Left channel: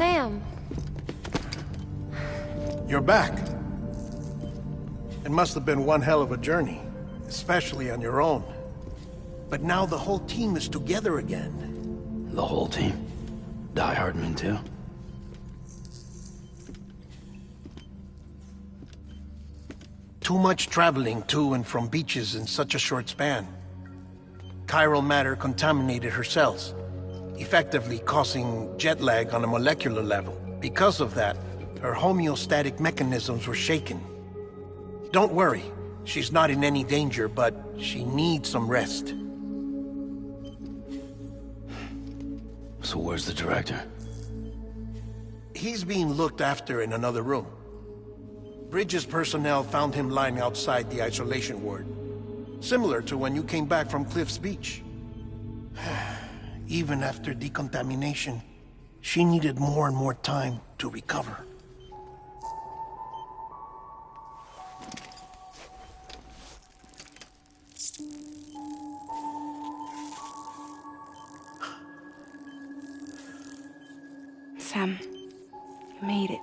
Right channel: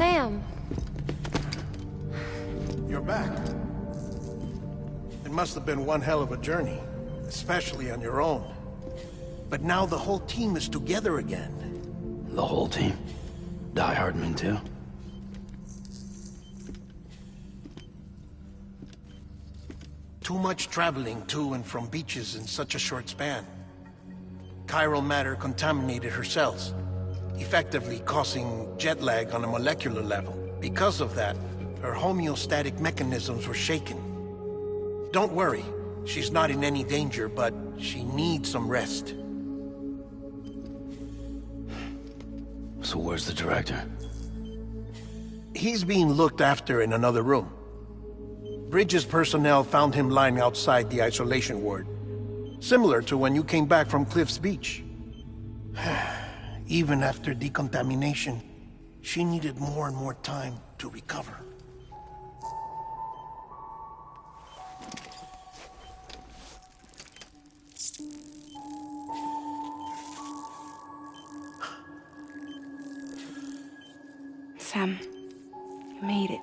Sam. You're back. It must have been one hell of a journey, especially on your own. But now the whole team is together again. The whole team? Die Hardman too? Too much traveling to and from beaches in such a short span. Chiral matter contaminated her cells, effectively causing jet lag on a molecular level. Because of that, her homeostatic mechanisms were shaken. Don't worry, she's not in any danger, but she needs some rest. So where's the director? He's being looked after in another room. Bridges personnel found him lying outside the isolation ward. Similar to when you came back from Cliff's Beach. Even after decontamination, she needed more and more time to recover. Sam, you made it.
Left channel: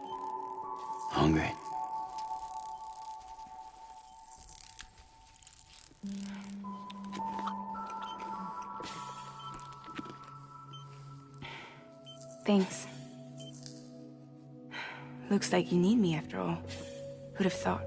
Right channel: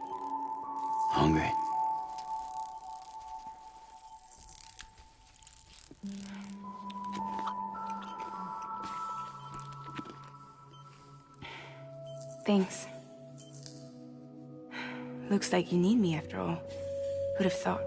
Hungry? Thanks. Looks like you need me after all. Who'd have thought?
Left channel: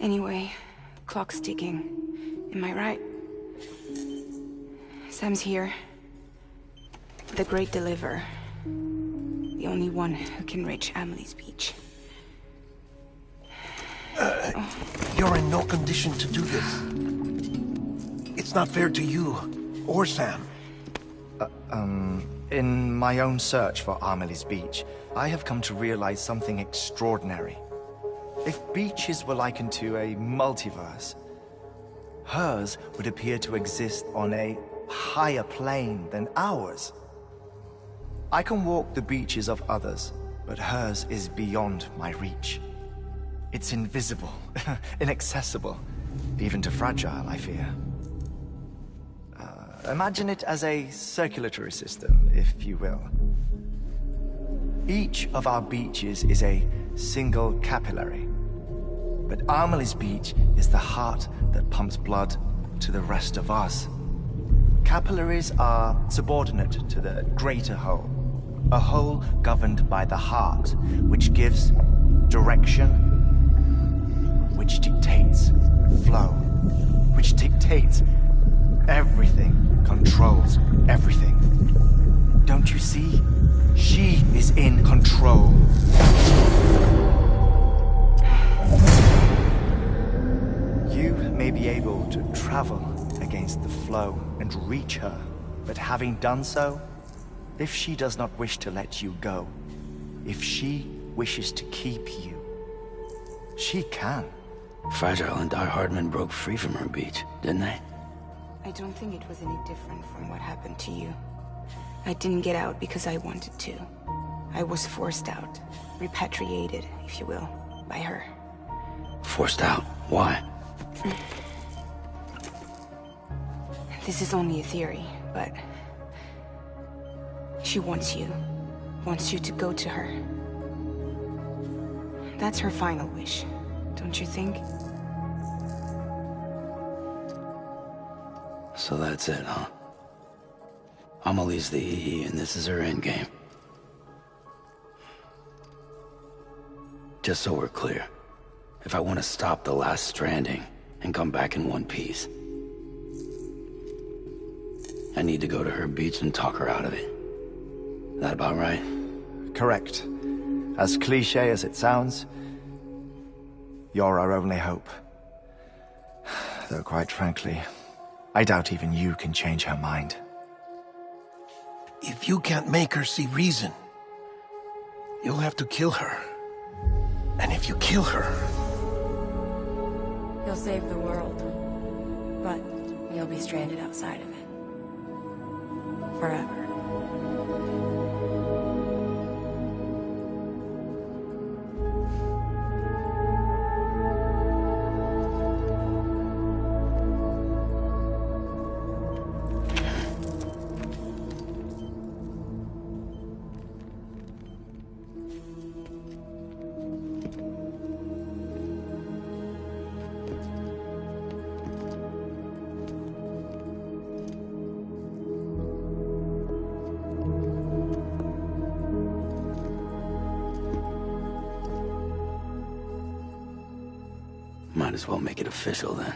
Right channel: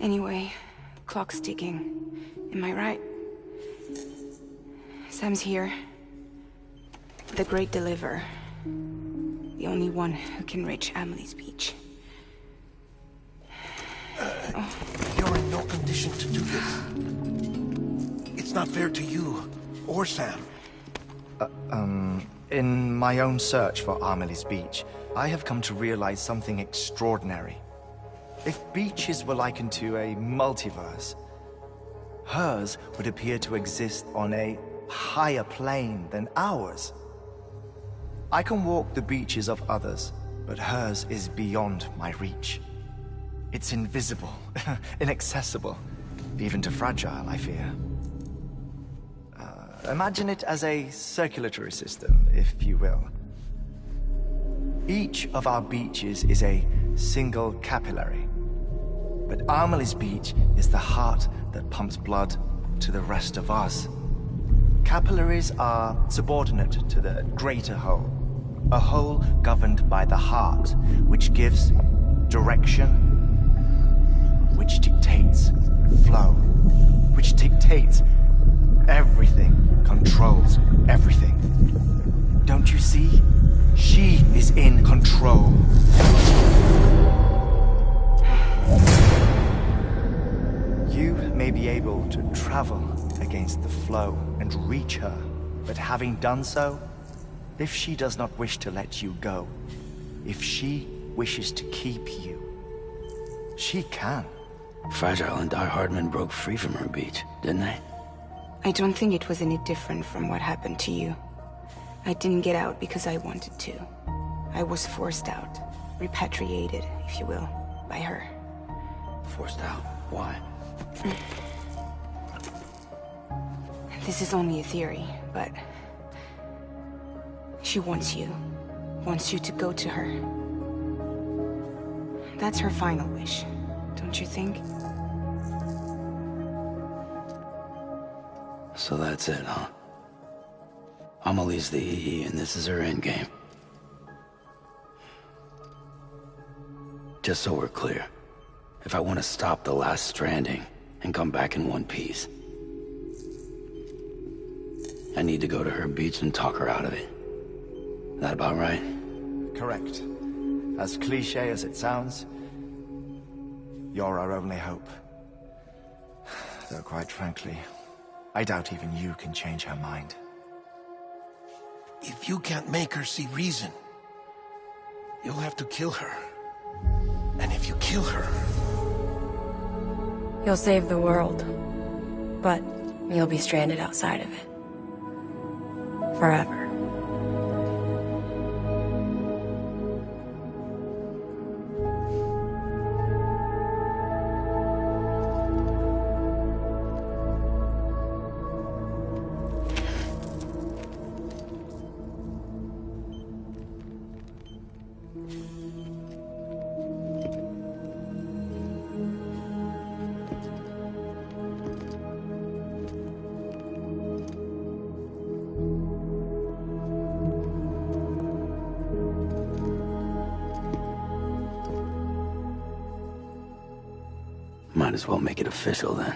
Anyway, clock's ticking. Am I right? Sam's here. The Great Deliverer. The only one who can reach Amelie's Beach. You're in no condition to do this. It's not fair to you, or Sam. In my own search for Amelie's Beach, I have come to realize something extraordinary. If beaches were likened to a multiverse, hers would appear to exist on a higher plane than ours. I can walk the beaches of others, but hers is beyond my reach. It's invisible, inaccessible, even to fragile, I fear. Imagine it as a circulatory system, if you will. Each of our beaches is a single capillary. But Amelie's Beach is the heart that pumps blood to the rest of us. Capillaries are subordinate to the greater whole. A whole governed by the heart, which gives direction, which dictates flow, which dictates everything, controls everything. Don't you see? She is in control. You may be able to travel against the flow and reach her, but having done so, if she does not wish to let you go, if she wishes to keep you, she can. Fragile and Die Hardman broke free from her beach, didn't they? I don't think it was any different from what happened to you. I didn't get out because I wanted to. I was forced out, repatriated, if you will, by her. Forced out? Why? This is only a theory, but she wants you to go to her. That's her final wish, don't you think? So that's it, huh? Amelie's the EE and this is her endgame. Just so we're clear, if I want to stop the last stranding and come back in one piece, I need to go to her beach and talk her out of it. That about right? Correct. As cliché as it sounds, you're our only hope. Though quite frankly, I doubt even you can change her mind. If you can't make her see reason, you'll have to kill her. And if you kill her... You'll save the world, but you'll be stranded outside of it. Forever. Might as well make it official then.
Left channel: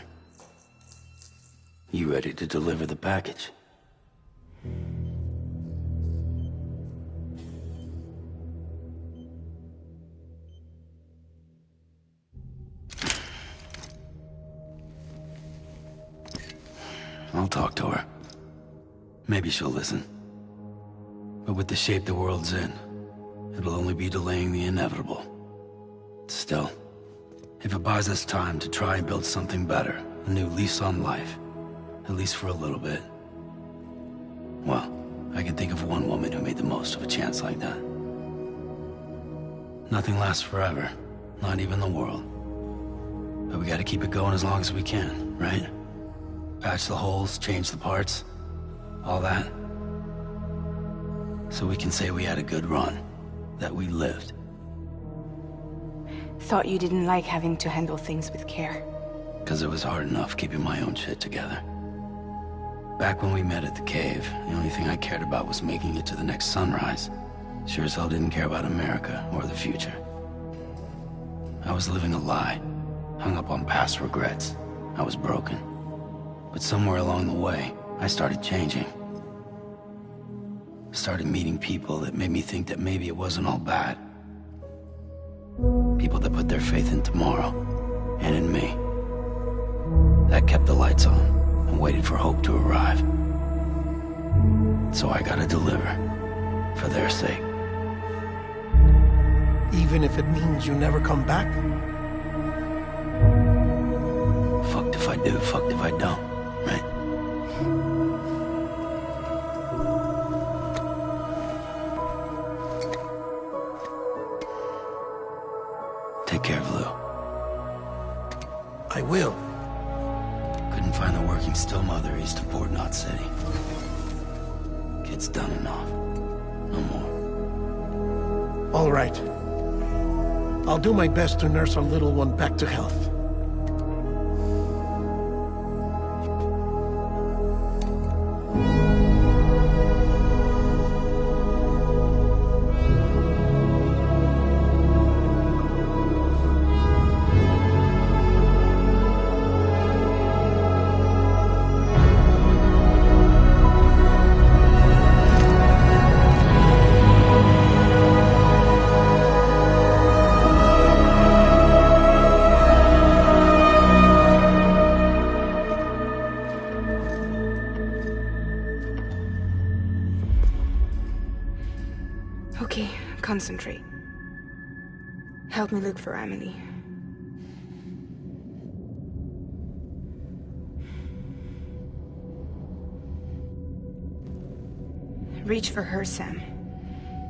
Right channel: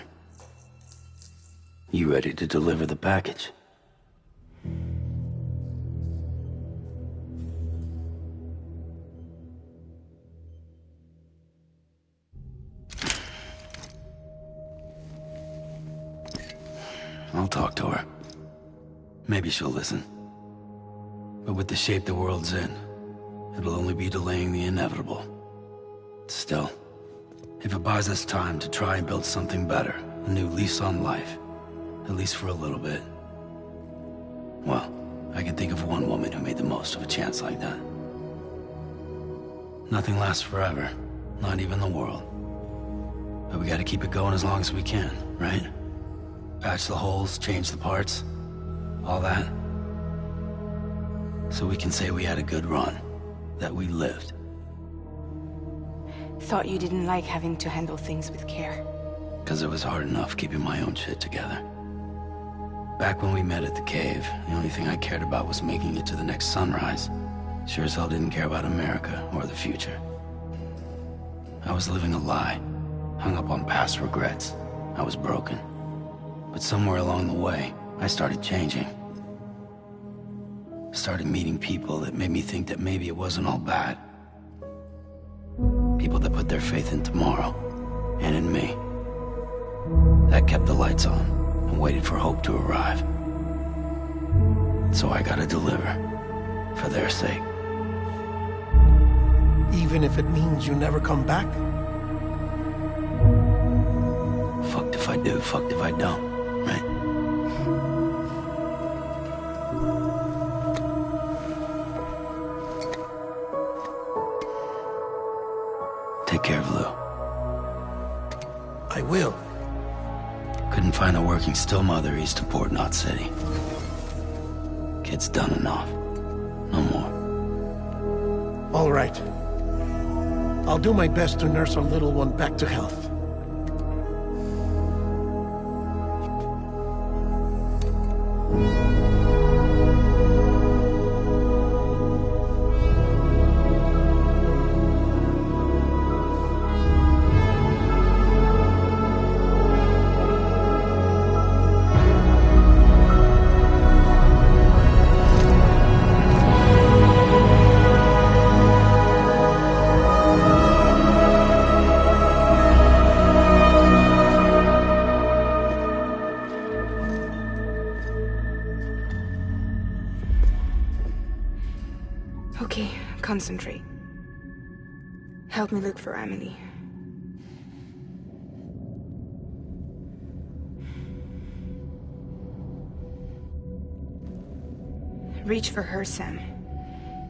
You ready to deliver the package? I'll talk to her. Maybe she'll listen. But with the shape the world's in, it'll only be delaying the inevitable. Still, if it buys us time to try and build something better, a new lease on life, at least for a little bit, well, I can think of one woman who made the most of a chance like that. Nothing lasts forever, not even the world. But we gotta keep it going as long as we can, right? Patch the holes, change the parts, all that. So we can say we had a good run, that we lived. Thought you didn't like having to handle things with care. 'Cause it was hard enough keeping my own shit together. Back when we met at the cave, the only thing I cared about was making it to the next sunrise. Sure as hell didn't care about America or the future. I was living a lie, hung up on past regrets. I was broken. But somewhere along the way, I started changing. Started meeting people that made me think that maybe it wasn't all bad. People that put their faith in tomorrow, and in me. That kept the lights on, and waited for hope to arrive. So I gotta deliver, for their sake. Even if it means you never come back? Fucked if I do, fucked if I don't, right? Take care of Lou. I will. Couldn't find a working still mother east of Port Knot City. Kid's done enough. No more. All right. I'll do my best to nurse our little one back to health. Okay, concentrate. Help me look for Emily. Reach for her, Sam.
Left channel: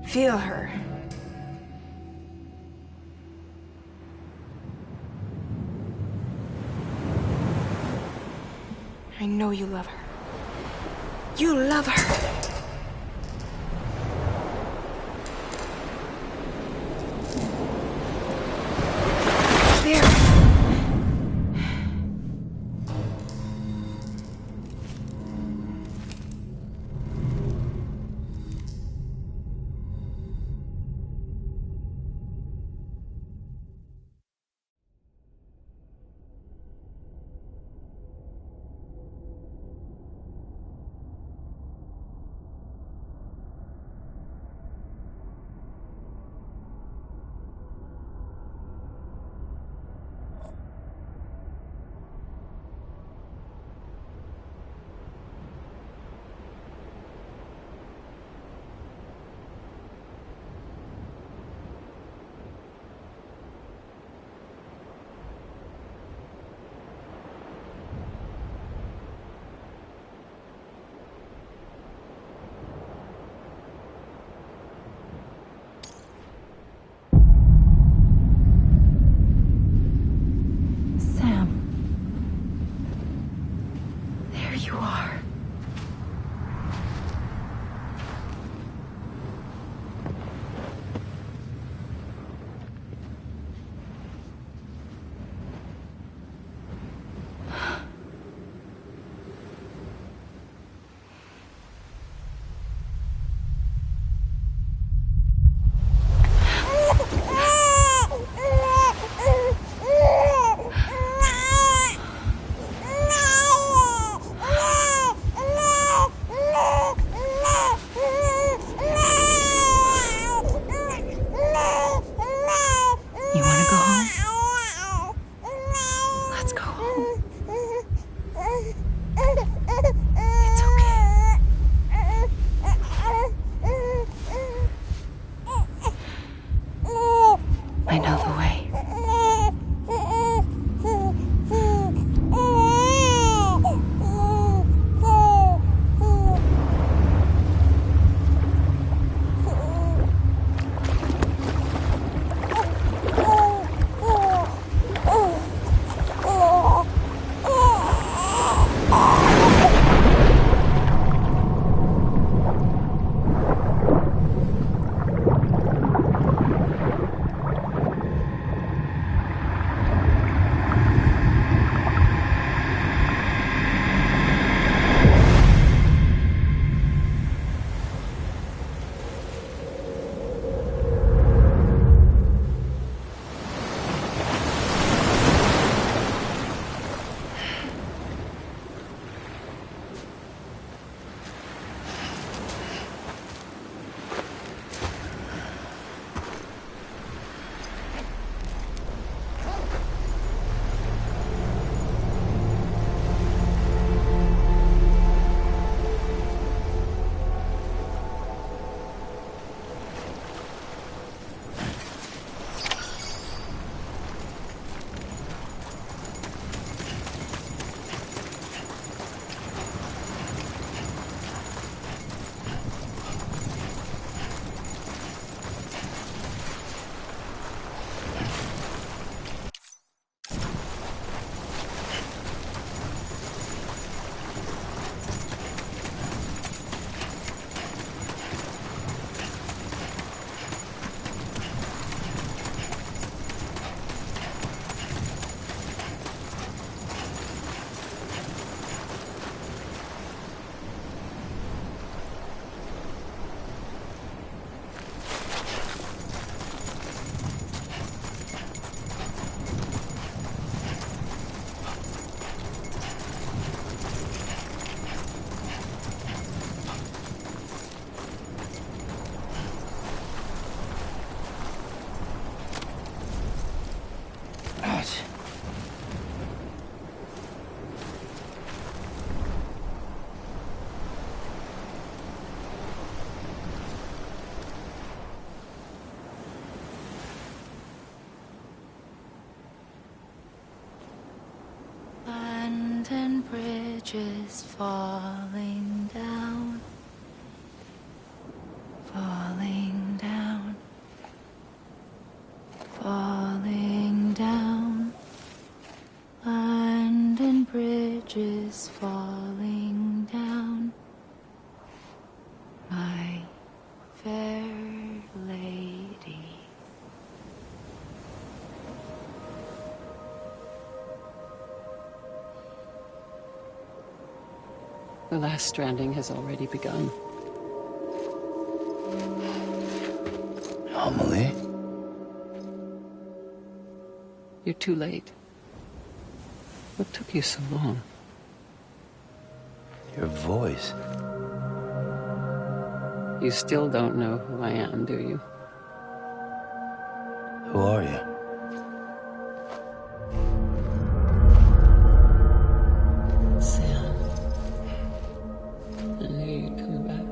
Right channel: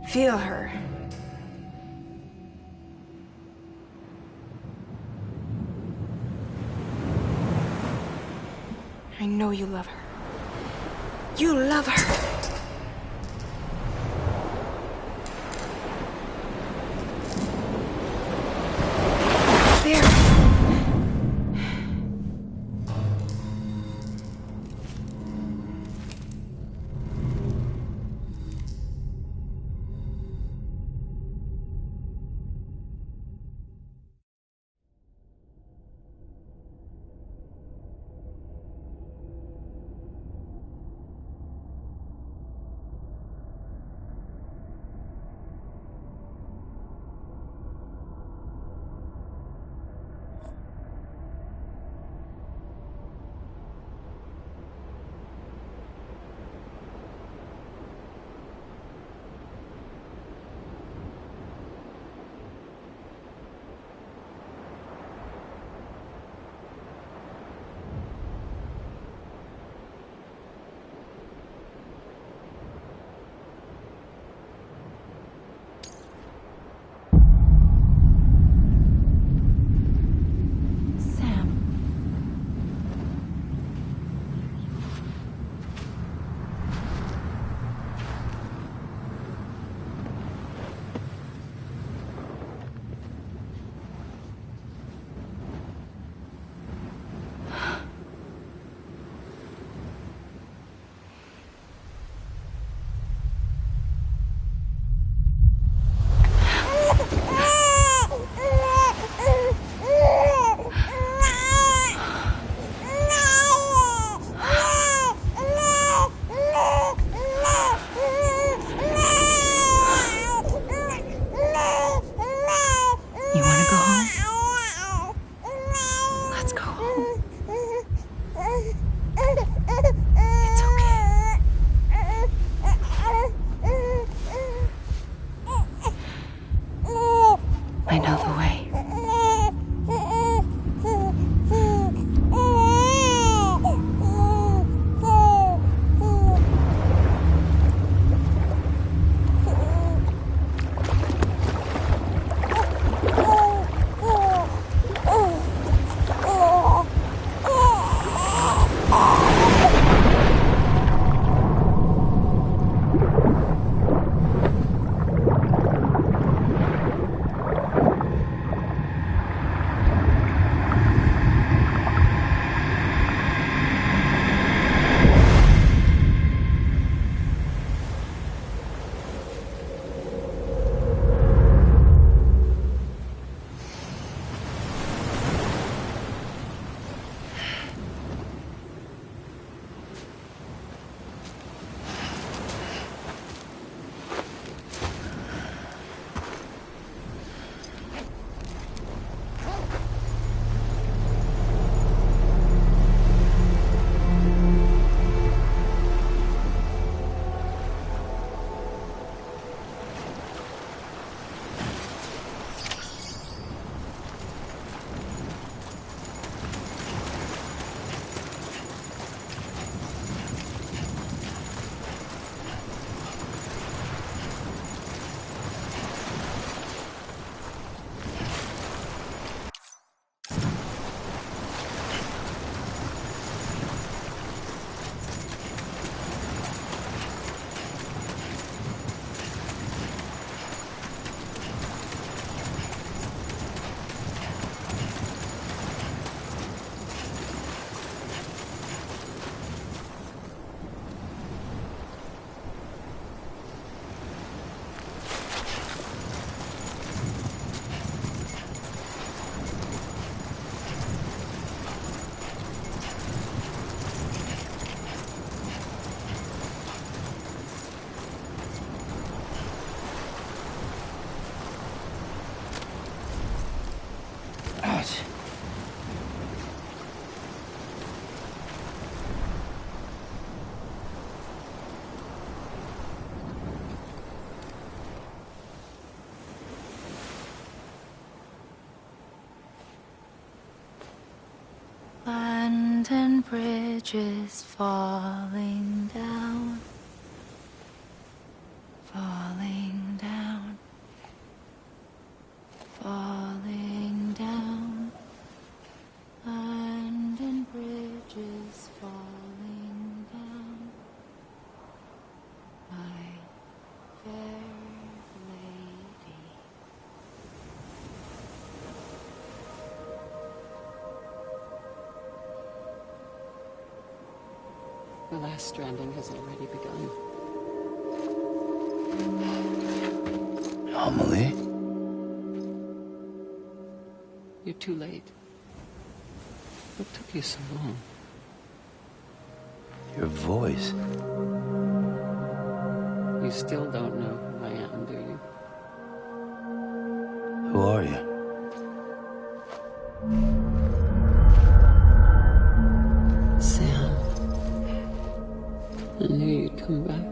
Feel her. I know you love her. You love her! There! I know the way. And bridges falling down, falling down, falling down, London bridges falling down, my fair lady. The last stranding has already begun. Amelie? You're too late. What took you so long? Your voice. You still don't know who I am, do you? Who are you? Sam. I knew you'd come back.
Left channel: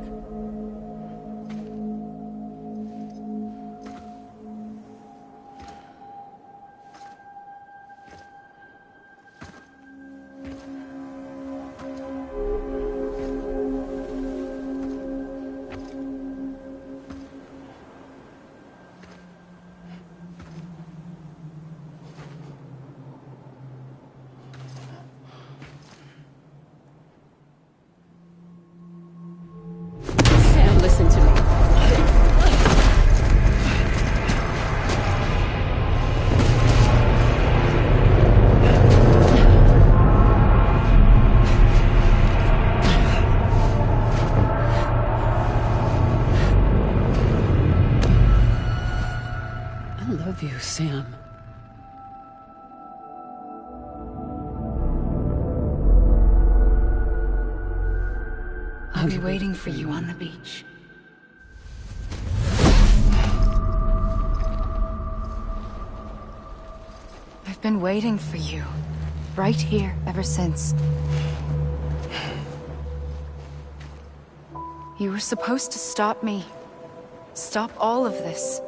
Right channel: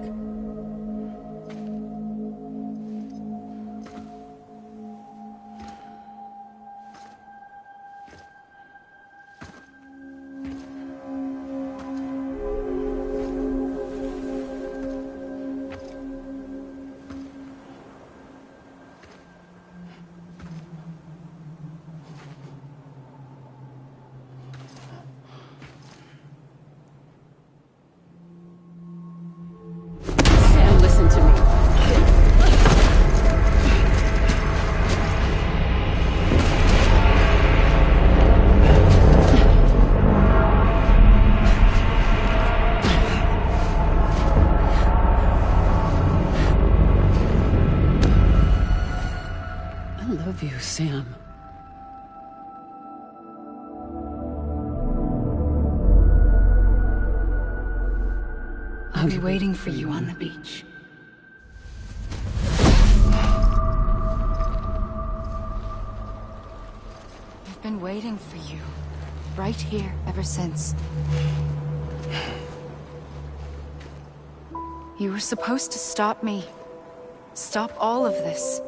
Listen to me. I love you, Sam. I'll be waiting for you on the beach. I've been waiting for you, right here, ever since. You were supposed to stop me. Stop all of this.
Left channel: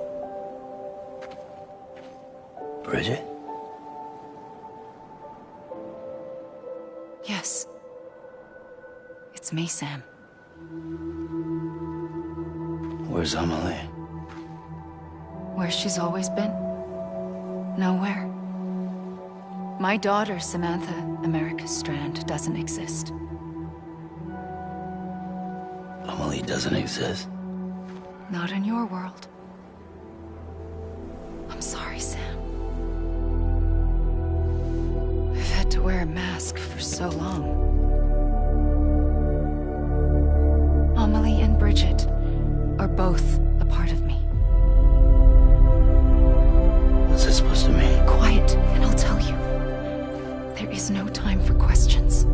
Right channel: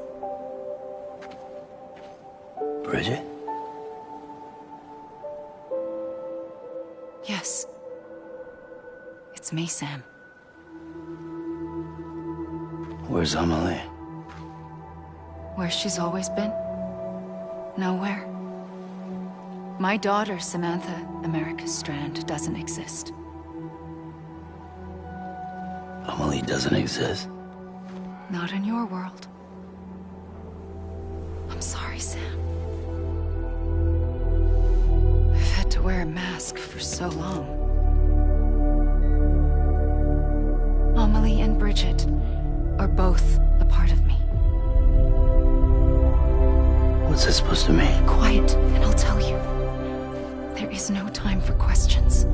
Bridget? Yes. It's me, Sam. Where's Amelie? Where she's always been. Nowhere. My daughter, Samantha America Strand, doesn't exist. Amelie doesn't exist? Not in your world. I'm sorry, Sam. I've had to wear a mask for so long. Amelie and Bridget are both a part of me. What's this supposed to mean? Quiet, and I'll tell you. There is no time for questions.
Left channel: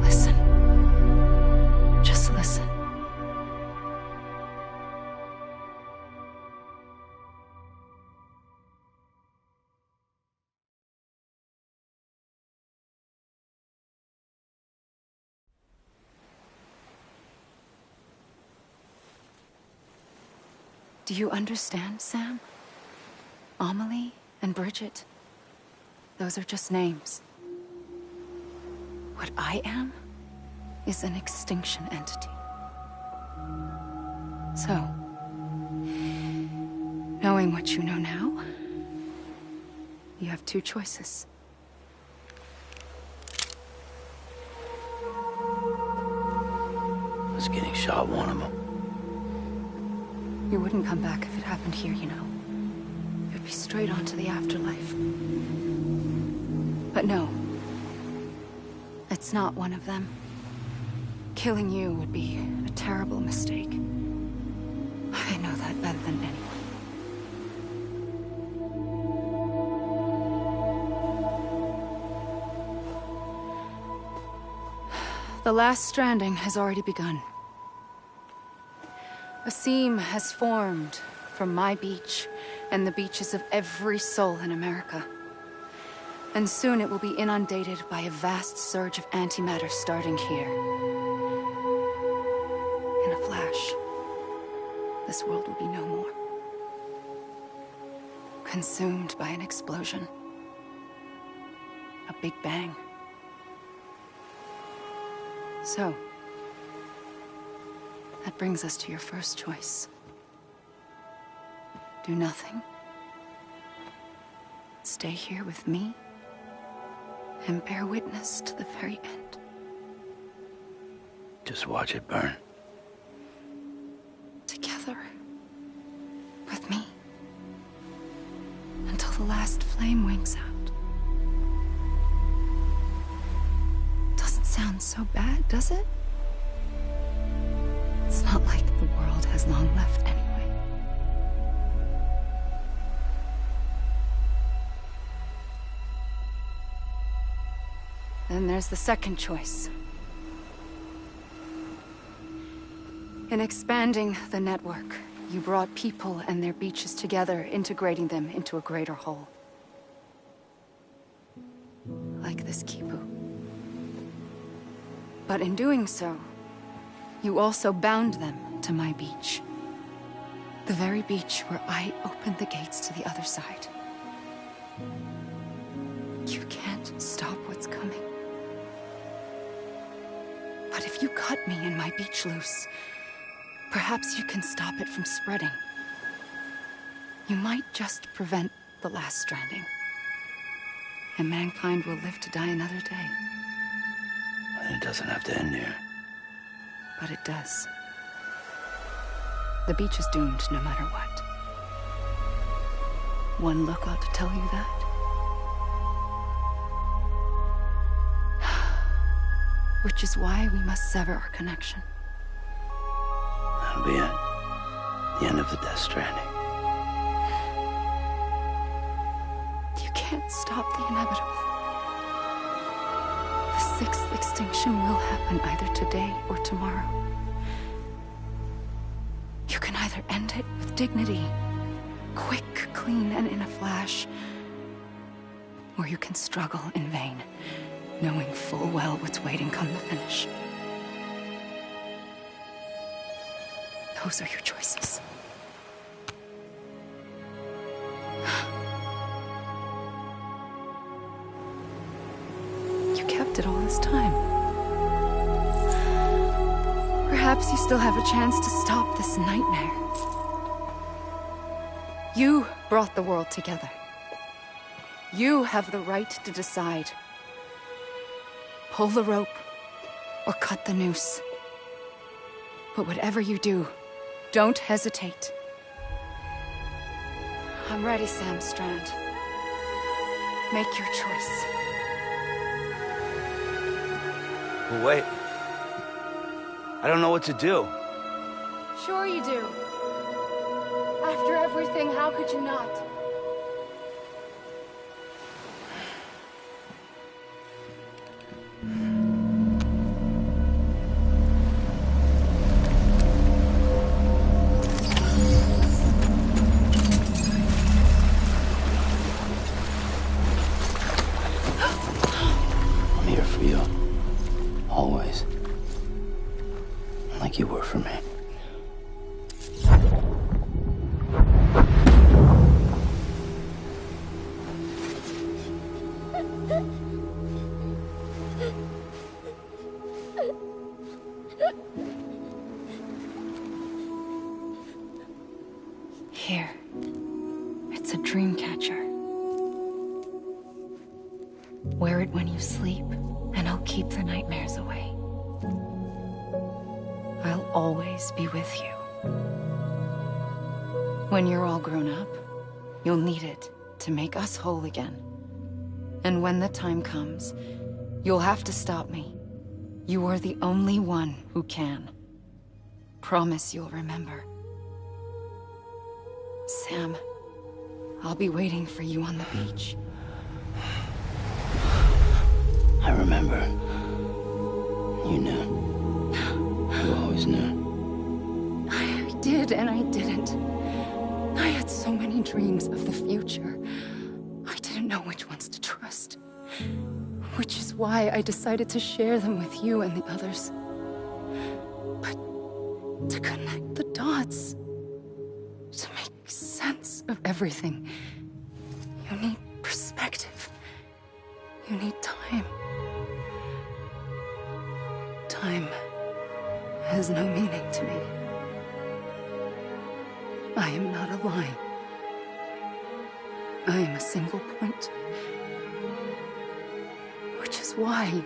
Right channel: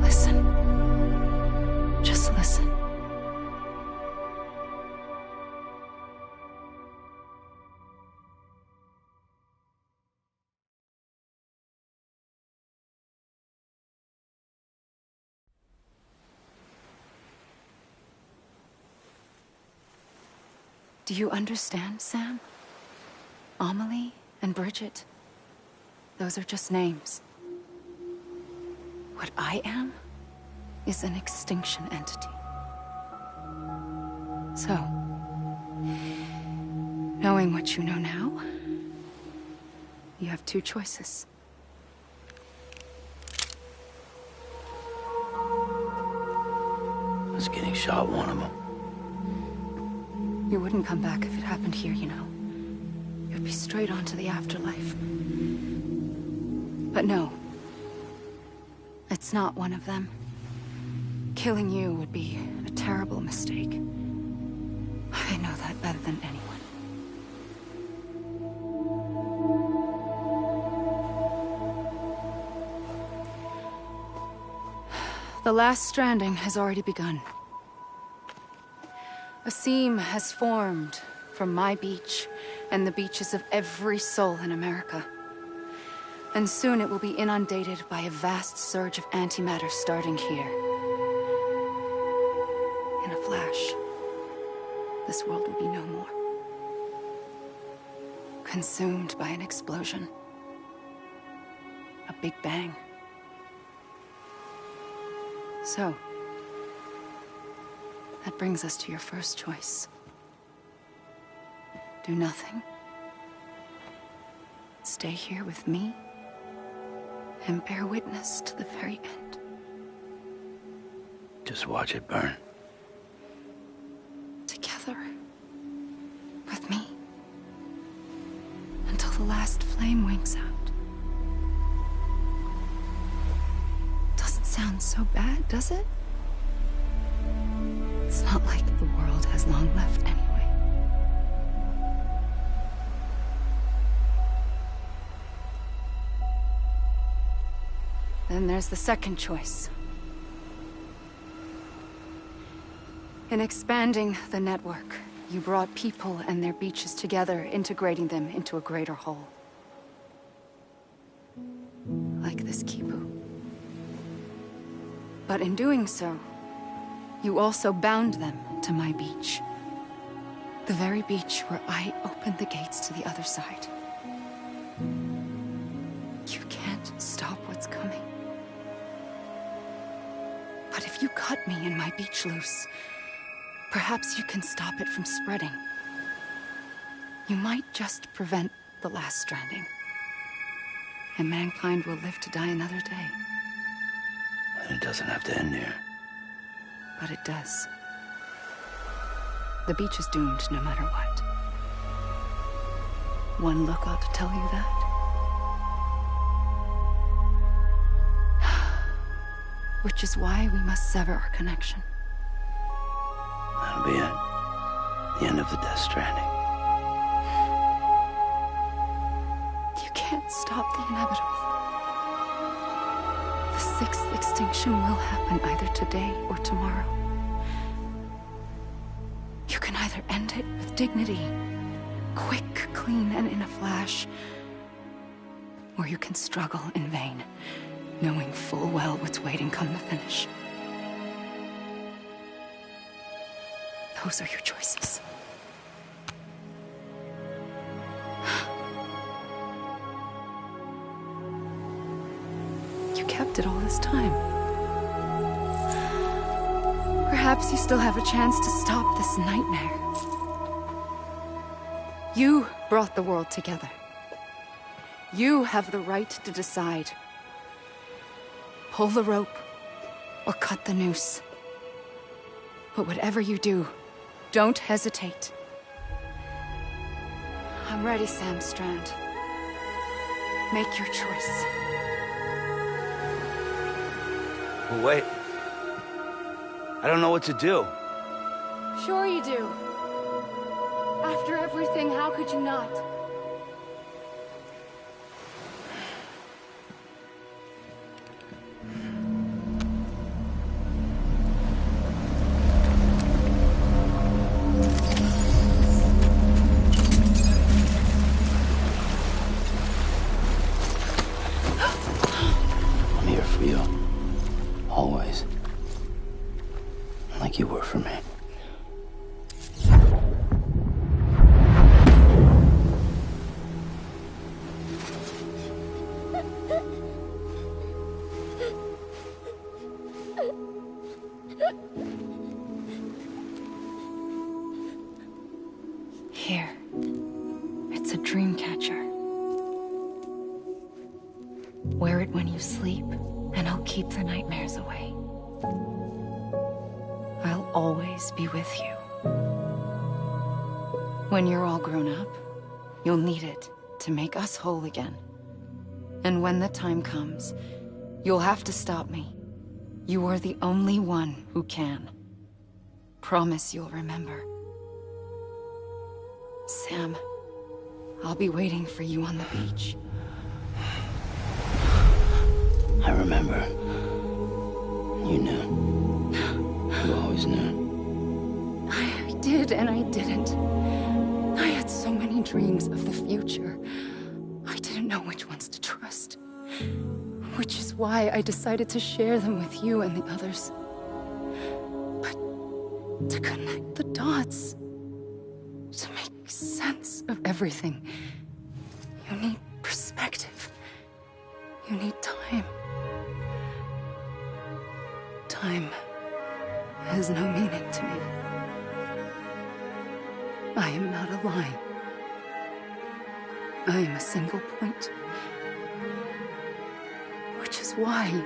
Listen. Just listen. Do you understand, Sam? Amelie and Bridget, those are just names. What I am is an extinction entity. So, knowing what you know now, you have two choices. Was getting shot one of them. You wouldn't come back if it happened here, you know. You'd be straight on to the afterlife. But no. It's not one of them. Killing you would be a terrible mistake. I know that better than anyone. The last stranding has already begun. A seam has formed from my beach and the beaches of every soul in America. And soon it will be inundated by a vast surge of antimatter starting here. In a flash, this world will be no more. Consumed by an explosion. A big bang. So, that brings us to your first choice. Do nothing. Stay here with me and bear witness to the very end. Just watch it burn. Together. With me. Until the last flame winks out. Doesn't sound so bad, does it? It's not like the world has long left anyway. Then there's the second choice. In expanding the network, you brought people and their beaches together, integrating them into a greater whole. Like this Kipu. But in doing so, you also bound them to my beach. The very beach where I opened the gates to the other side. You can't stop what's coming. But if you cut me and my beach loose, perhaps you can stop it from spreading. You might just prevent the last stranding. And mankind will live to die another day. And it doesn't have to end here. But it does. The beach is doomed no matter what. One look ought to tell you that. Which is why we must sever our connection. That'll be it. The end of the Death Stranding. You can't stop the inevitable. The sixth extinction will happen either today or tomorrow. You can either end it with dignity, quick, clean, and in a flash, or you can struggle in vain, knowing full well what's waiting come the finish. Those are your choices. accepted all this time. Perhaps you still have a chance to stop this nightmare. You brought the world together. You have the right to decide. Pull the rope or cut the noose. But whatever you do, don't hesitate. I'm ready, Sam Strand. Make your choice. But wait. I don't know what to do. Sure you do. After everything, how could you not? I'm here for you. Always. Like you were for me. Here. It's a dream catcher. Wear it when you sleep, and I'll keep the nightmares away. I'll always be with you. When you're all grown up, you'll need it to make us whole again. And when the time comes, you'll have to stop me. You are the only one who can. Promise you'll remember. Sam, I'll be waiting for you on the beach. I remember. You knew. You always knew. I did and I didn't. I had so many dreams of the future. I didn't know which ones to trust. Which is why I decided to share them with you and the others. But to connect the dots, to make sense of everything, you need perspective. You need time. Time has no meaning to me. I am not a line. I am a single point. Which is why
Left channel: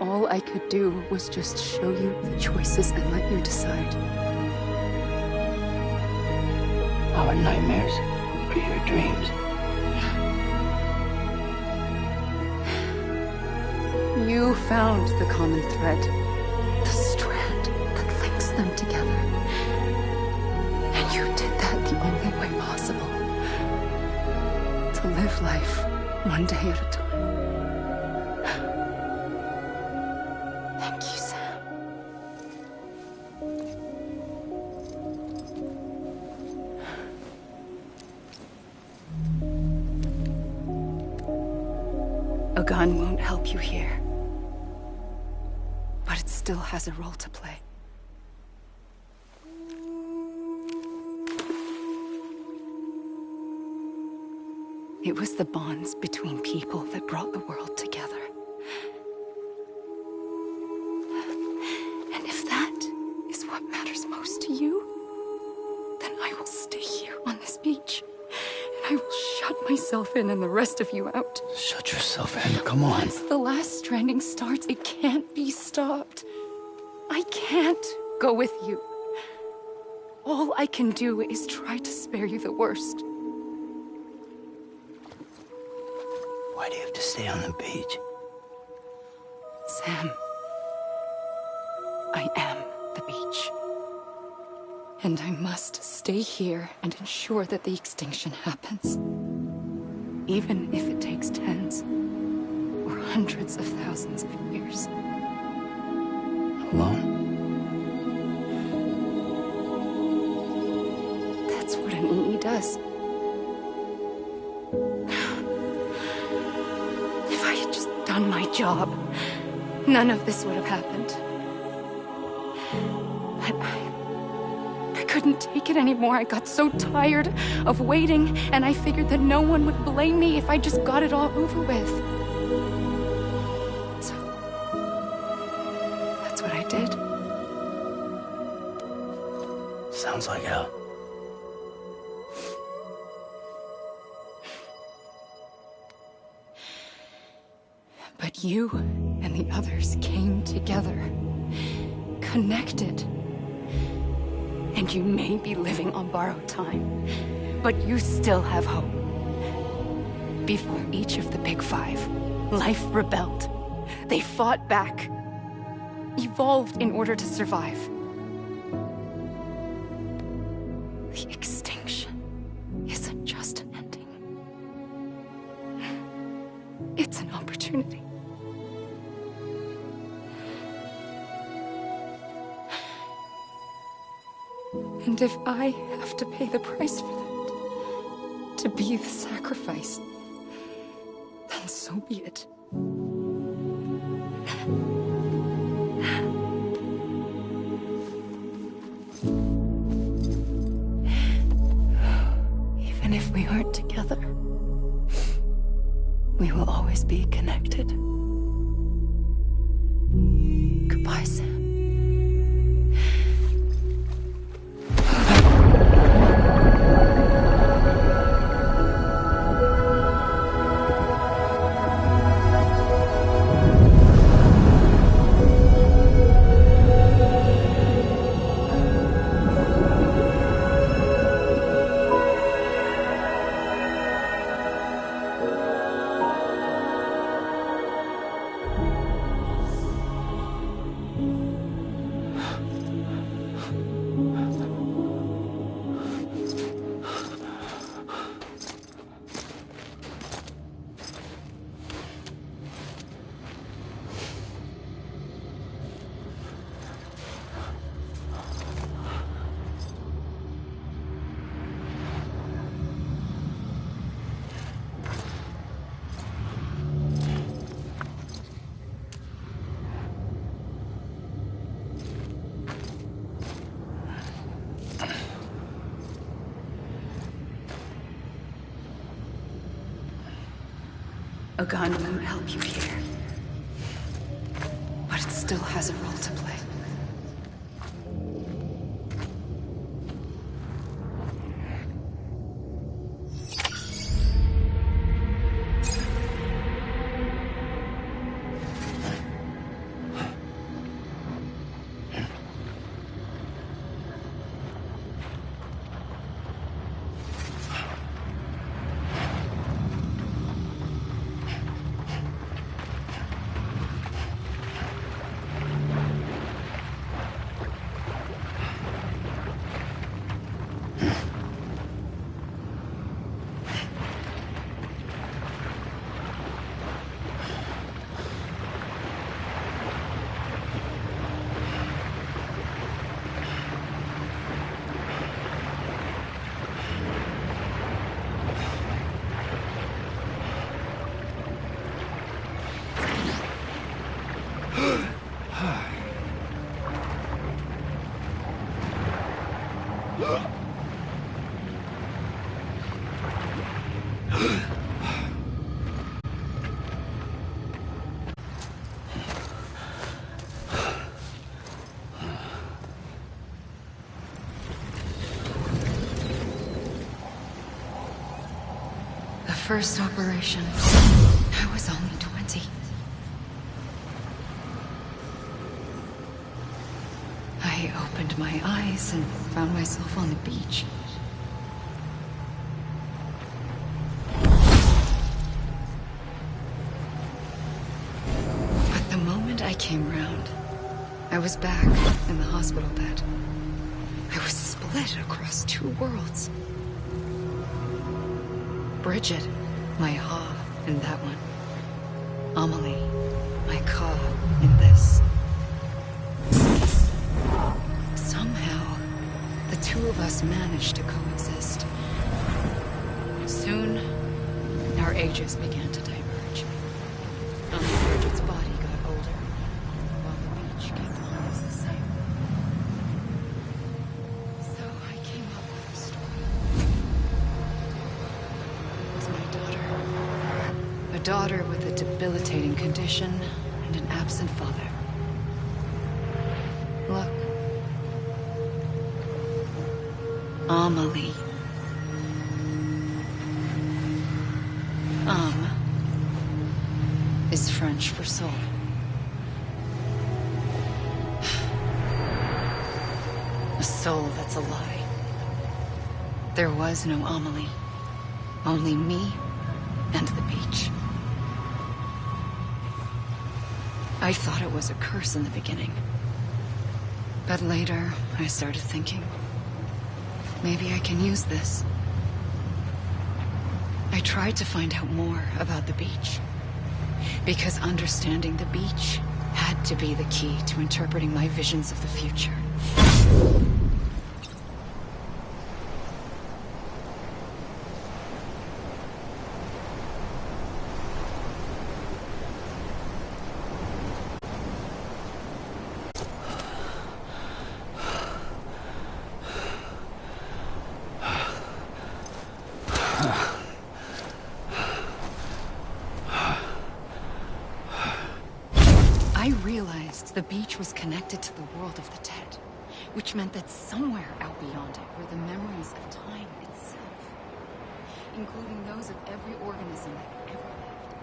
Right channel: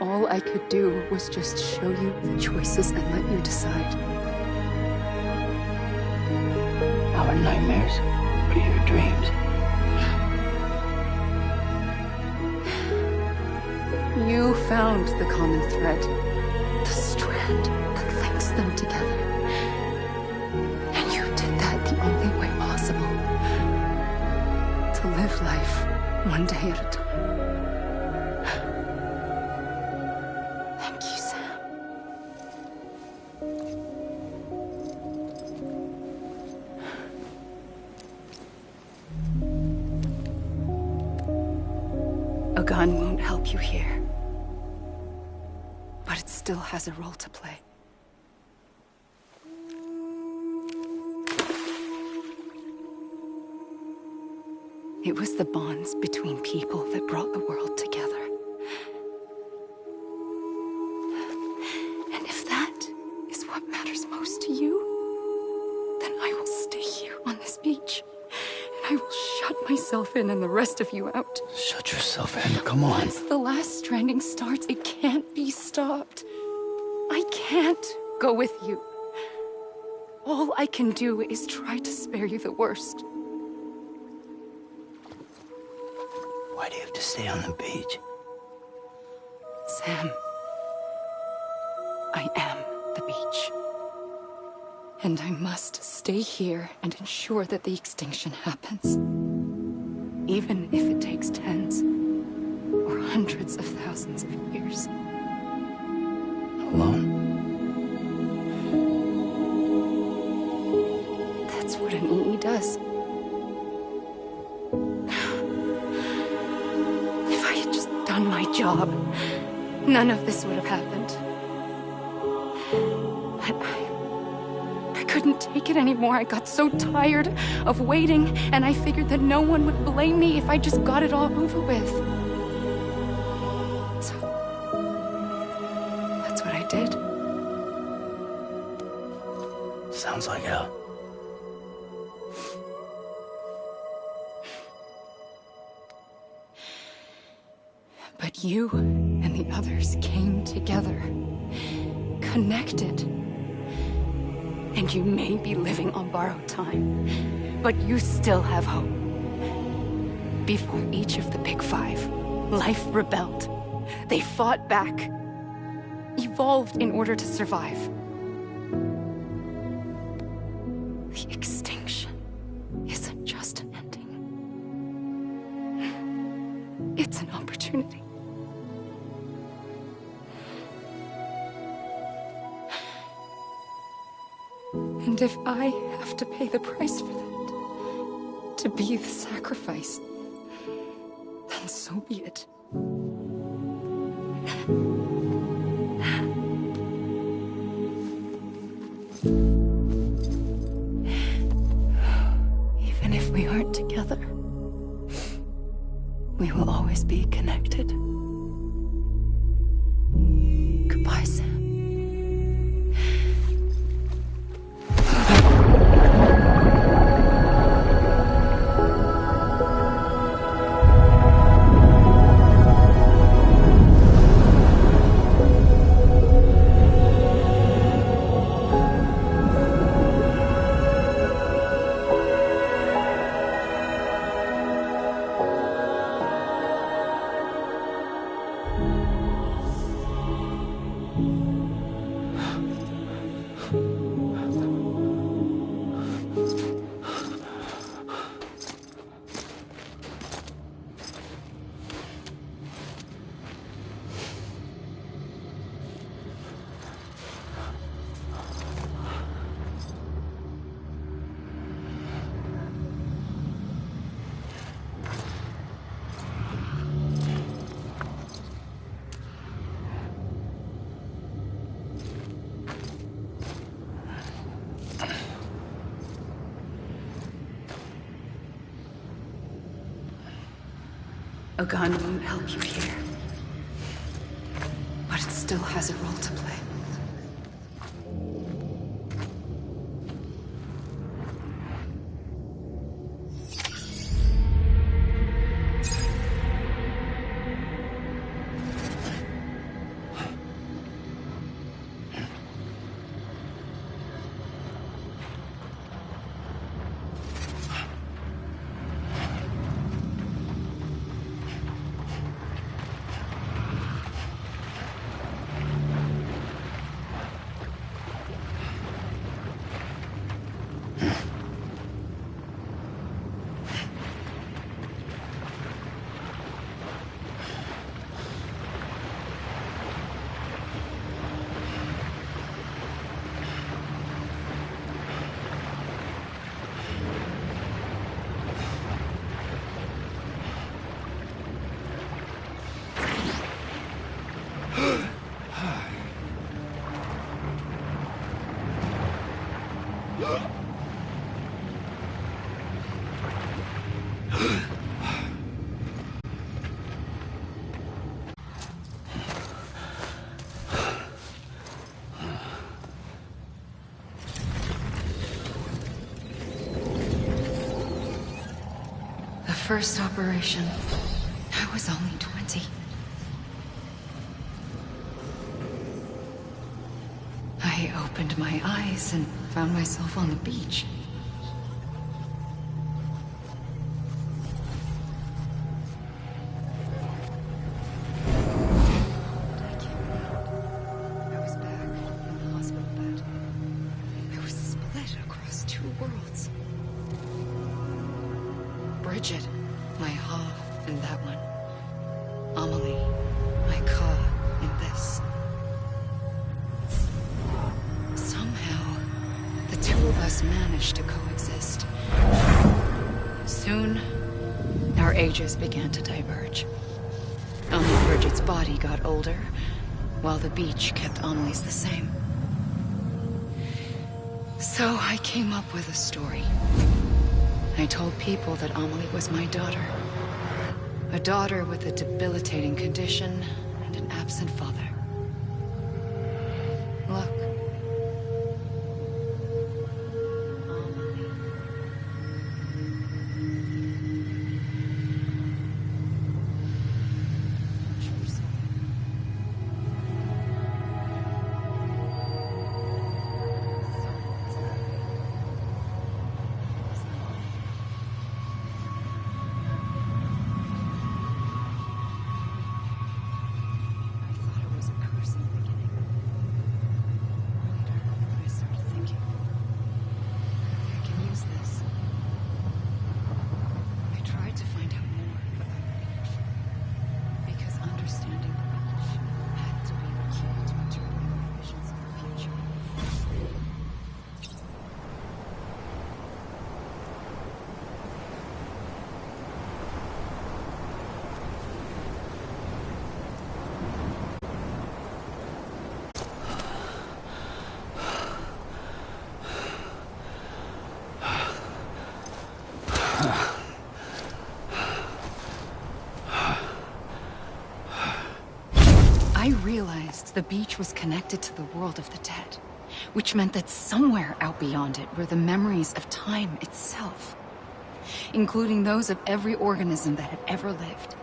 all I could do was just show you the choices and let you decide. Our nightmares are your dreams. You found the common thread, the strand that links them together. And you did that the only way possible. To live life one day at a time. Thank you, Sam. A gun won't help you here. But it still has a role to play. It was the bonds between people that brought the world together. And if that is what matters most to you, then I will stay here on this beach. And I will shut myself in and the rest of you out. Shut yourself in, come on. Once the last stranding starts, it can't be stopped. I can't go with you. All I can do is try to spare you the worst. Why do you have to stay on the beach? Sam, I am the beach. And I must stay here and ensure that the extinction happens. Even if it takes tens or hundreds of thousands of years. Alone? That's what an EE does. If I had just done my job, none of this would have happened. But I couldn't take it anymore. I got so tired of waiting, and I figured that no one would blame me if I just got it all over with. So Sounds like hell. But you and the others came together, connected. And you may be living on borrowed time, but you still have hope. Before each of the Big Five, life rebelled. They fought back, evolved in order to survive. The extinction isn't just an ending. It's an opportunity. And if I have to pay the price for that, to be the sacrifice, then so be it. Even if we aren't together, we will always be connected. Goodbye, Sam. A gun won't help you here, but it still has a role to play. The first operation, I was only 20. I opened my eyes and found myself on the beach. But the moment I came round, I was back in the hospital bed. I was split across two worlds. Bridget, my Ha in that one. Amelie, my Ka in this. Somehow, the two of us managed to coexist. Soon, our ages began to diverge. Only Bridget's body got older, while the beach kept Amelie's the same. So I came up with a story. I told people that Amelie was my daughter. A daughter with a debilitating condition and an absent father. Look. Amelie. Is French for soul. A soul that's a lie. There was no Amelie. Only me and the beach. I thought it was a curse in the beginning. But later, I started thinking, maybe I can use this. I tried to find out more about the beach. Because understanding the beach had to be the key to interpreting my visions of the future. I realized the beach was connected to the world of the dead, which meant that somewhere out beyond it were the memories of time itself, including those of every organism that had ever lived.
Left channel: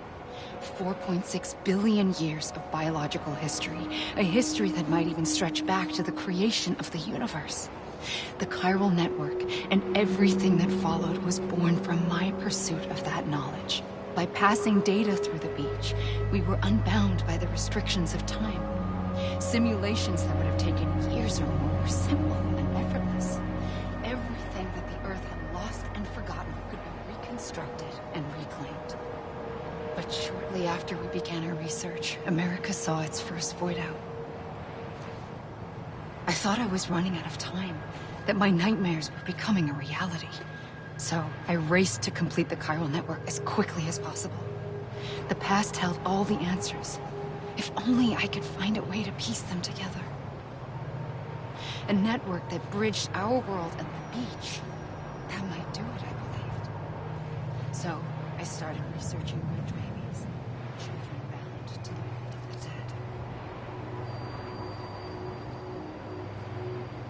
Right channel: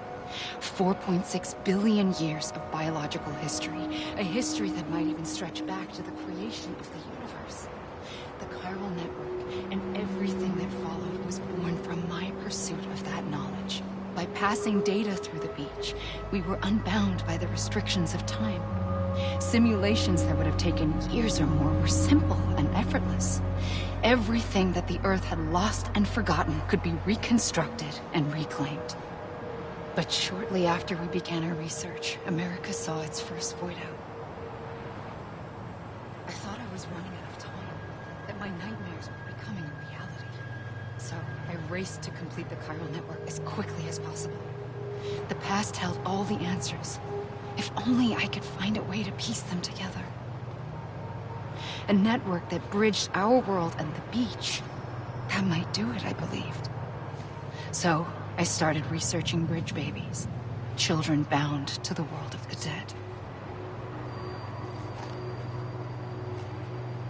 4.6 billion years of biological history, a history that might even stretch back to the creation of the universe. The chiral network and everything that followed was born from my pursuit of that knowledge. By passing data through the beach, we were unbound by the restrictions of time. Simulations that would have taken years or more were simple and effortless. Everything that the Earth had lost and forgotten could be reconstructed and reclaimed. But shortly after we began our research, America saw its first void out. I thought I was running out of time, that my nightmares were becoming a reality. So I raced to complete the chiral network as quickly as possible. The past held all the answers. If only I could find a way to piece them together. A network that bridged our world and the beach. That might do it, I believed. So I started researching bridge babies, children bound to the world of the dead.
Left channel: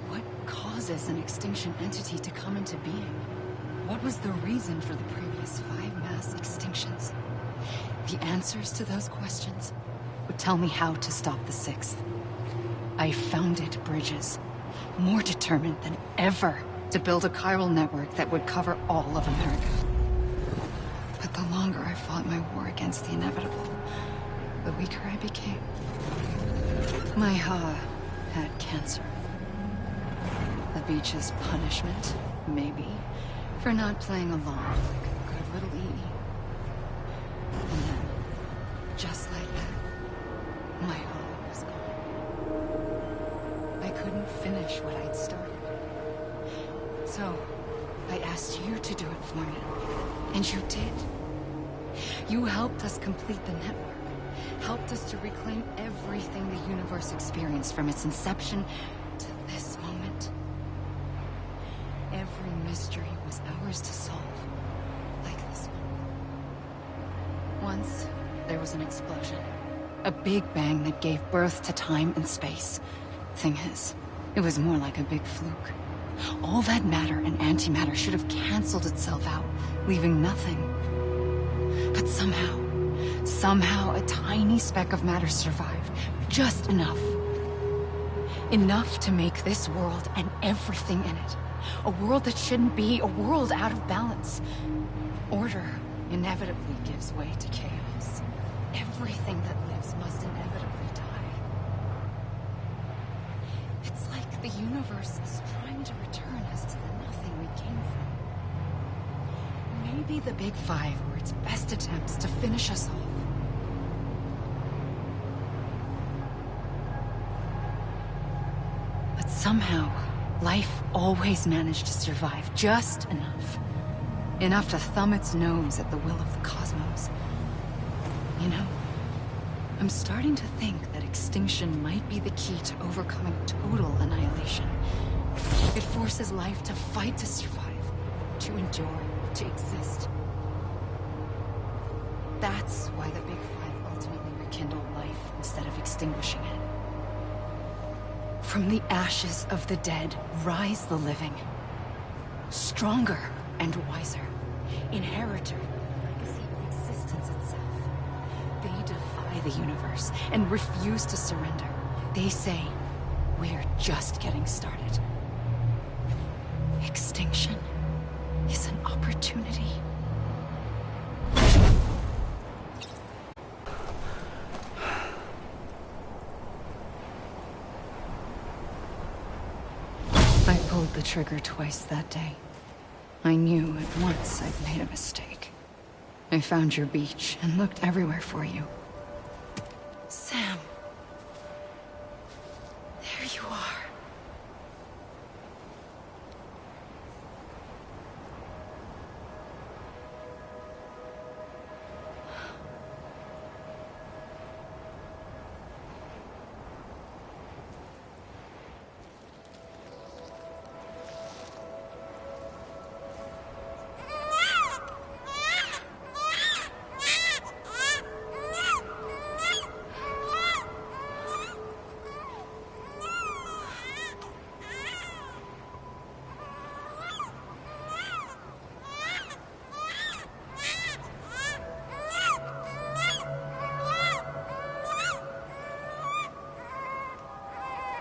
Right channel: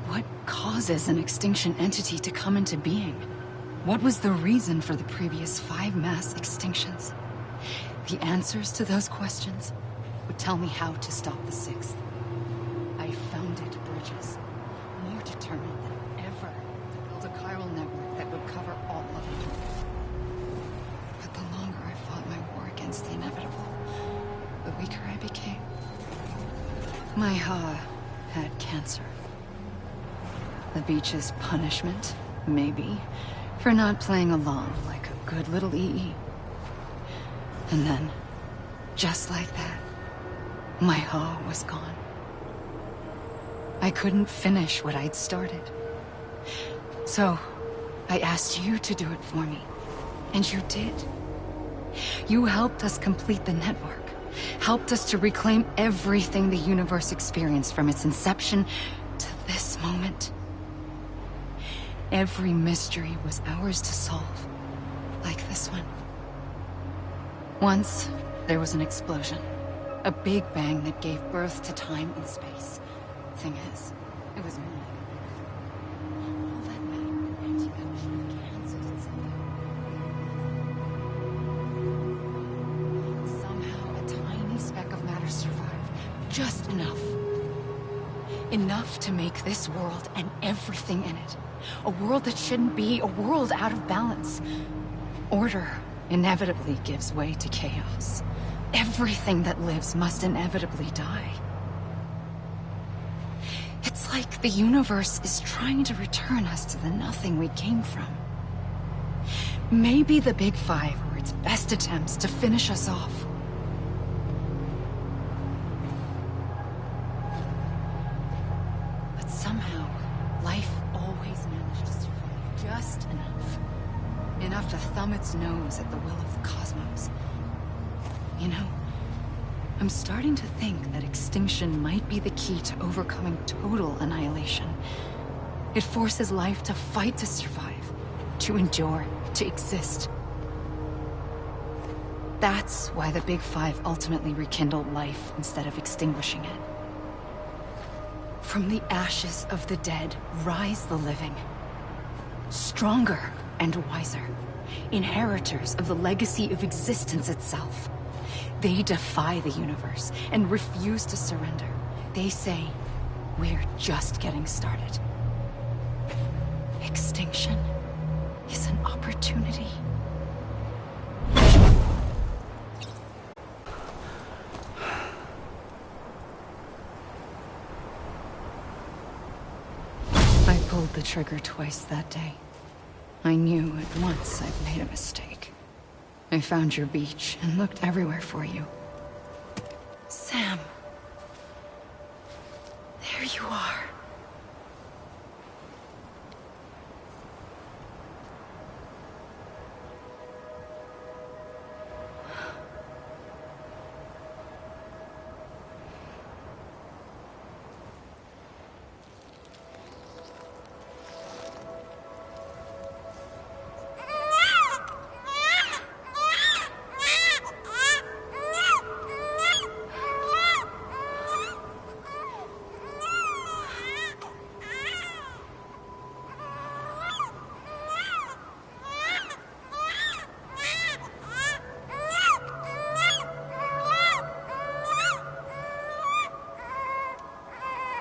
What causes an extinction entity to come into being? What was the reason for the previous 5 mass extinctions? The answers to those questions would tell me how to stop the 6th. I founded bridges, more determined than ever to build a chiral network that would cover all of America. But the longer I fought my war against the inevitable, the weaker I became. My Ha had cancer. The beach's punishment, maybe, for not playing along like a good little EE. And then, just like that, my Ha was gone. I couldn't finish what I'd started. So, I asked you to do it for me, and you did. You helped us complete the network, helped us to reclaim everything the universe experienced from its inception to this moment. Every mystery was ours to solve, like this one. Once, there was an explosion. A big bang that gave birth to time and space. Thing is, it was more like a big fluke. All that matter and antimatter should have canceled itself out, leaving nothing. But somehow a tiny speck of matter survived. Just enough. Enough to make this world and everything in it. A world that shouldn't be, a world out of balance. Order inevitably gives way to chaos. Everything that lives must inevitably die. It's like the universe is trying to return us to the nothing we came from. Maybe the Big Five were its best attempts to finish us off. But somehow, life always managed to survive just enough. Enough to thumb its nose at the will of the cosmos. You know, I'm starting to think that extinction might be the key to overcoming total annihilation. It forces life to fight to survive, to endure, to exist. That's why the Big Five ultimately rekindled life instead of extinguishing it. From the ashes of the dead, rise the living. Stronger and wiser. Inheritors of the legacy of existence itself. They defy the universe and refuse to surrender. They say, we're just getting started. Extinction is an opportunity. I pulled the trigger twice that day. I knew at once I'd made a mistake. I found your beach and looked everywhere for you. Sam. There you are.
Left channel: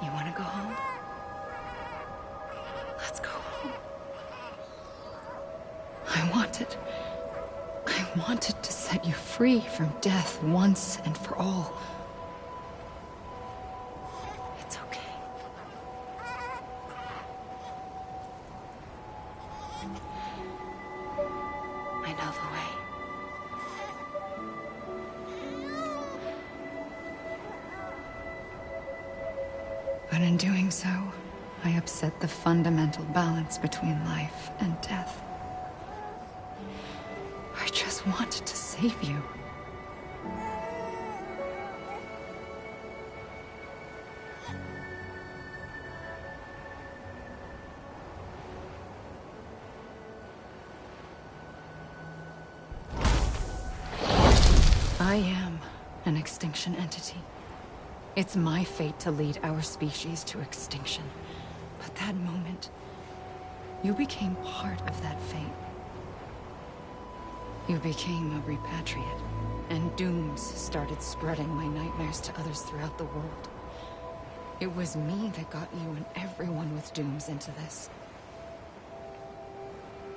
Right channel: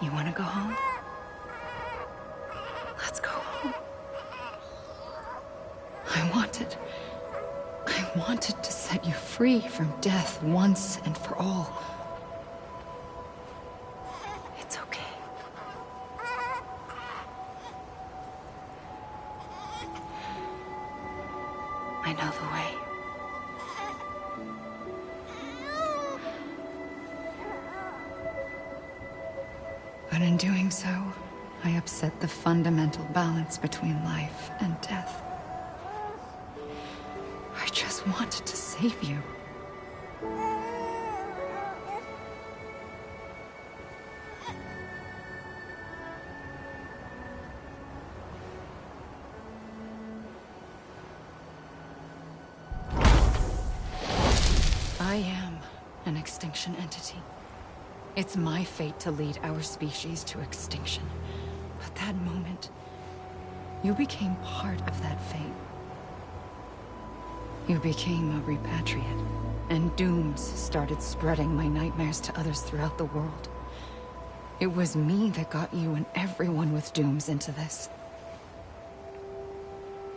You want to go home? Let's go home. I wanted to set you free from death once and for all. It's okay. I know the way. But in doing so, I upset the fundamental balance between life and death. I just wanted to save you. I am an extinction entity. It's my fate to lead our species to extinction. But that moment, you became part of that fate. You became a repatriate, and dooms started spreading my nightmares to others throughout the world. It was me that got you and everyone with dooms into this.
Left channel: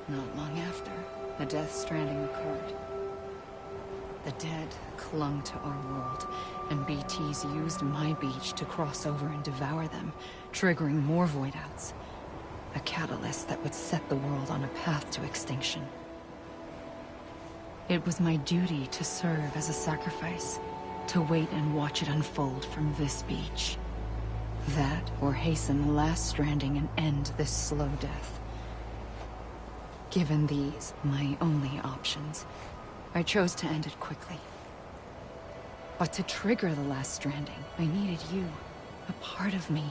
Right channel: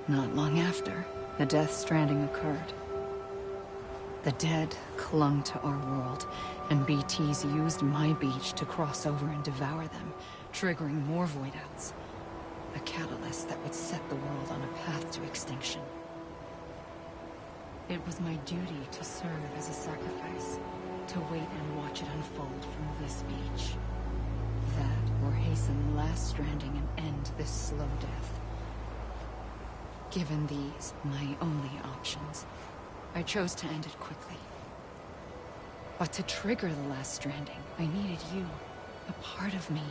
Not long after, the Death Stranding occurred. The dead clung to our world, and BTs used my beach to cross over and devour them, triggering more void-outs. A catalyst that would set the world on a path to extinction. It was my duty to serve as a sacrifice, to wait and watch it unfold from this beach. That, or hasten the last stranding and end this slow death. Given these, my only options, I chose to end it quickly. But to trigger the last stranding, I needed you, a part of me.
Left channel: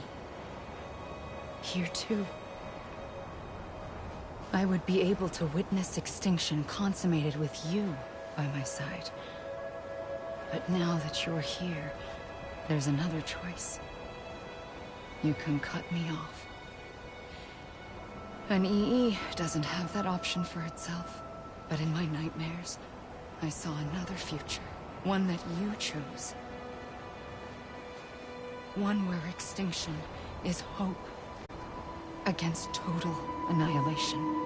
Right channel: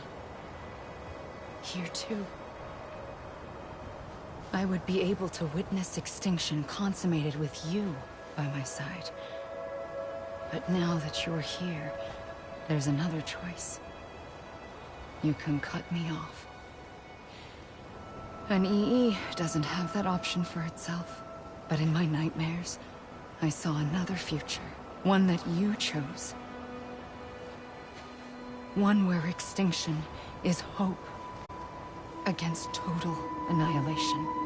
Here too. I would be able to witness extinction consummated with you by my side. But now that you're here, there's another choice. You can cut me off. An EE doesn't have that option for itself. But in my nightmares, I saw another future. One that you chose. One where extinction is hope against total annihilation.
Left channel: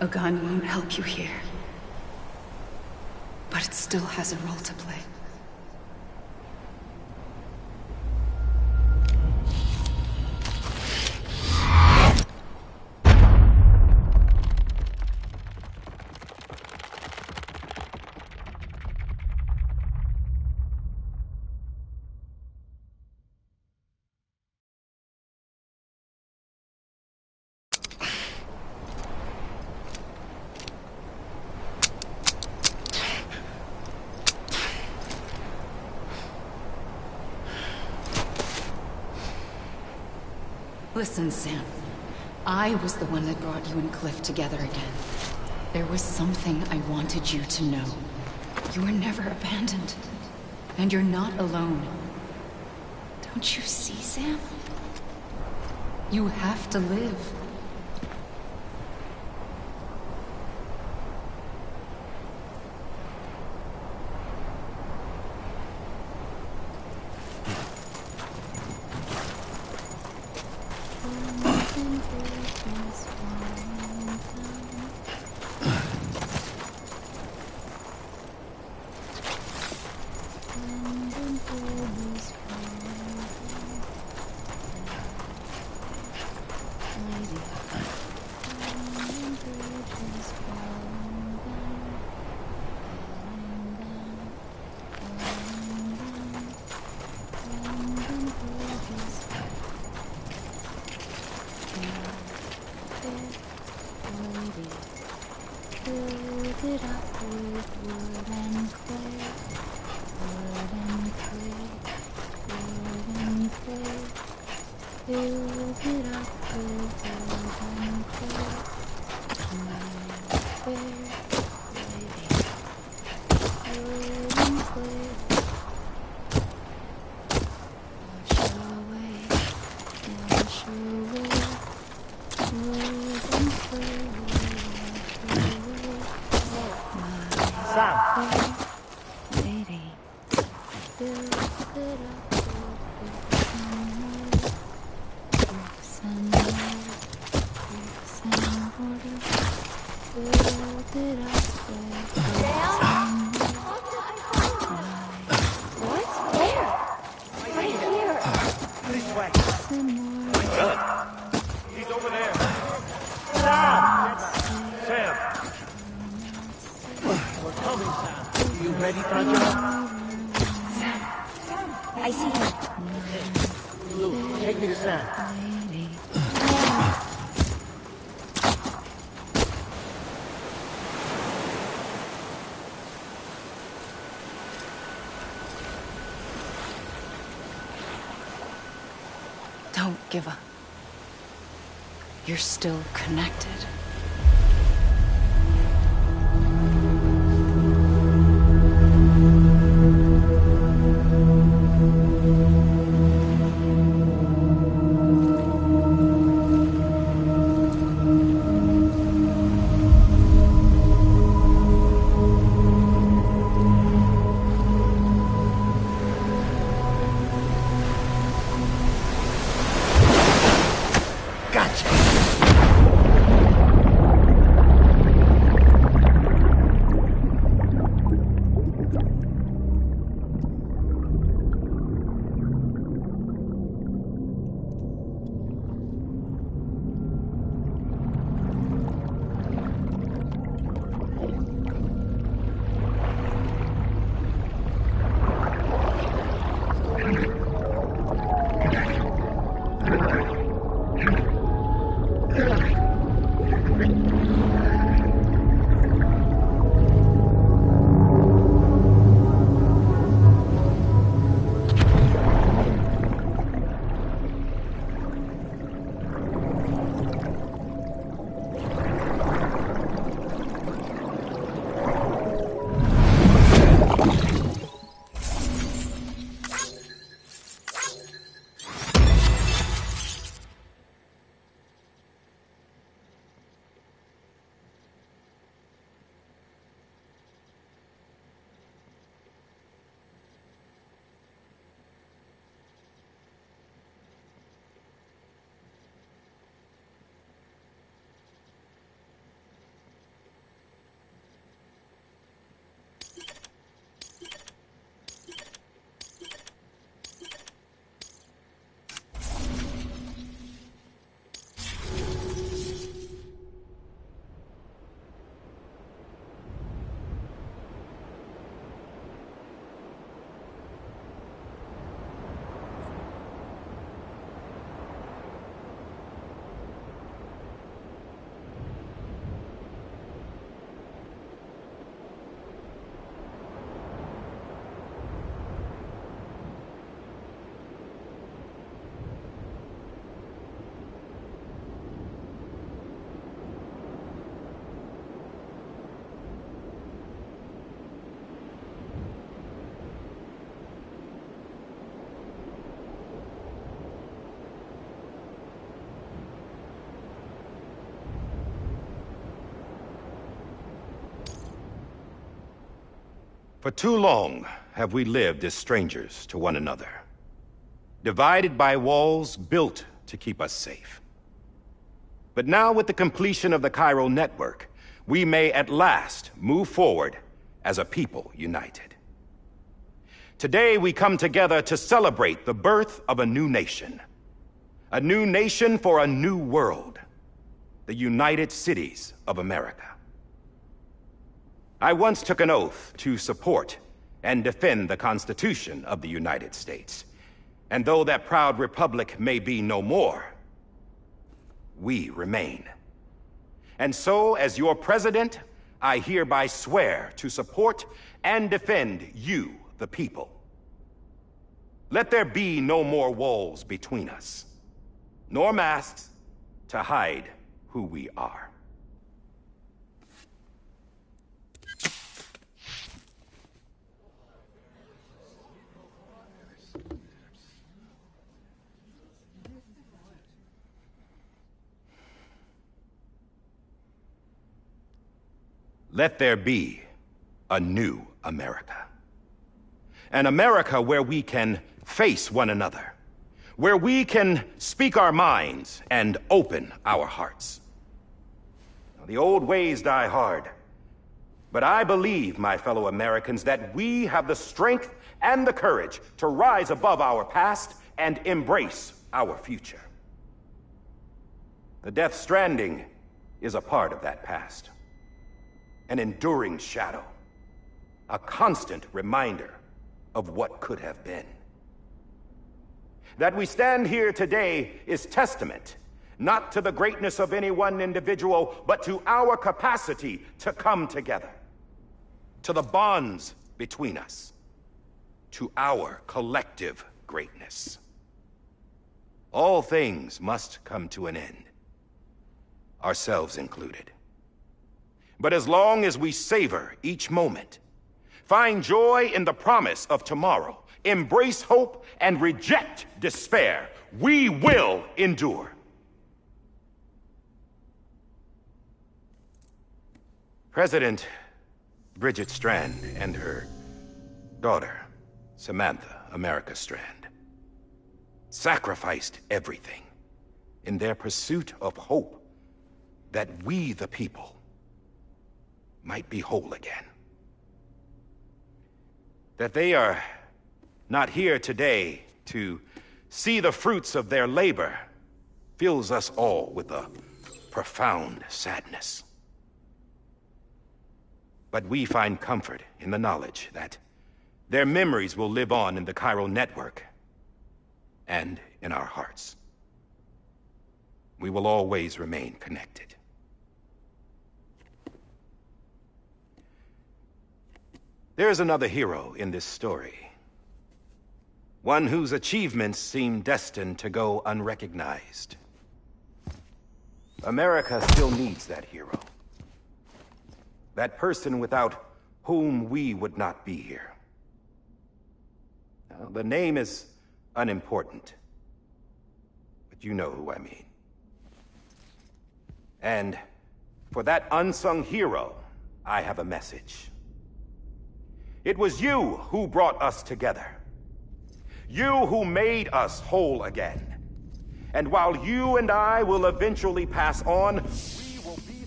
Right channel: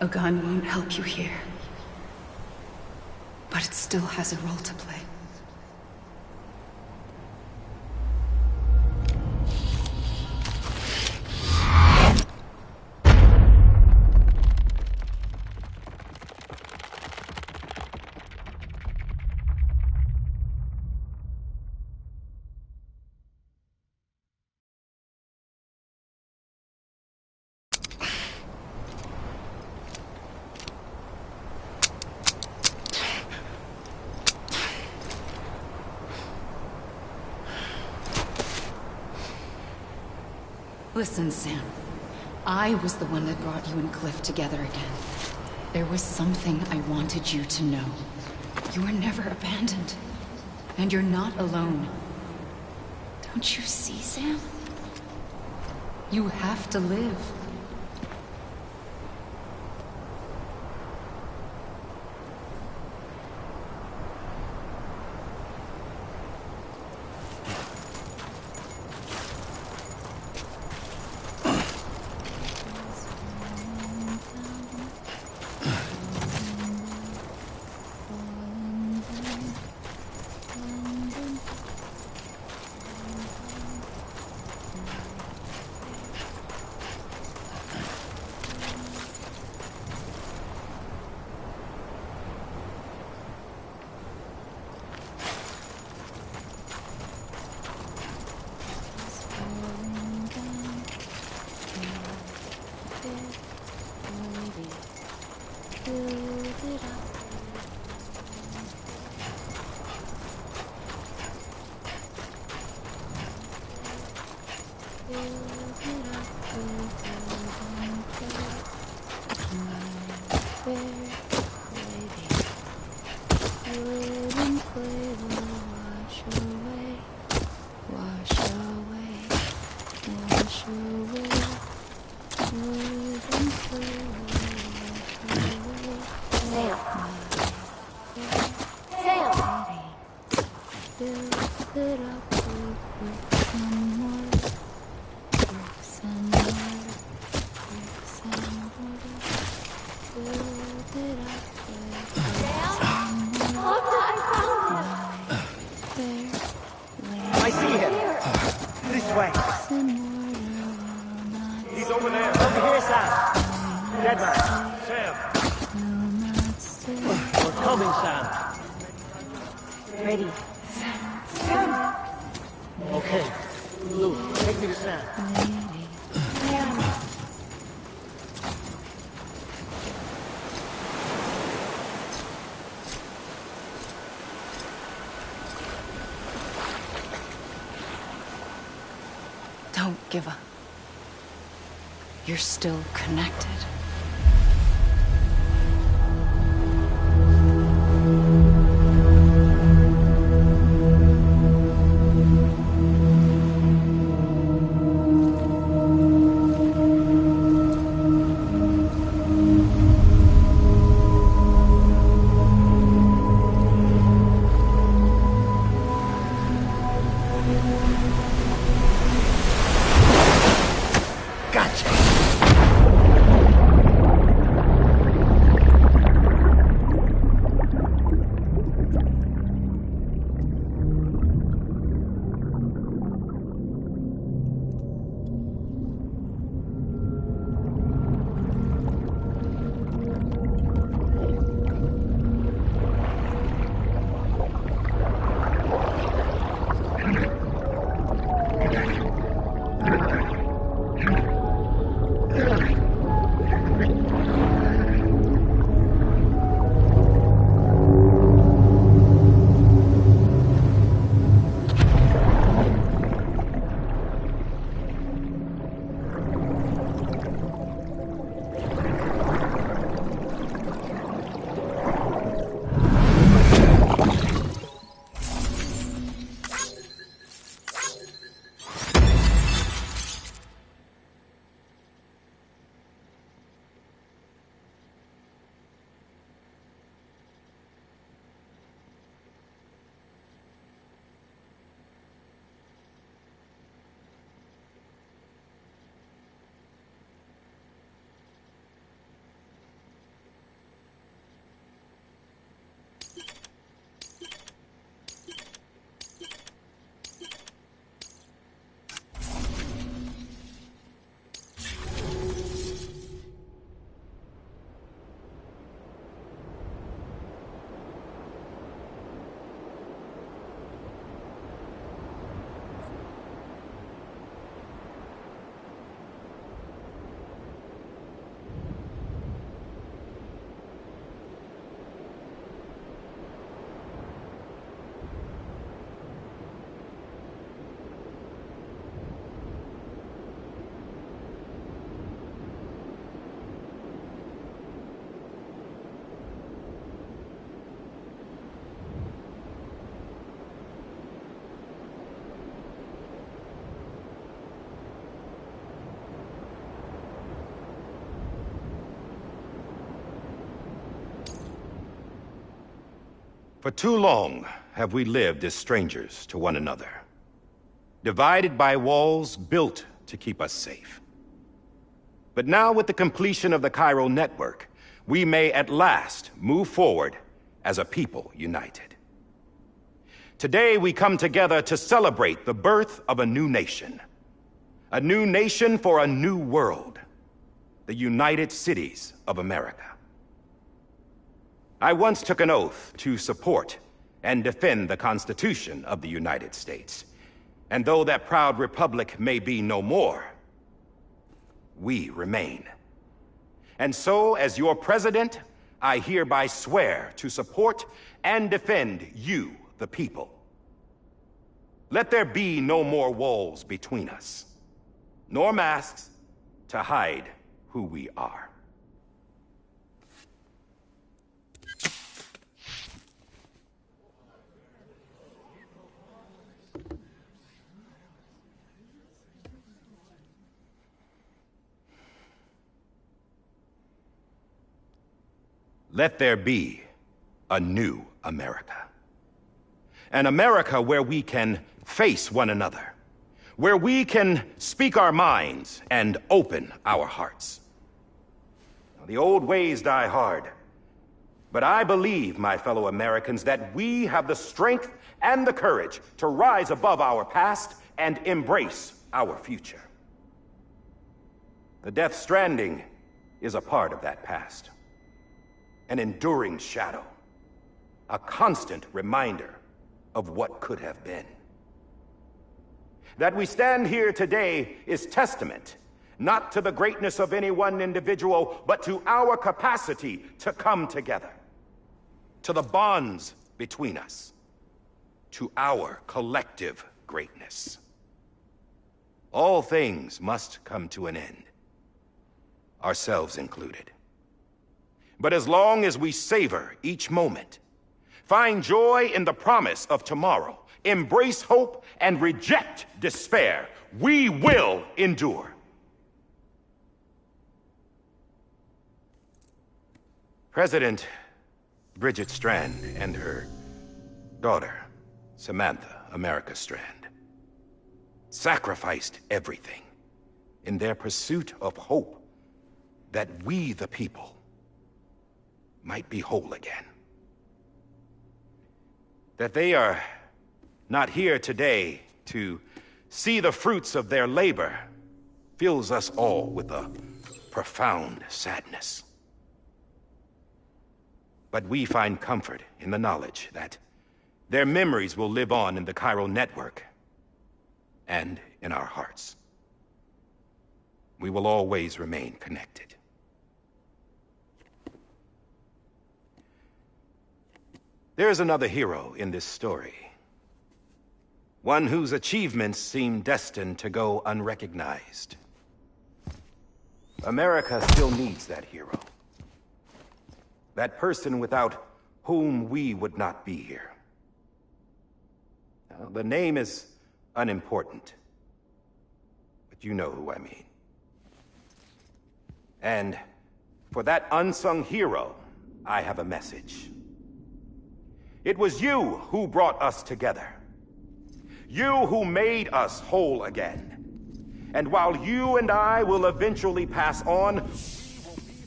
A gun won't help you here. But it still has a role to play. Listen, Sam. I was the one that brought you and Cliff together again. There was something I wanted you to know. You were never abandoned. And you're not alone. Don't you see, Sam? You have to live. Don't give up. You're still connected. Gotcha! For too long have we lived as strangers to one another, divided by walls built to keep us safe. But now, with the completion of the chiral network, we may at last move forward as a people united. Today we come together to celebrate the birth of a new nation. A new nation for a new world. The United Cities of America. I once took an oath to support and defend the Constitution of the United States. And though that proud republic may be no more, we remain. And so, as your president, I hereby swear to support and defend you, the people. Let there be no more walls between us, nor masks to hide who we are. Let there be a new America. An America where we can face one another, where we can speak our minds and open our hearts. The old ways die hard, but I believe, my fellow Americans, that we have the strength and the courage to rise above our past and embrace our future. The Death Stranding is a part of that past. An enduring shadow, a constant reminder of what could have been. That we stand here today is testament, not to the greatness of any one individual, but to our capacity to come together, to the bonds between us, to our collective greatness. All things must come to an end, ourselves included. But as long as we savor each moment, find joy in the promise of tomorrow, embrace hope, and reject despair, we will endure. President Bridget Strand and her daughter, Samantha America Strand, sacrificed everything in their pursuit of hope that we, the people, might be whole again. That they are not here today to see the fruits of their labor fills us all with a profound sadness. But we find comfort in the knowledge that their memories will live on in the chiral network and in our hearts. We will always remain connected. There's another hero in this story. One whose achievements seem destined to go unrecognized. America still needs that hero. That person without whom we would not be here. Now, the name is unimportant, but you know who I mean. And for that unsung hero, I have a message. It was you who brought us together. You who made us whole again. And while you and I will eventually pass on, we will be...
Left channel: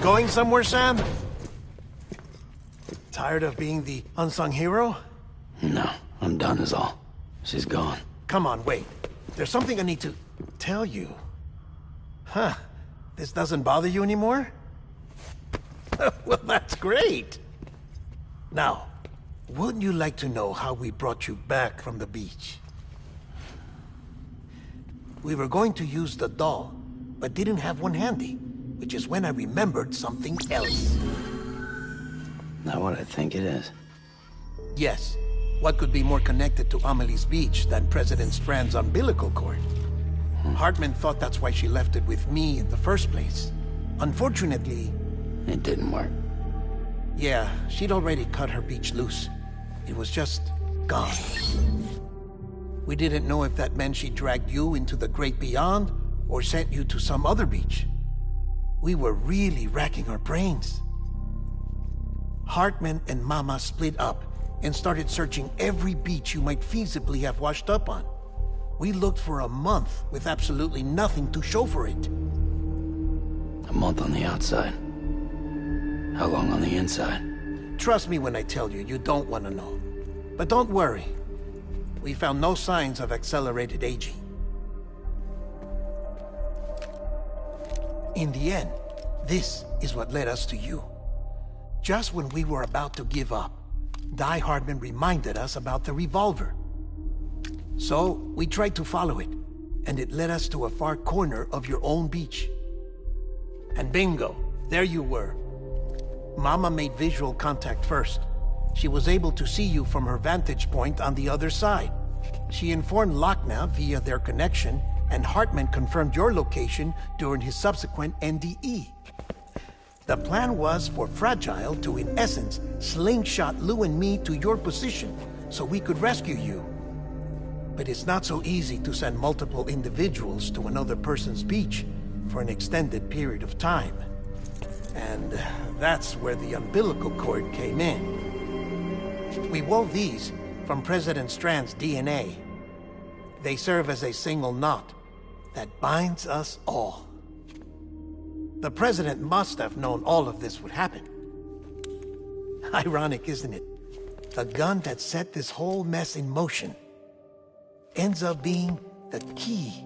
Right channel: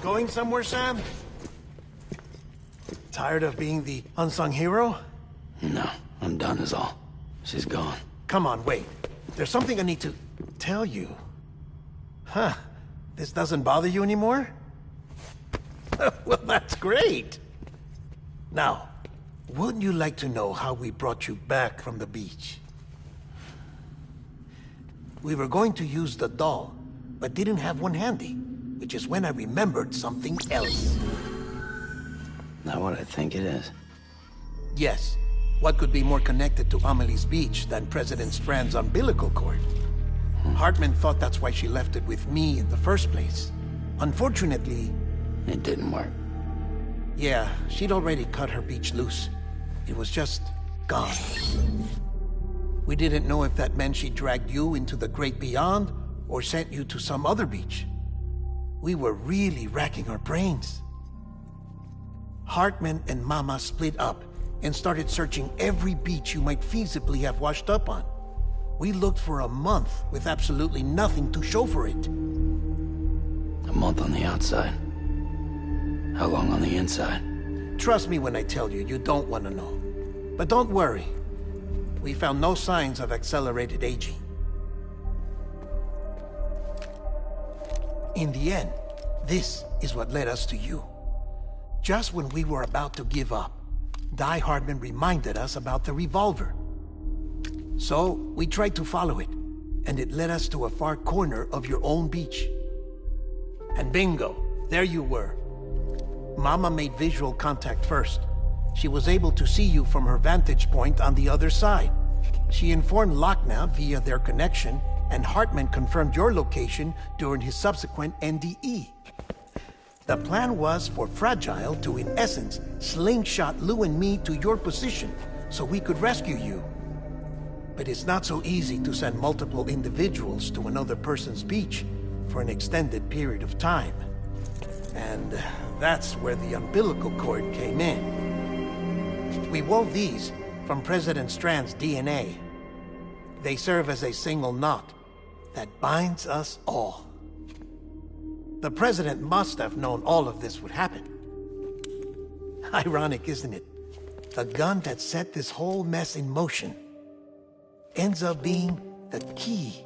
Going somewhere, Sam? Tired of being the unsung hero? No, I'm done is all. She's gone. Come on, wait. There's something I need to tell you. Huh. This doesn't bother you anymore? Well, that's great. Now, wouldn't you like to know how we brought you back from the beach? We were going to use the doll, but didn't have one handy, which is when I remembered something else. Not what I think it is. Yes. What could be more connected to Amelie's beach than President Strand's umbilical cord? Hartman thought that's why she left it with me in the first place. Unfortunately... It didn't work. Yeah, she'd already cut her beach loose. It was just gone. We didn't know if that meant she dragged you into the great beyond, or sent you to some other beach. We were really racking our brains. Hartman and Mama split up and started searching every beach you might feasibly have washed up on. We looked for a month with absolutely nothing to show for it. A month on the outside. How long on the inside? Trust me when I tell you, you don't want to know. But don't worry. We found no signs of accelerated aging. In the end, this is what led us to you. Just when we were about to give up, Die Hardman reminded us about the revolver. So, we tried to follow it, and it led us to a far corner of your own beach. And bingo, there you were. Mama made visual contact first. She was able to see you from her vantage point on the other side. She informed Lochna via their connection, and Hartman confirmed your location during his subsequent NDE. The plan was for Fragile to, in essence, slingshot Lou and me to your position so we could rescue you. But it's not so easy to send multiple individuals to another person's beach for an extended period of time. And that's where the umbilical cord came in. We wove these from President Strand's DNA. They serve as a single knot that binds us all. The President must have known all of this would happen. Ironic, isn't it? The gun that set this whole mess in motion ends up being the key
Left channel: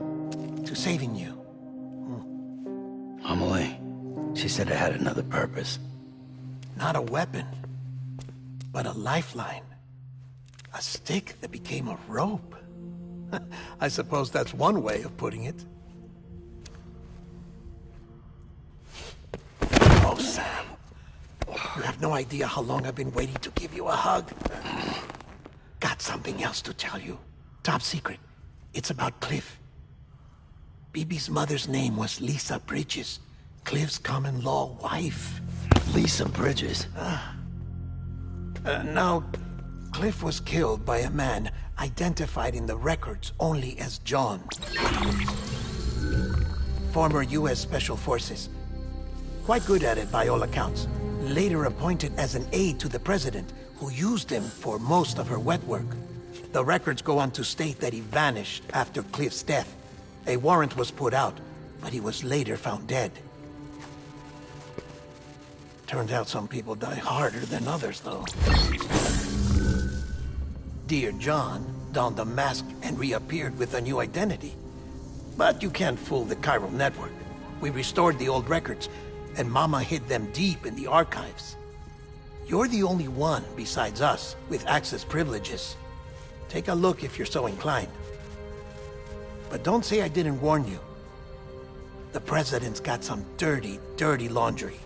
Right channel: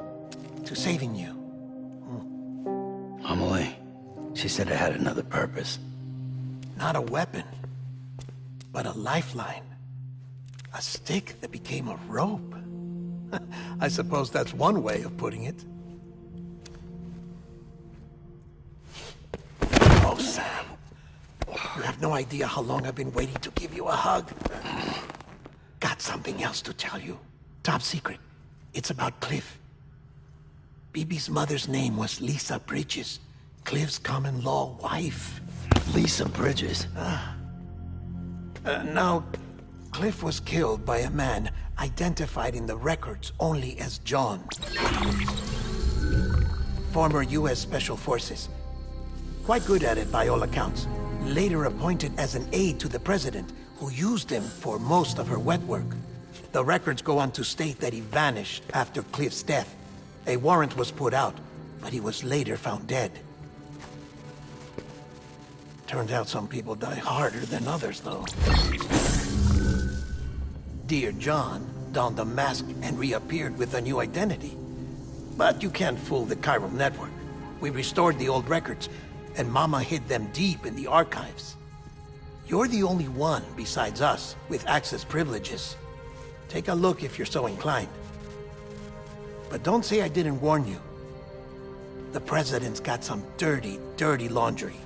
to saving you. Amelie, she said it had another purpose. Not a weapon, but a lifeline. A stick that became a rope. I suppose that's one way of putting it. Oh, Sam. You have no idea how long I've been waiting to give you a hug. Got something else to tell you. Top secret. It's about Cliff. BB's mother's name was Lisa Bridges, Cliff's common-law wife. Lisa Bridges? Now, Cliff was killed by a man identified in the records only as John. Former U.S. Special Forces. Quite good at it by all accounts. Later appointed as an aide to the president, who used him for most of her wet work. The records go on to state that he vanished after Cliff's death. A warrant was put out, but he was later found dead. Turns out some people die harder than others, though. Dear John donned a mask and reappeared with a new identity. But you can't fool the chiral network. We restored the old records, and Mama hid them deep in the archives. You're the only one, besides us, with access privileges. Take a look if you're so inclined. But don't say I didn't warn you. The President's got some dirty, dirty laundry.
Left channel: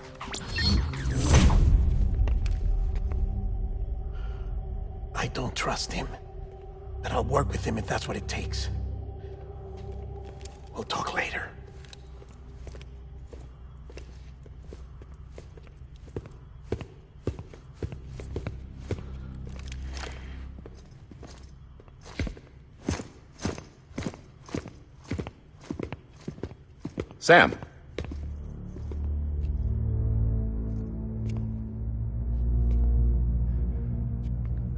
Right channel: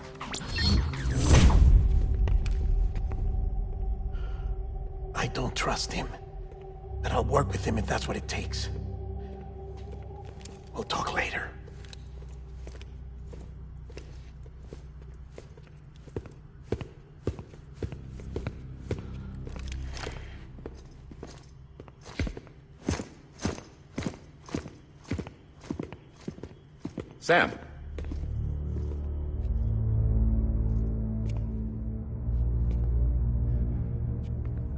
I don't trust him, but I'll work with him if that's what it takes. We'll talk later. Sam.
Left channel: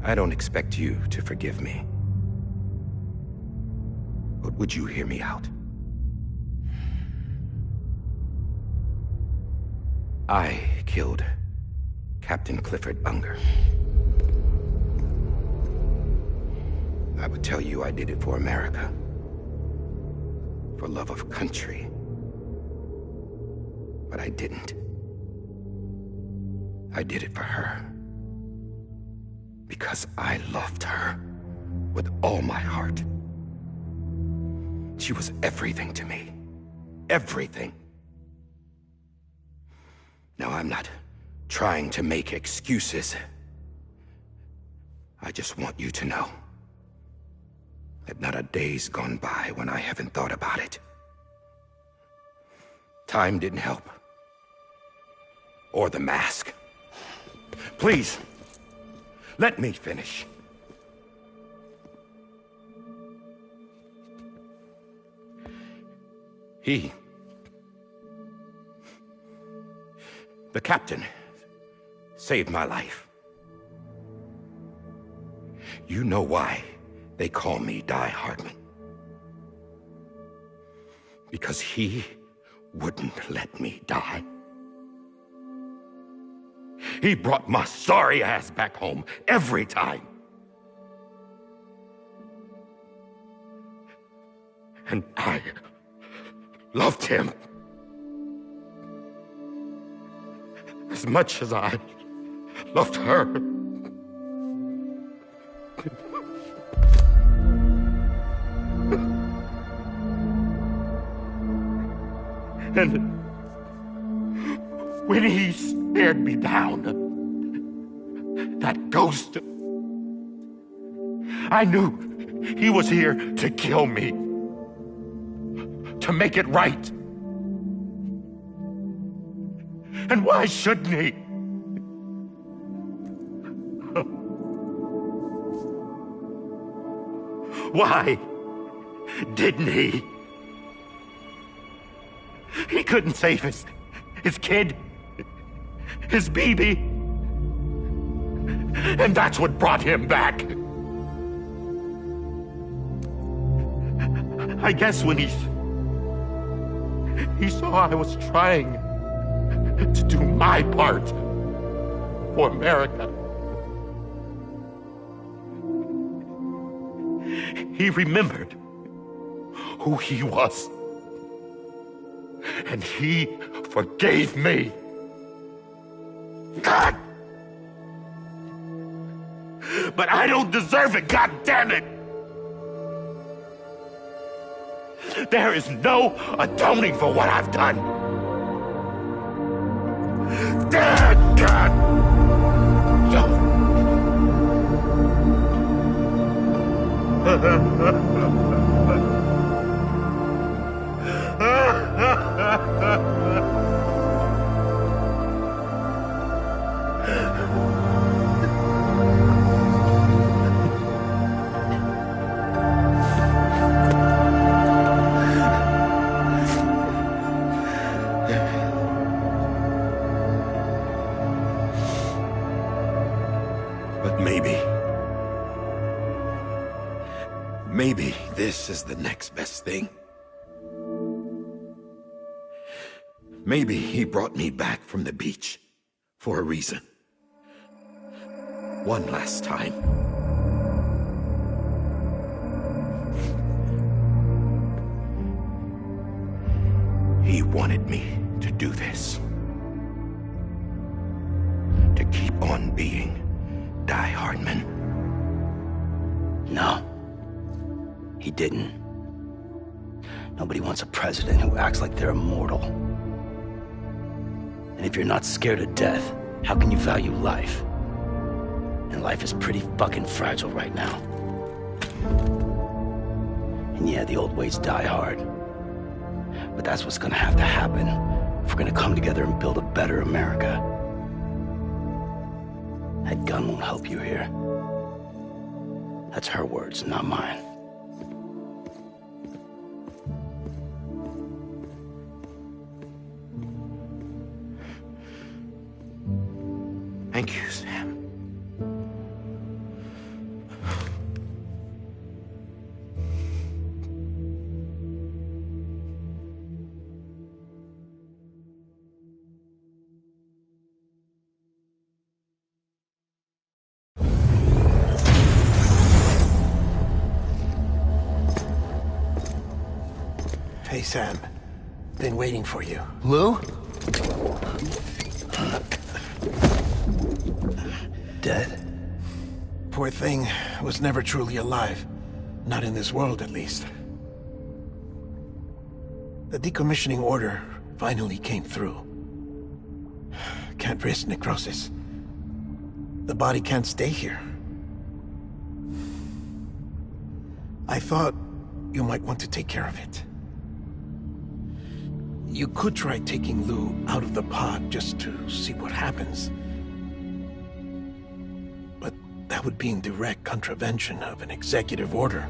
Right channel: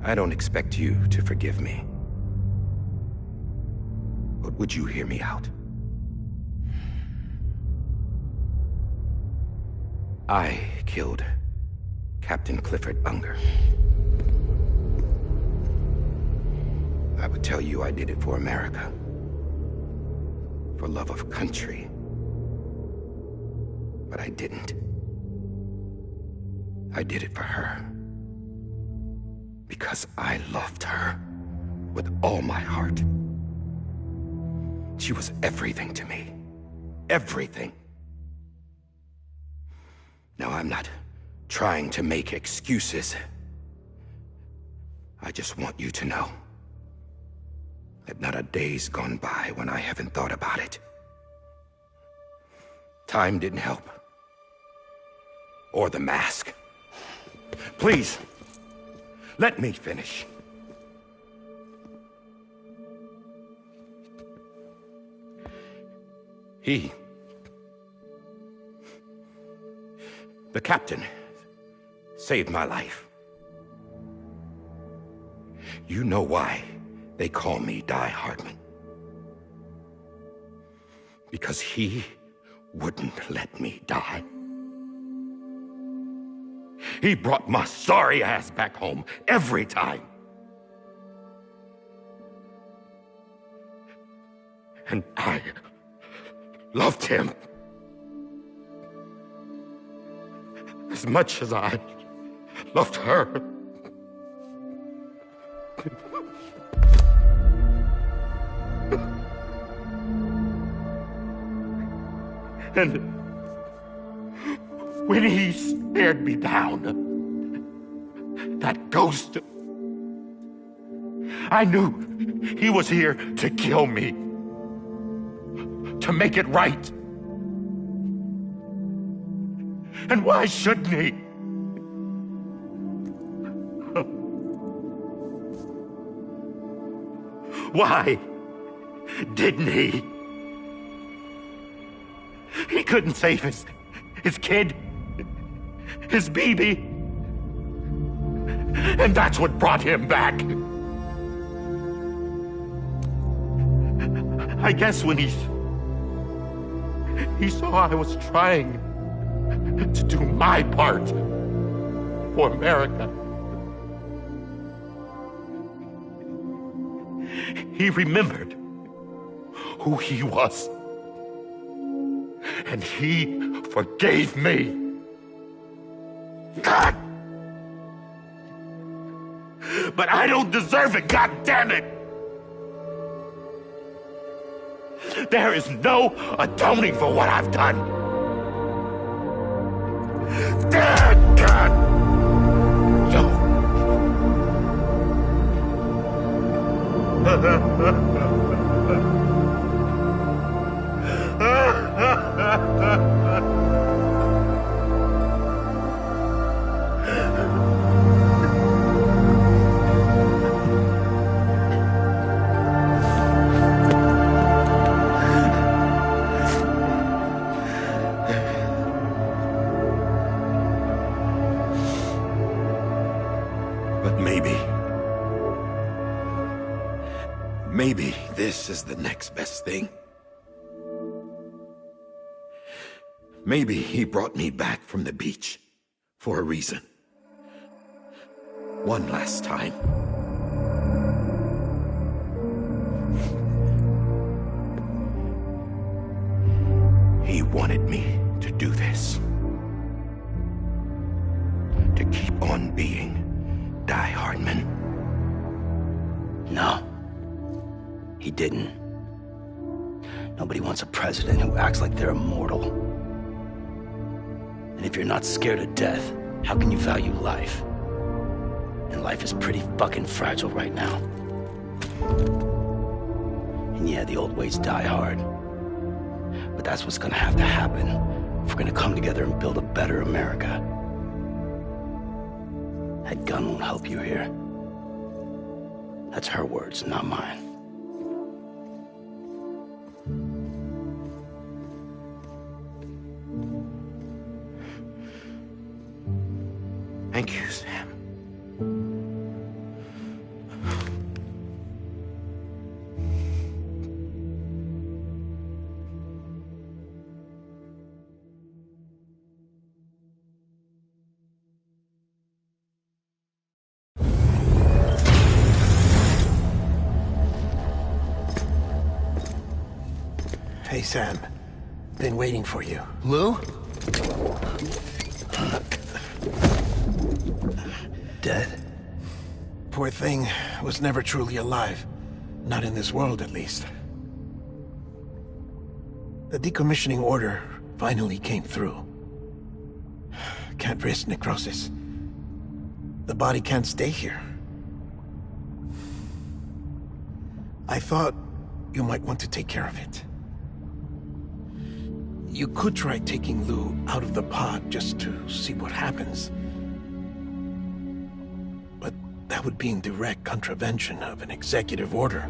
I don't expect you to forgive me. But would you hear me out? I killed Captain Clifford Unger. I would tell you I did it for America. For love of country. But I didn't. I did it for her. Because I loved her with all my heart. She was everything to me. Everything. Now, I'm not trying to make excuses. I just want you to know that not a day's gone by when I haven't thought about it. Time didn't help. Or the mask. Please, let me finish. The captain saved my life. You know why they call me Die Hardman. Because he wouldn't let me die. He brought my sorry ass back home every time. And I loved him as much as I loved her. And when he stared me down, that ghost, I knew he was here to kill me, to make it right. And why shouldn't he? Why didn't he? He couldn't save his kid, his baby. And that's what brought him back. I guess when he saw I was trying to do my part for America, he remembered who he was. And he forgave me. God! But I don't deserve it, God damn it! There is no atoning for what I've done. God! But maybe this is the next best thing. Maybe he brought me back from the beach for a reason. One last time. He wanted me to do this. To keep on being Die Hardman. No. He didn't. Nobody wants a president who acts like they're immortal. And if you're not scared of death, how can you value life? And life is pretty fucking fragile right now. And yeah, the old ways die hard. But that's what's gonna have to happen if we're gonna come together and build a better America. That gun won't help you here. That's her words, not mine. Thank you, Sam. Hey, Sam. Been waiting for you. Lou? Dead? Poor thing was never truly alive. Not in this world, at least. The decommissioning order finally came through. Can't risk necrosis. The body can't stay here. I thought you might want to take care of it. You could try taking Lou out of the pod just to see what happens. But that would be in direct contravention of an executive order.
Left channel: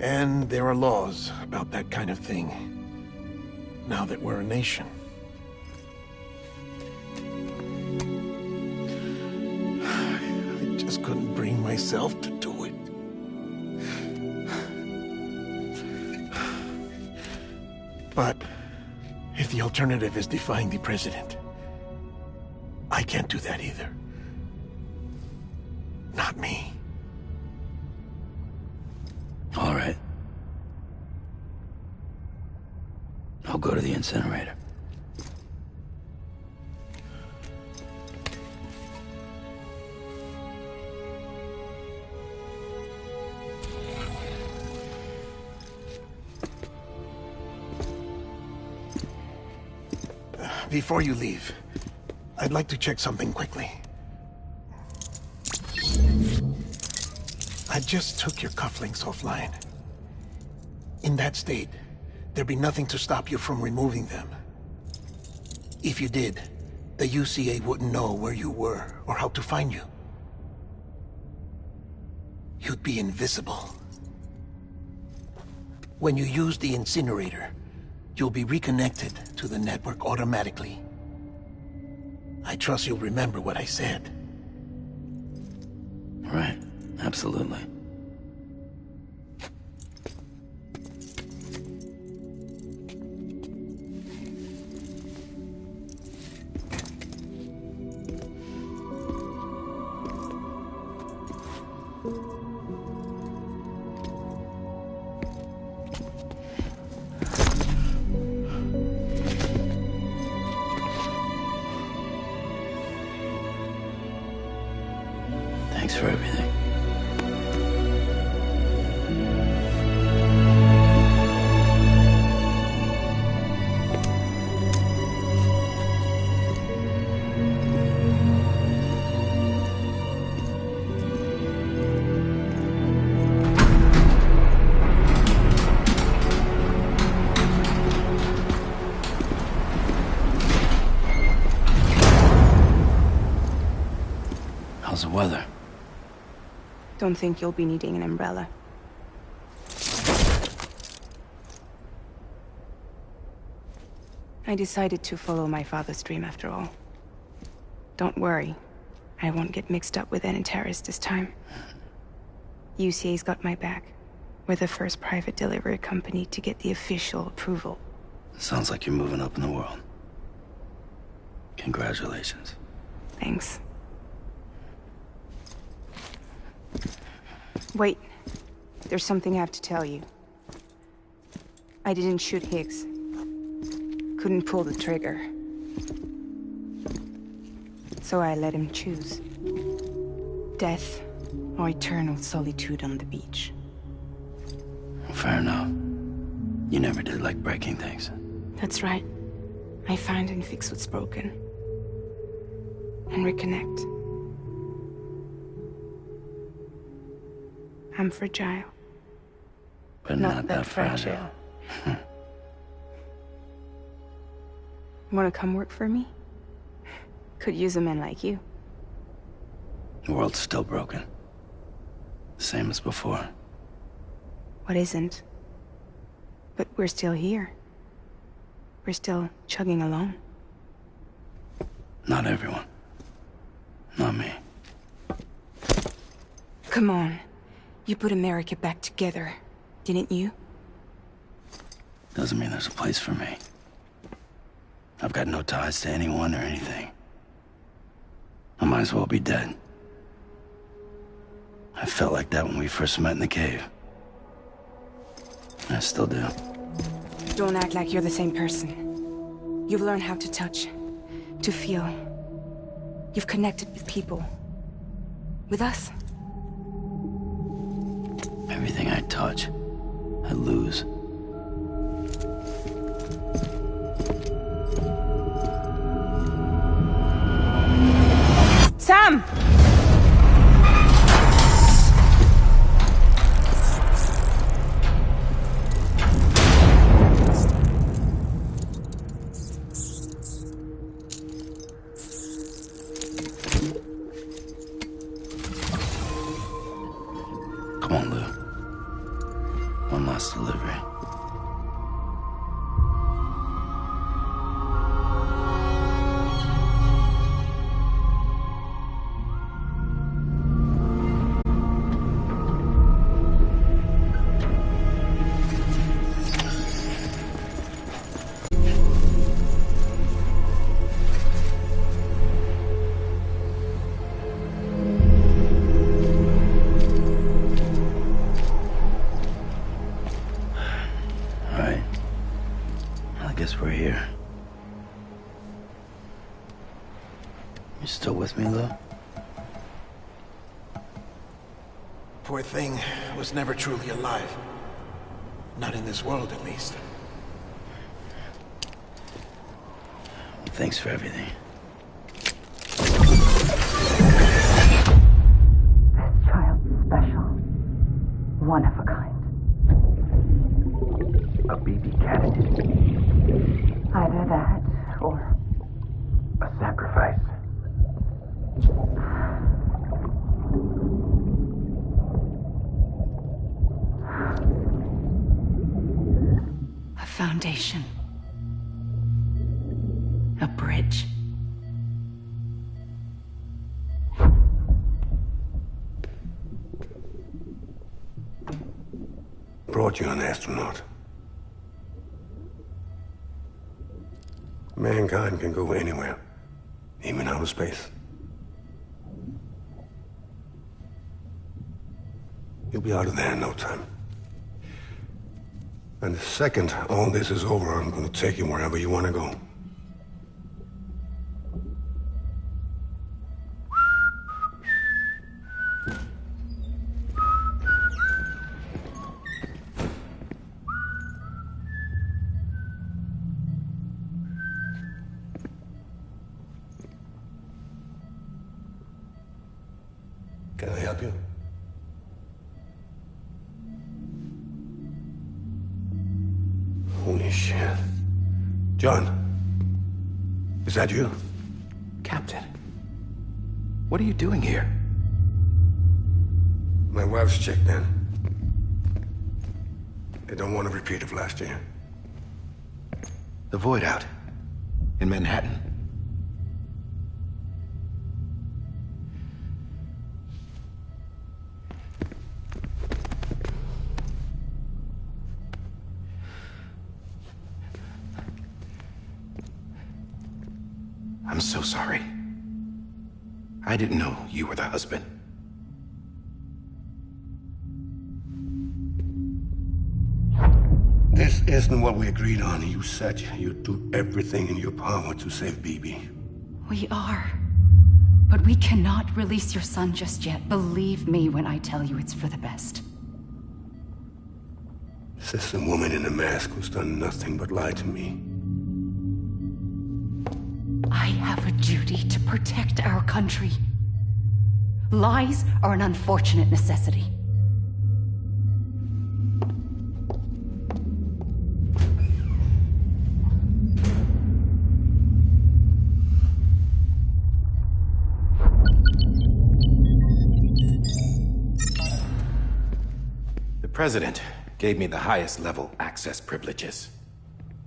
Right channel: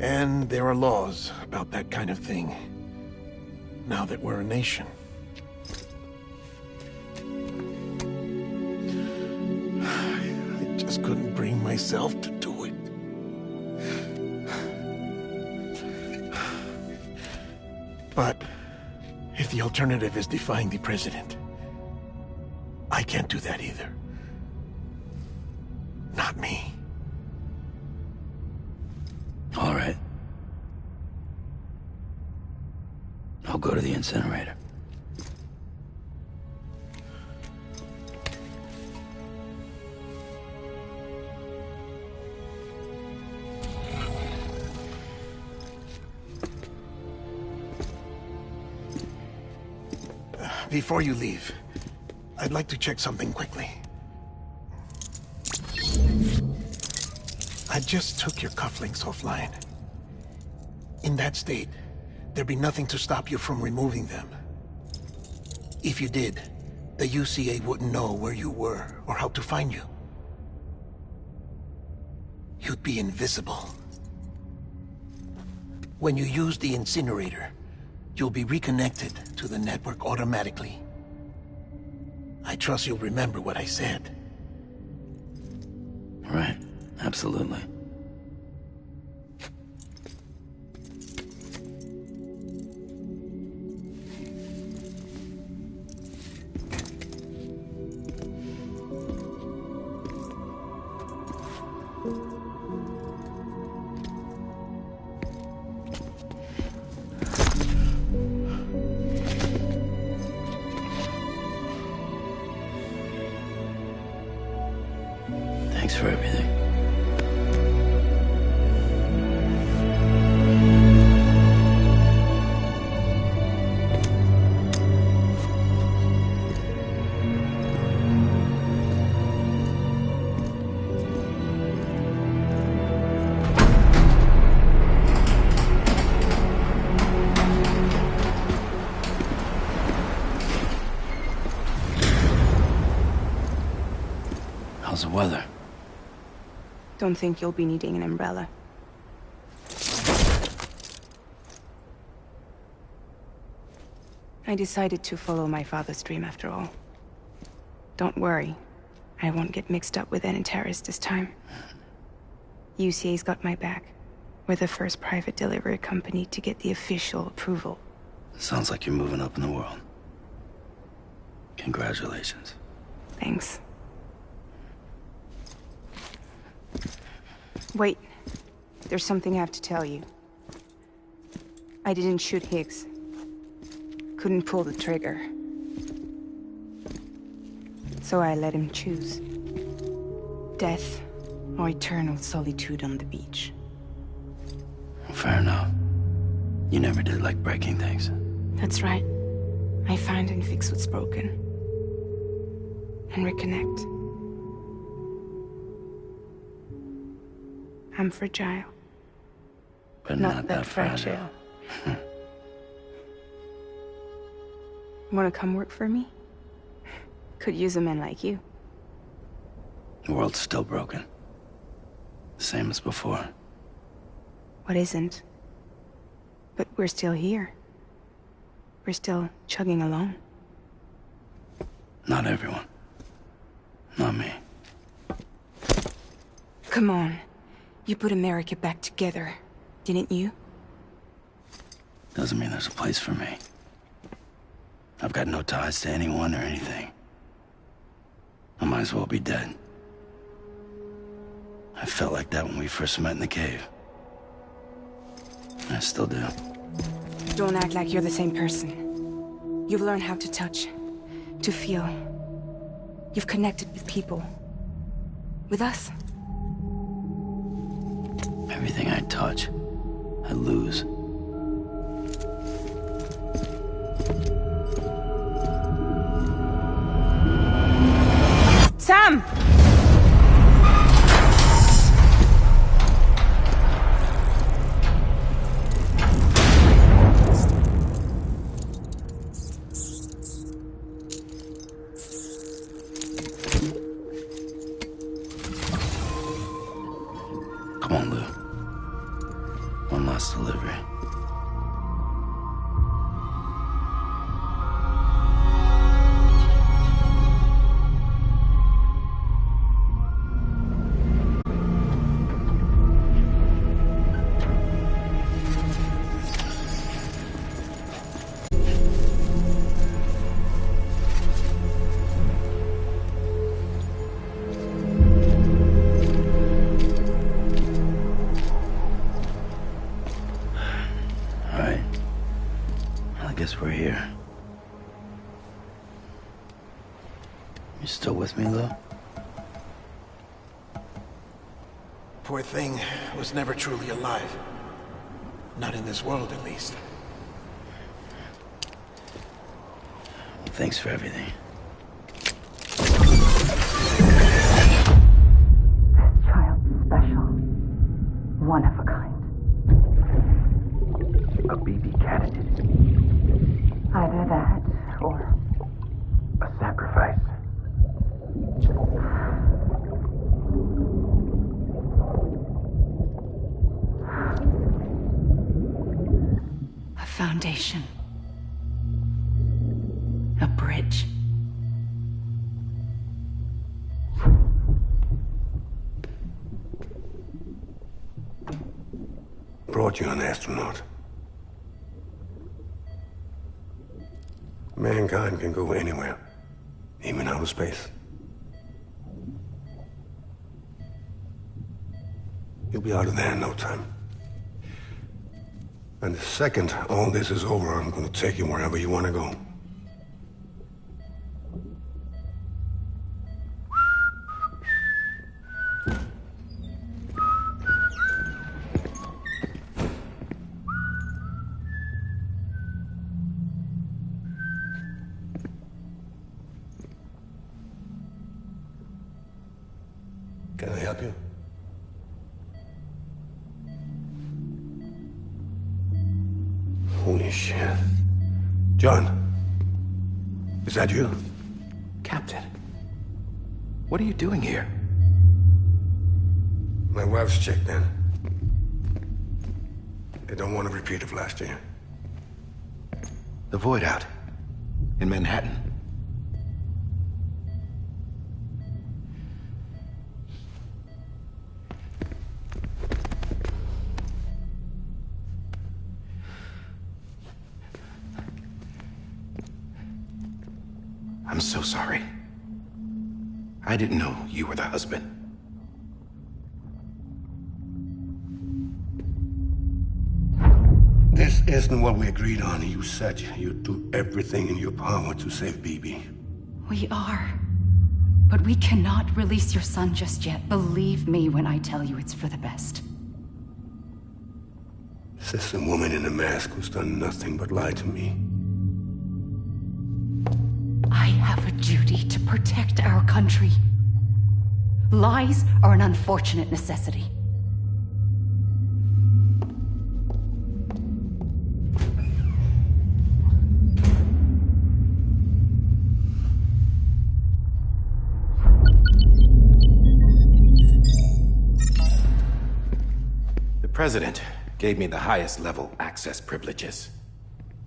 And there are laws about that kind of thing, now that we're a nation. myself to do it. But if the alternative is defying the president, I can't do that either. Not me. All right. I'll go to the incinerator. Before you leave, I'd like to check something quickly. I just took your cufflinks offline. In that state, there'd be nothing to stop you from removing them. If you did, the UCA wouldn't know where you were or how to find you. You'd be invisible. When you use the incinerator, you'll be reconnected to the network automatically. I trust you'll remember what I said. Right. Absolutely. Thanks for everything. How's the weather? Don't think you'll be needing an umbrella. I decided to follow my father's dream after all. Don't worry. I won't get mixed up with any terrorists this time. UCA's got my back. We're the first private delivery company to get the official approval. Sounds like you're moving up in the world. Congratulations. Thanks. Wait. There's something I have to tell you. I didn't shoot Higgs. Couldn't pull the trigger. So I let him choose. Death or eternal solitude on the beach. Fair enough. You never did like breaking things. That's right. I find and fix what's broken. And reconnect. I'm fragile. But not that fragile. Wanna come work for me? Could use a man like you. The world's still broken. Same as before. What isn't? But we're still here. We're still chugging along. Not everyone. Not me. Come on. You put America back together, didn't you? Doesn't mean there's a place for me. I've got no ties to anyone or anything. I might as well be dead. I felt like that when we first met in the cave. I still do. Don't act like you're the same person. You've learned how to touch, to feel. You've connected with people. With us. Everything I touch, I lose. Sam! Come on, Lou. One last delivery. guess we're here. You still with me, though? Poor thing was never truly alive. Not in this world, at least. Well, thanks for everything. Child special. One of a kind. A BB candidate. Either that, or... a sacrifice. A foundation. A bridge. Brought you an astronaut. Mankind can go anywhere, even outer space. You'll be out of there in no time. And the second all this is over, I'm gonna take you wherever you wanna go. Can I help you? Holy shit. John, is that you? Captain, what are you doing here? My wife's checked in. They don't want a repeat of last year. The Void out. In Manhattan. I'm so sorry. I didn't know you were the husband. This isn't what we agreed on. You said you'd do everything in your power to save BB. We are. But we cannot release your son just yet. Believe me when I tell you it's for the best. This is a woman in a mask who's done nothing but lie to me. I have a duty to protect our country. Lies are an unfortunate necessity. The President gave me the highest level access privileges.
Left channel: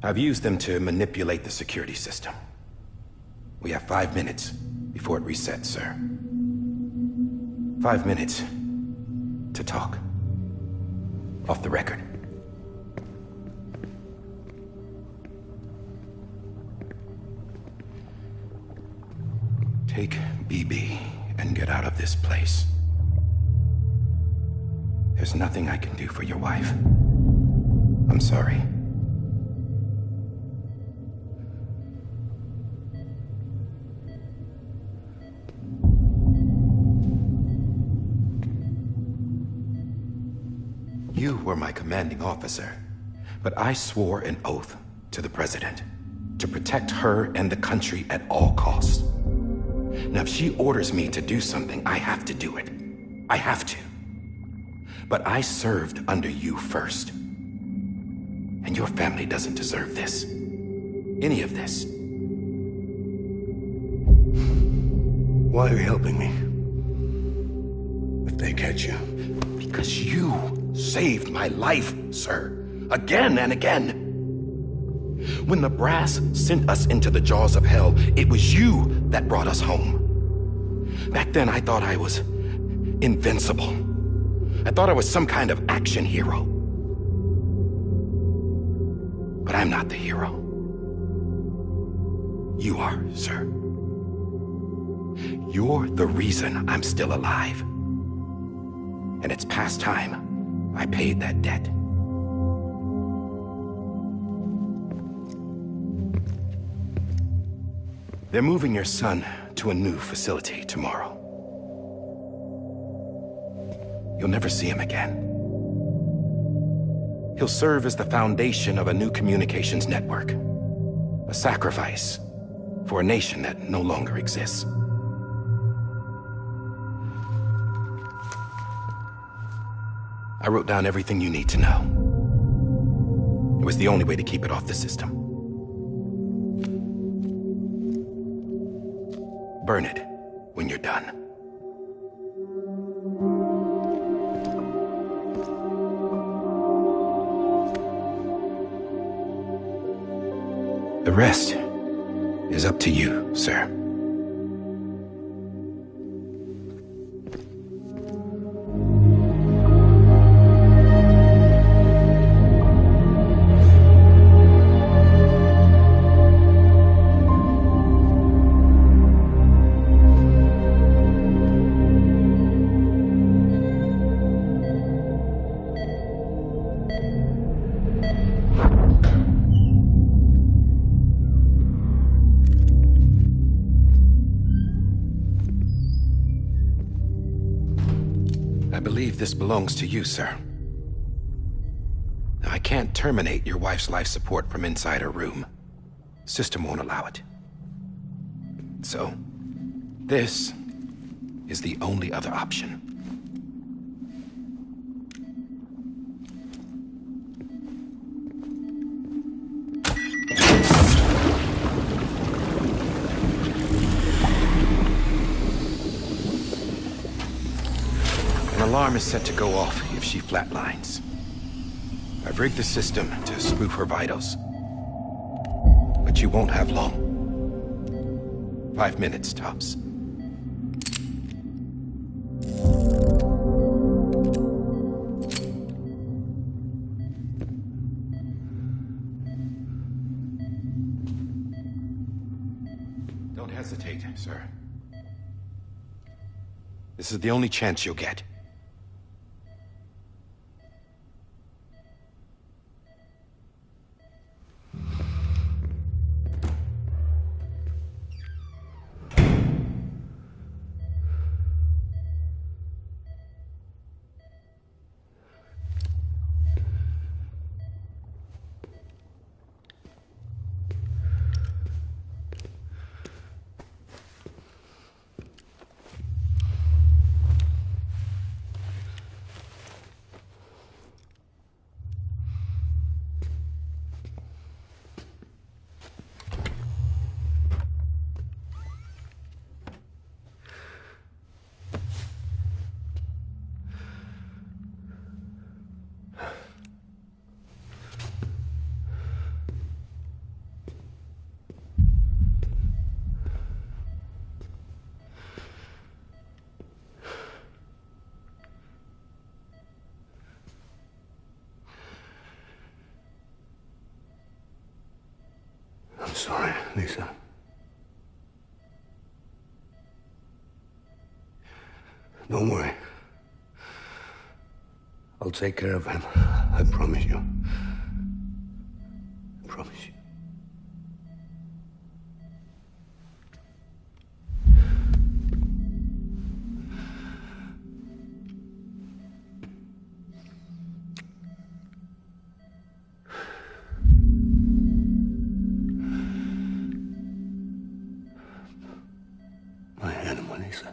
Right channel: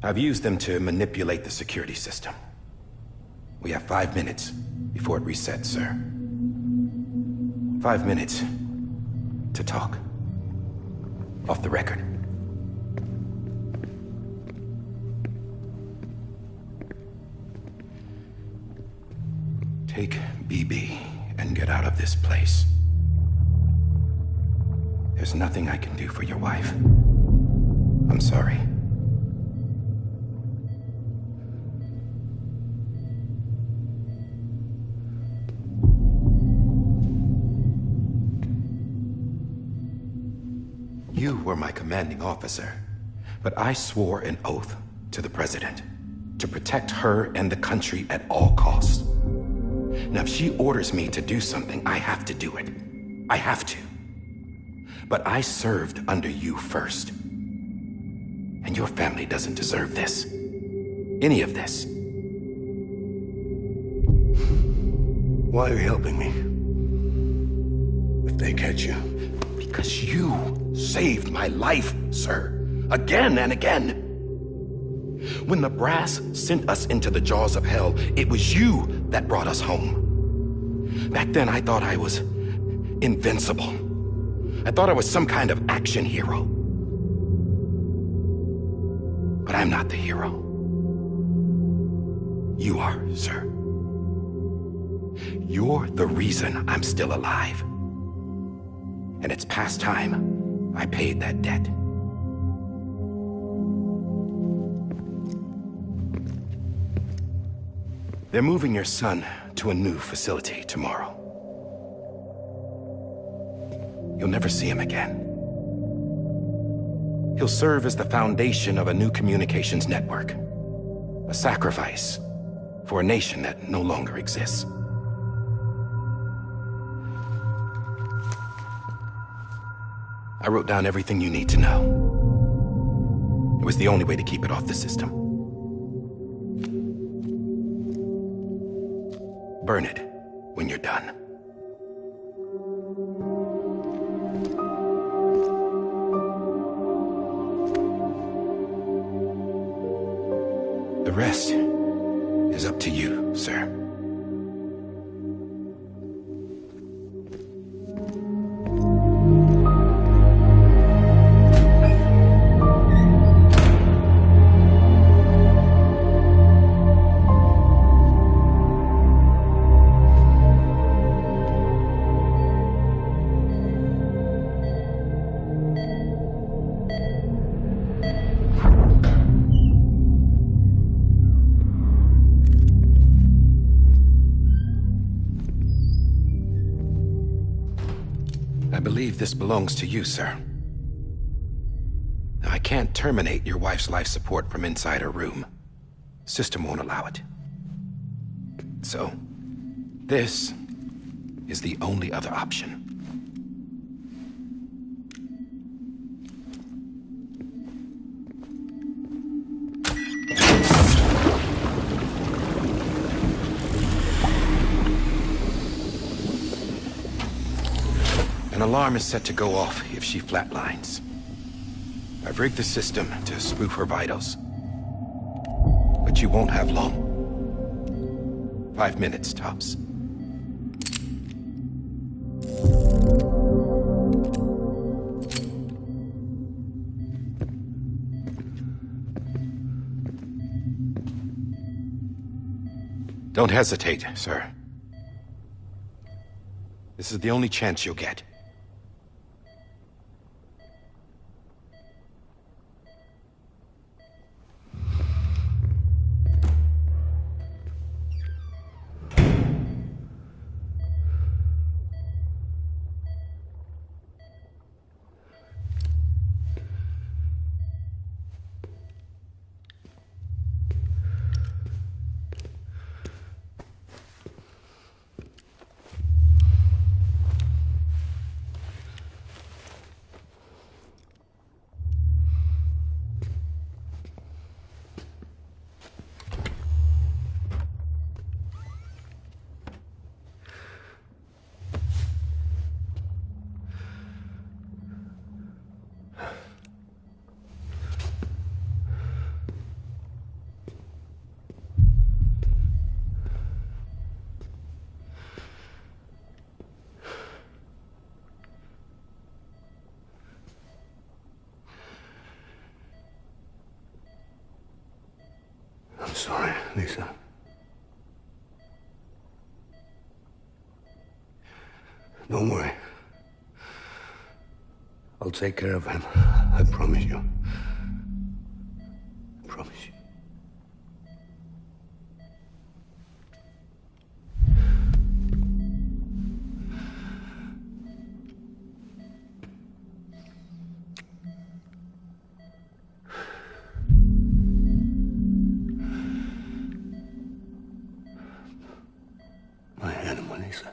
I've used them to manipulate the security system. We have 5 minutes before it resets, sir. 5 minutes to talk. Off the record. Take BB and get out of this place. There's nothing I can do for your wife. I'm sorry. You were my commanding officer, but I swore an oath to the President to protect her and the country at all costs. Now, if she orders me to do something, I have to do it. I have to. But I served under you first. And your family doesn't deserve this. Any of this. Why are you helping me? If they catch you. Because you saved my life, sir. Again and again. When the brass sent us into the jaws of hell, it was you that brought us home. Back then, I thought I was invincible. I thought I was some kind of action hero. But I'm not the hero. You are, sir. You're the reason I'm still alive. And it's past time I paid that debt. They're moving your son to a new facility tomorrow. You'll never see him again. He'll serve as the foundation of a new communications network. A sacrifice for a nation that no longer exists. I wrote down everything you need to know. It was the only way to keep it off the system. Burn it when you're done. The rest is up to you, sir. I believe this belongs to you, sir. I can't terminate your wife's life support from inside her room. System won't allow it. So, this is the only other option. An alarm is set to go off if she flatlines. I've rigged the system to spoof her vitals. But you won't have long. 5 minutes, tops. Don't hesitate, sir. This is the only chance you'll get. I'm sorry, Lisa. Don't worry. I'll take care of him. I promise you. I promise you. My animal, Lisa.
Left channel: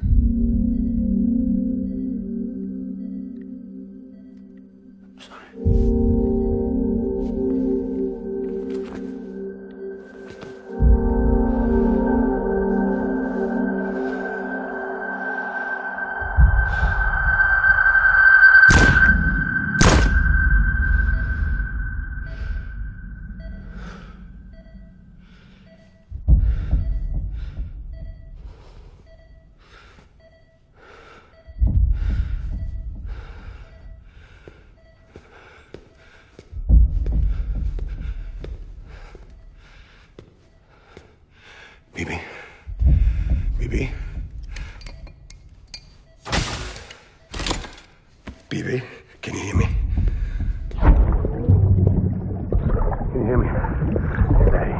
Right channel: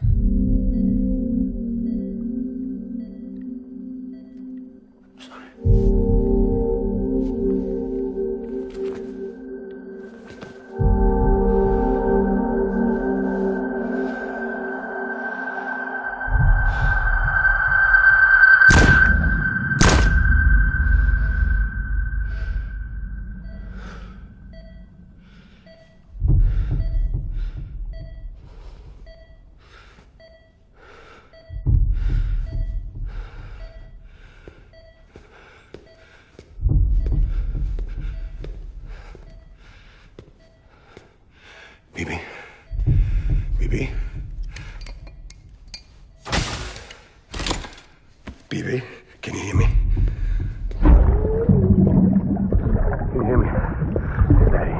I'm sorry. Bibi. Bibi. Bibi, can you hear me? Can you hear me? Daddy.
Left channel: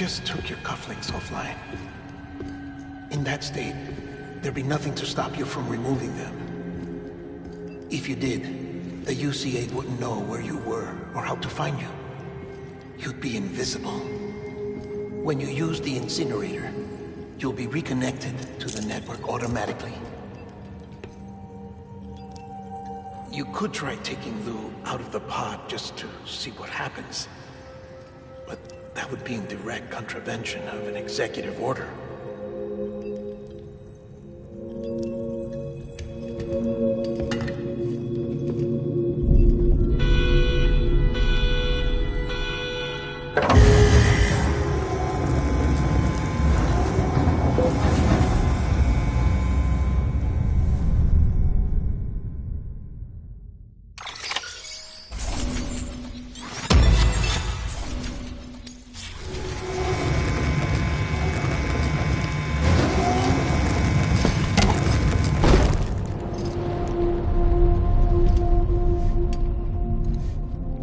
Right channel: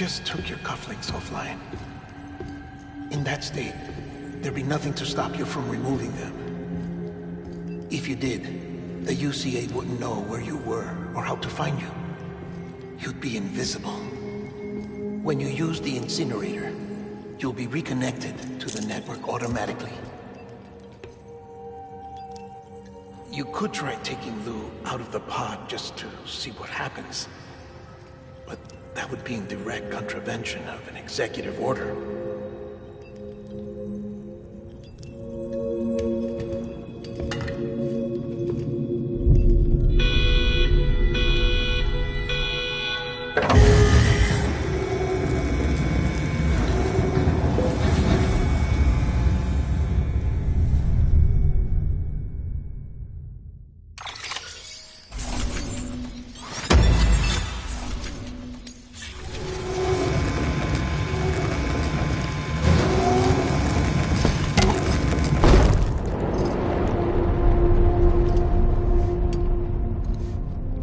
just took your cufflinks offline. In that state, there'd be nothing to stop you from removing them. If you did, the UCA wouldn't know where you were or how to find you. You'd be invisible. When you use the incinerator, you'll be reconnected to the network automatically. You could try taking Lou out of the pod just to see what happens. But that would be in direct contravention of an executive order.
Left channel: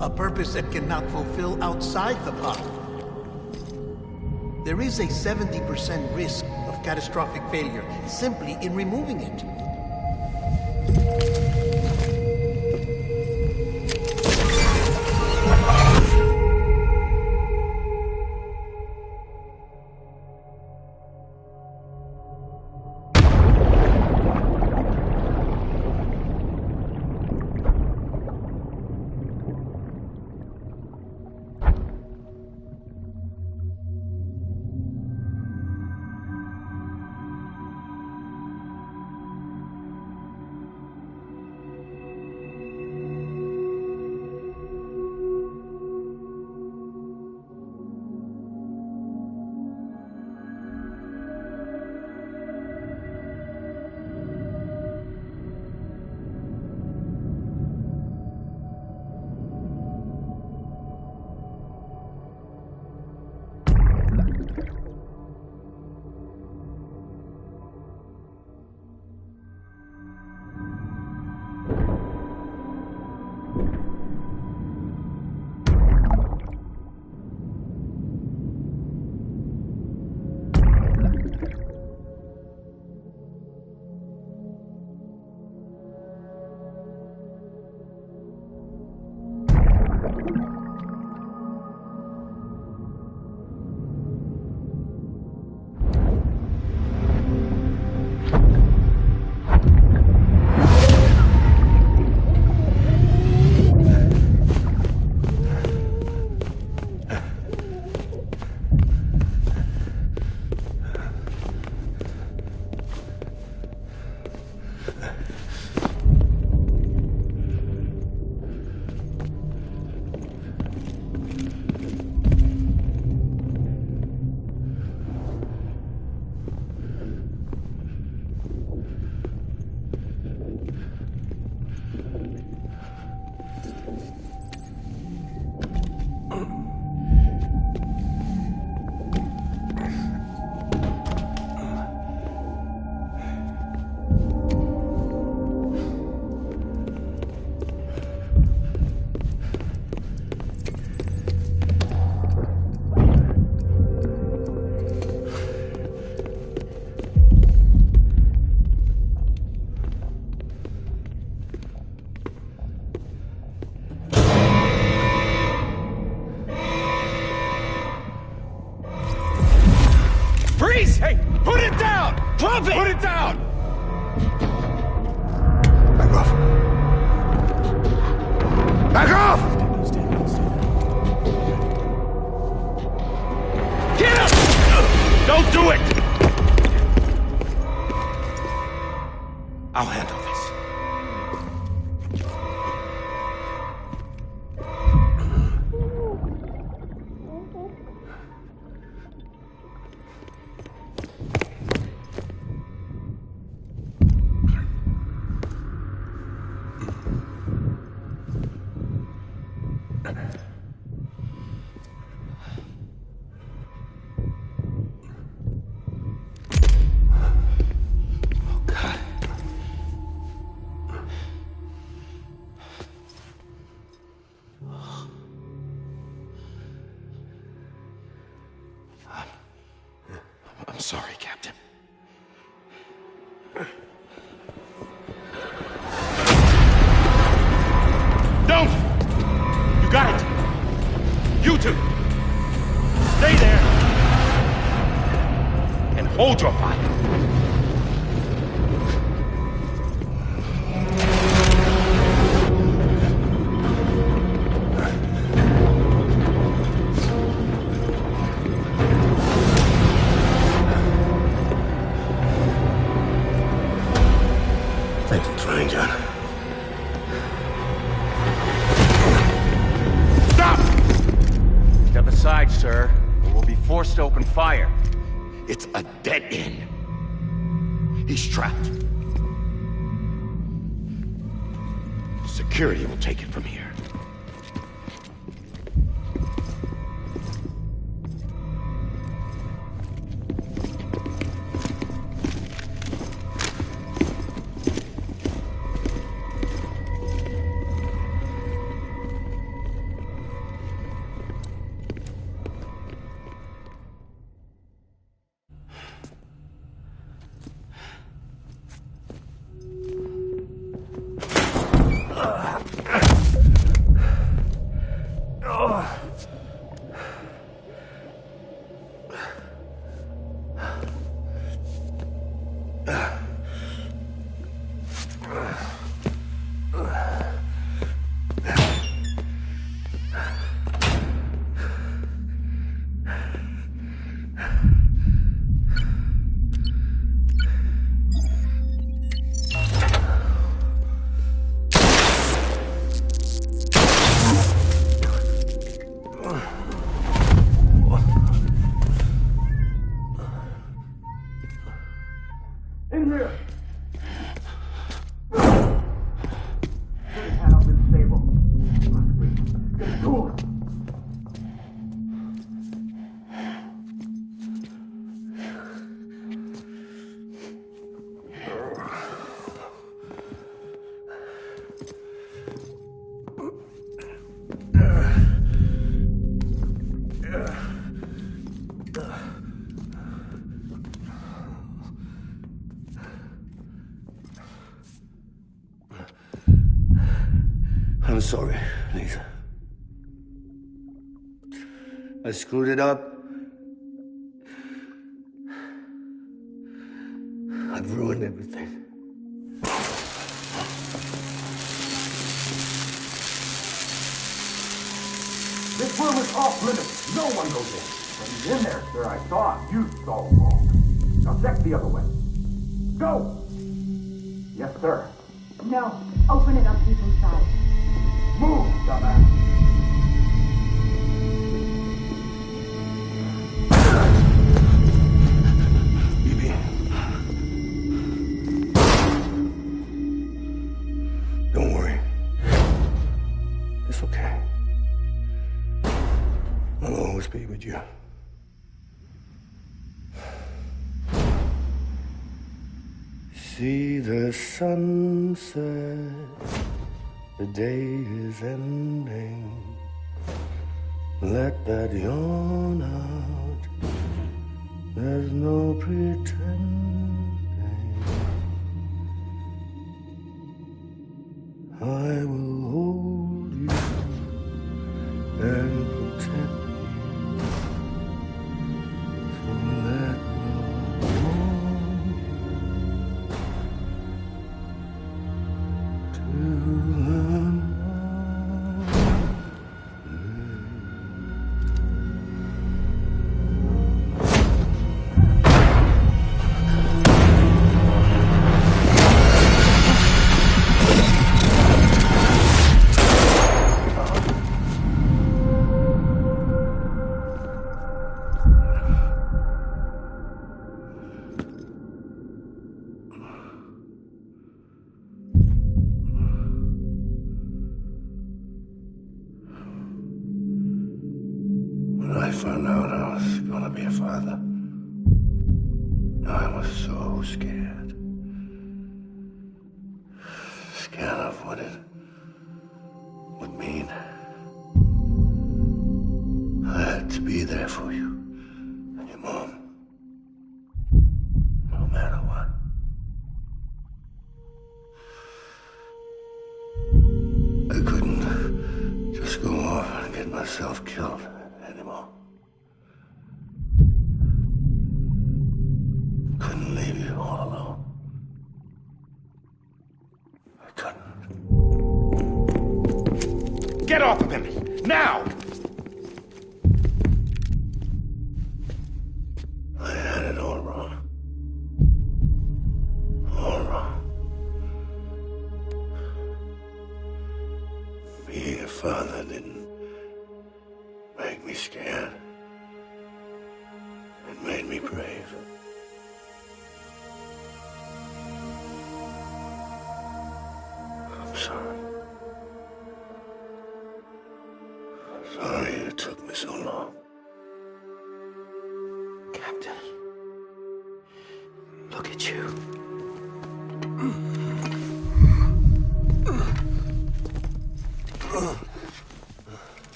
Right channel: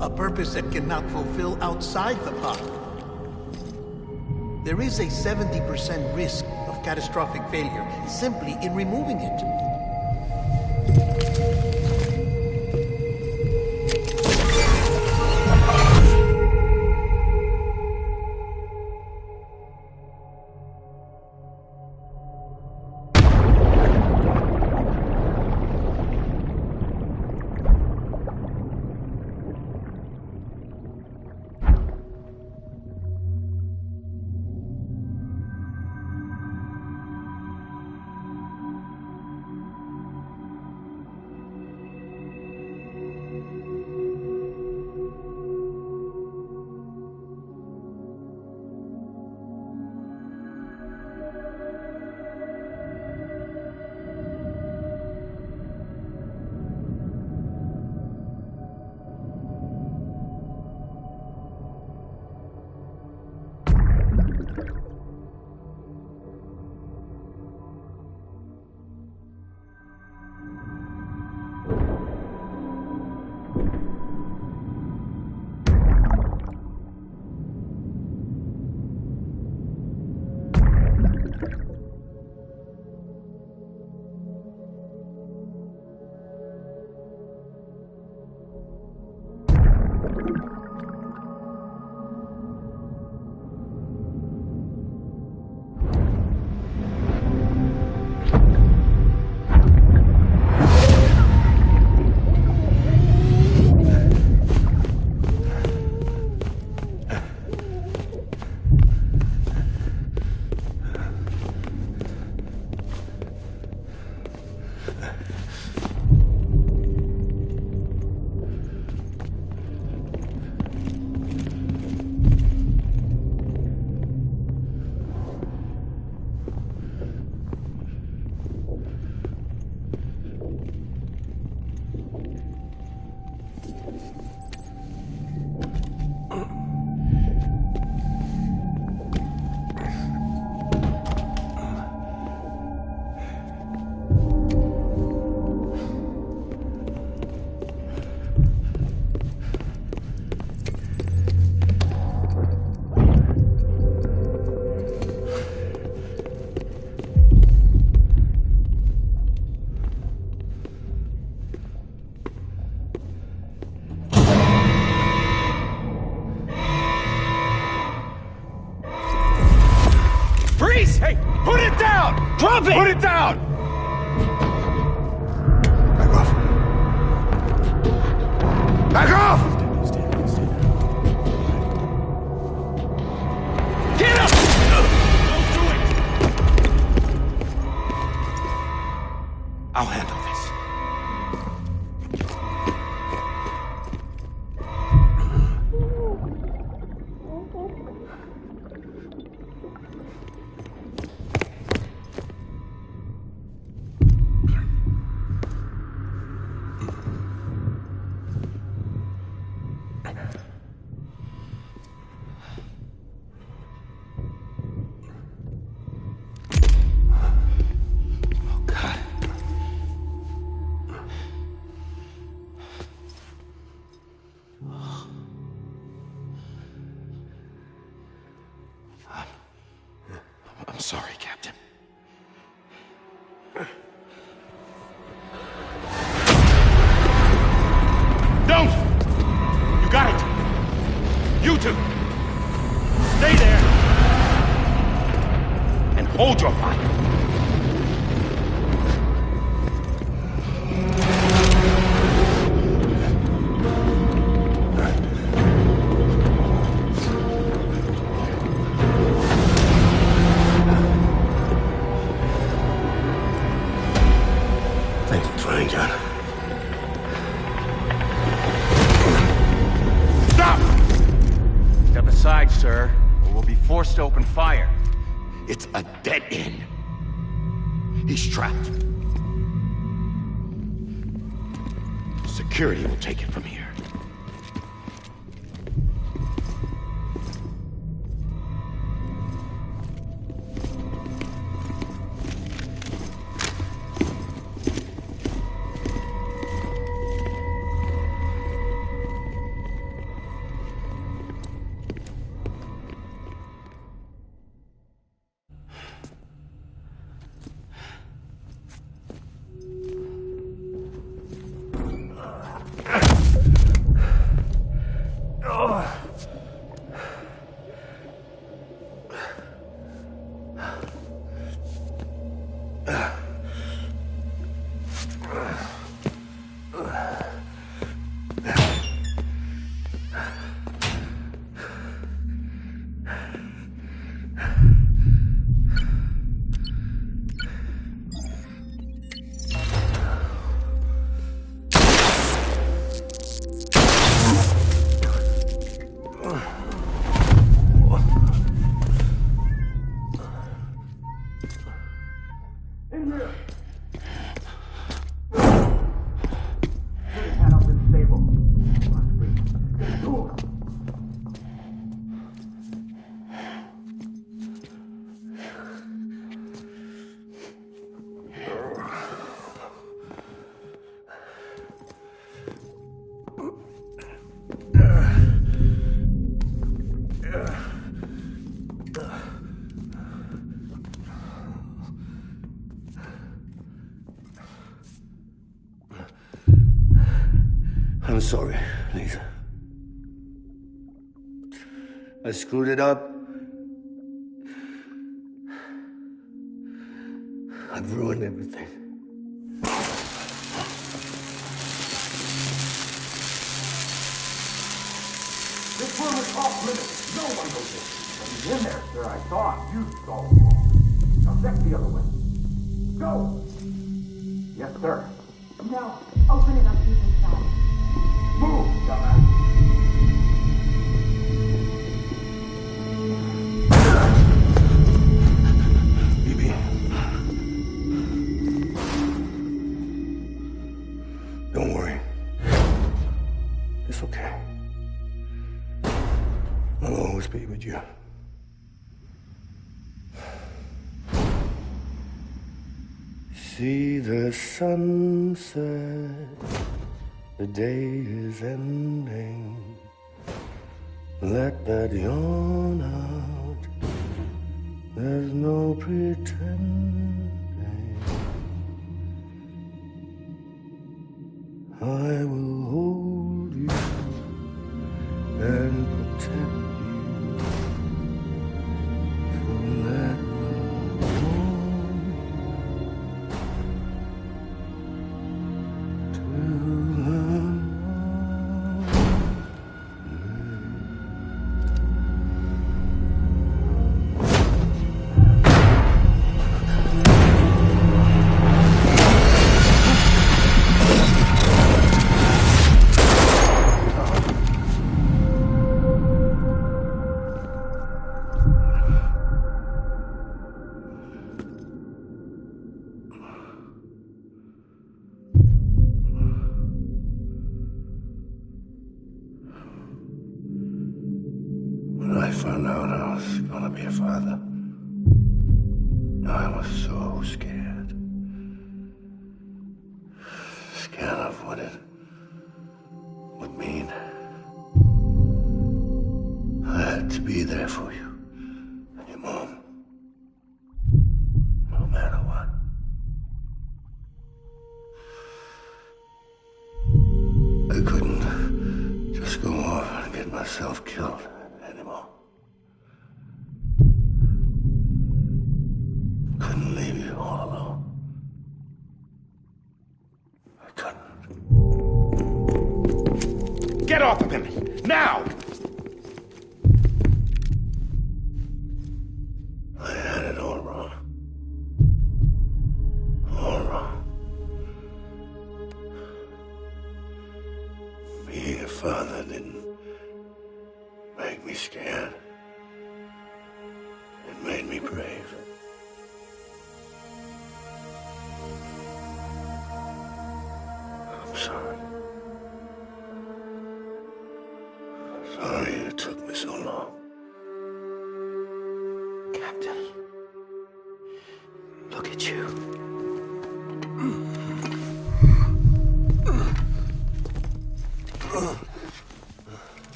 A purpose that cannot fulfill outside the pod. There is a 70% risk of catastrophic failure simply in removing it. Hey, put it down! Drop it! Put it down! Back off. Back off! Get up! Don't do it! I'll handle this. sorry, Captain. Don't! You got it! You two! Stay there! And hold your fire! Thanks for trying, John. Stop! Step aside, sir, or we'll be forced to open fire. It's a dead end. He's trapped. Security will take it from here. I'm sorry, Lisa. I screwed it up. I've ruined everything. This room is off limits. No one goes in. But he's in there, sir. I saw him. You saw him wrong. Now check the other way. Go! Yes, sir. No. Open it up. He's inside. Move, dumbass. Bibi. Don't worry. It's okay. I'll always be with you. See the sunset, the day is ending. Let that yawn out, there's no pretending. I will hold you and protect you. So let love warm you till the When I found out I was gonna be a father, I was so scared. Scared of what it would mean. I had to be there for you and your mom. couldn't just go off and get myself killed anymore. Couldn't leave you all alone. I couldn't. Get off of him! Now! I had it all wrong. All wrong. Being a father didn't make me scared. It made me brave. I'm sorry. Sorry it took me so long. Captain. Look at you.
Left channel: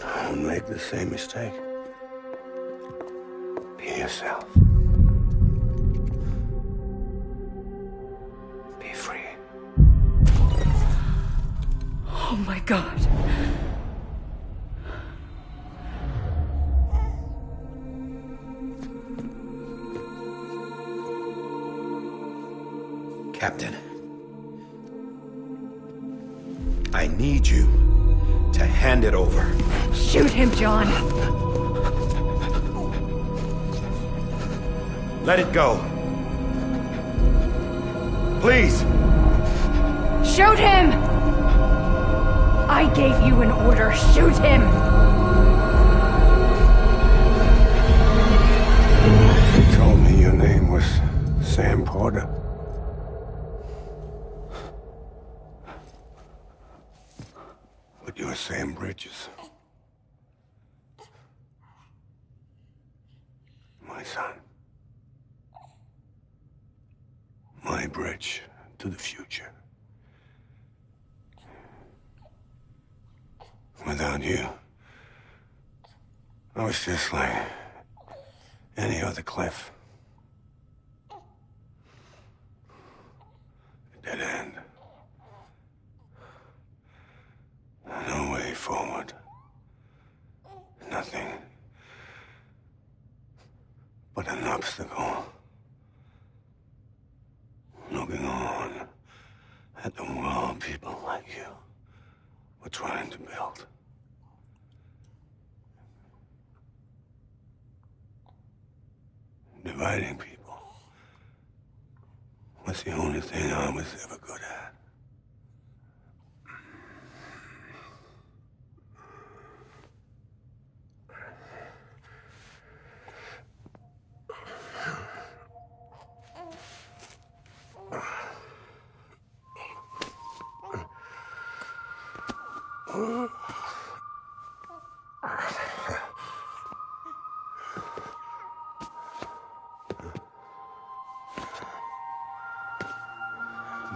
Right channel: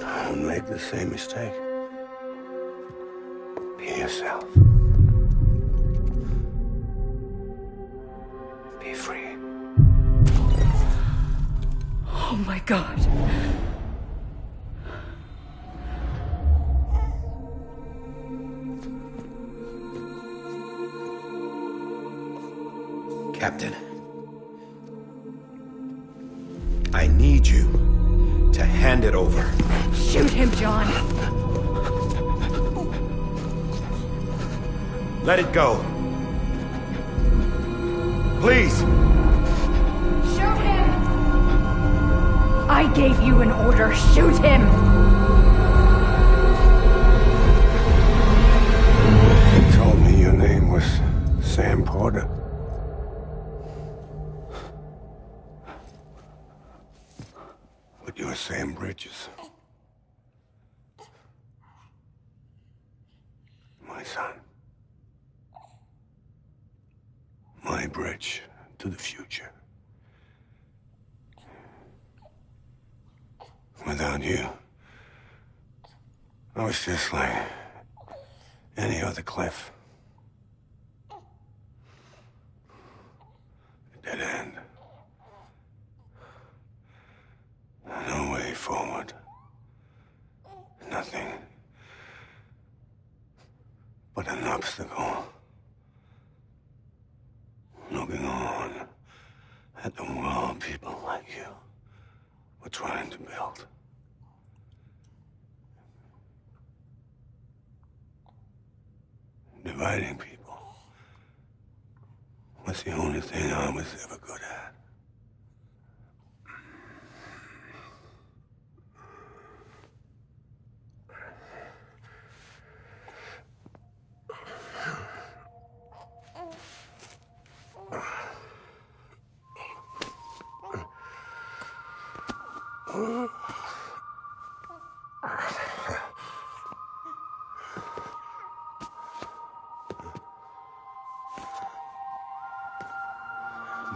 Don't make the same mistake. Be yourself. Be free. Oh my God. Captain, I need you to hand it over. Shoot him, John. Let it go. Please. Shoot him! I gave you an order. Shoot him! You told me your name was Sam Porter. But you're Sam Bridges. My son. My bridge to the future. Without you, I was just like any other Cliff. A dead end. No way forward. Nothing but an obstacle. Looking on at the world people like you were trying to build. Dividing people was the only thing I was ever good at.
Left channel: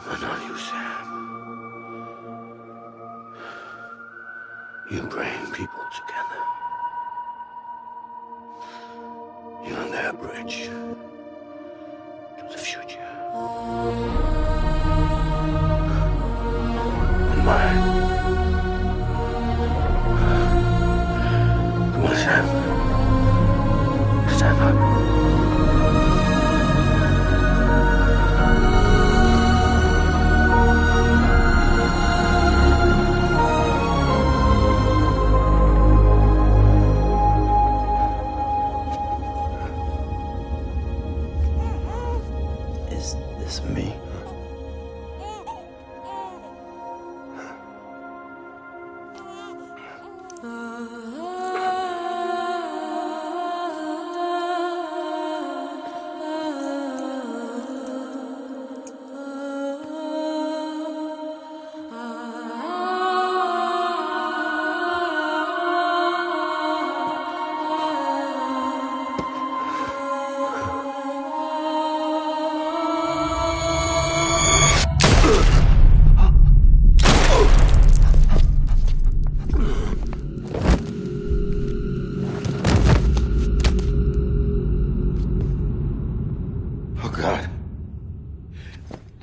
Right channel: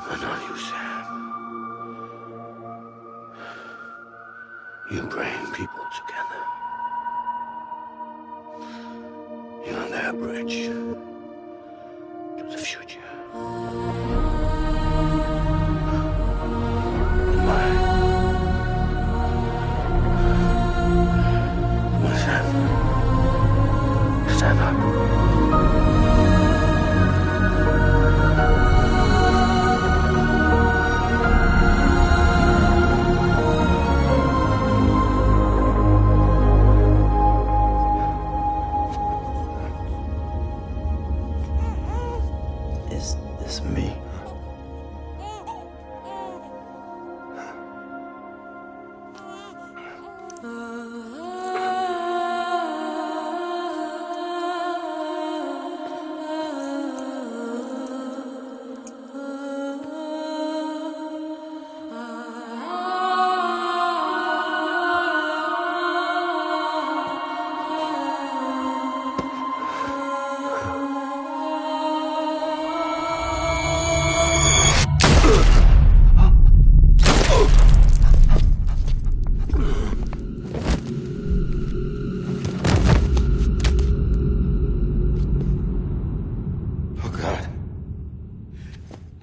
But not you, Sam. You bring people together. You're their bridge to the future. And mine. Come on, Sam. Stand up.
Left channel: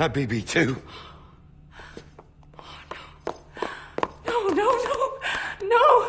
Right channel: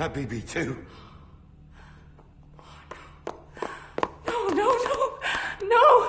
my BB too. No, no, no, no!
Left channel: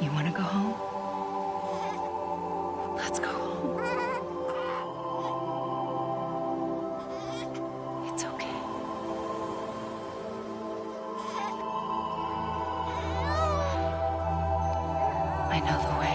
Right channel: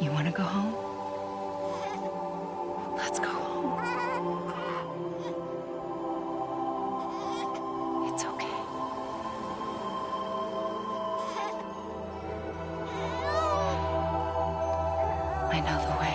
You want to go home? Let's go home. It's okay. I know the way.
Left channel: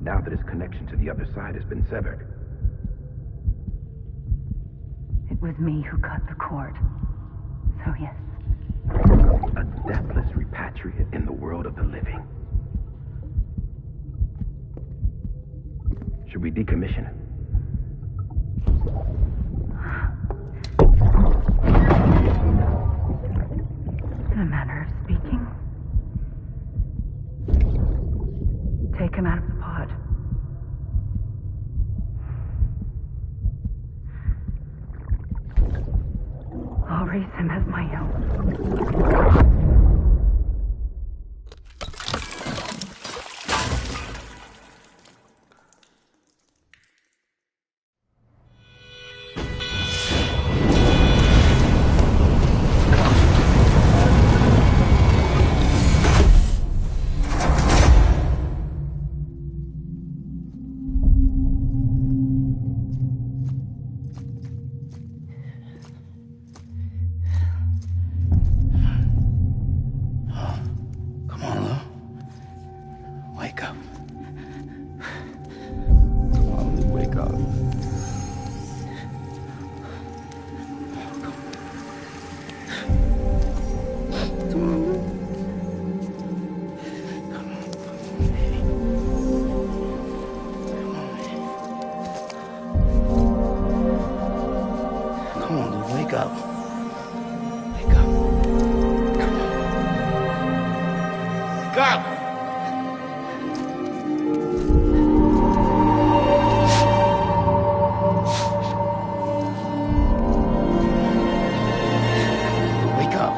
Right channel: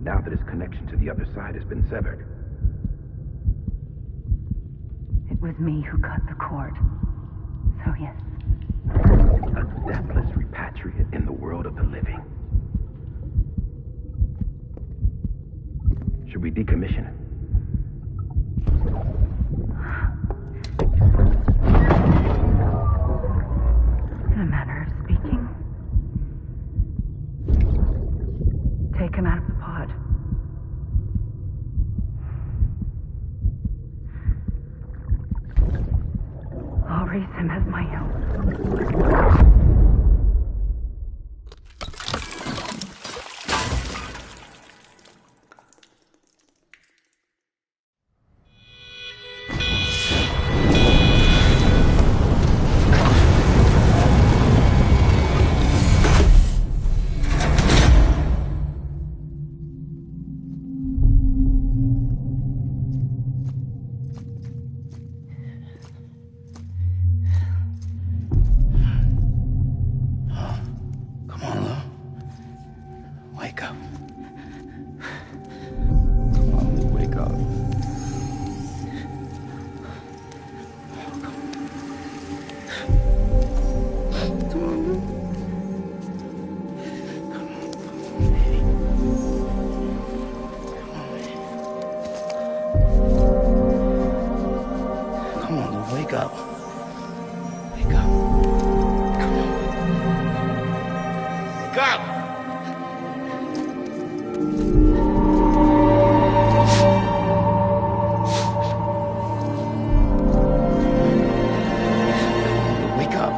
Now that his connection to the other side has been severed. It was me who cut the cord. So yes. A deathless repatriate in the world of the living. Should we decommission him? raise him as my own. Come on, Lou, wake up. Wake up. Come on. Wake up! Wake up.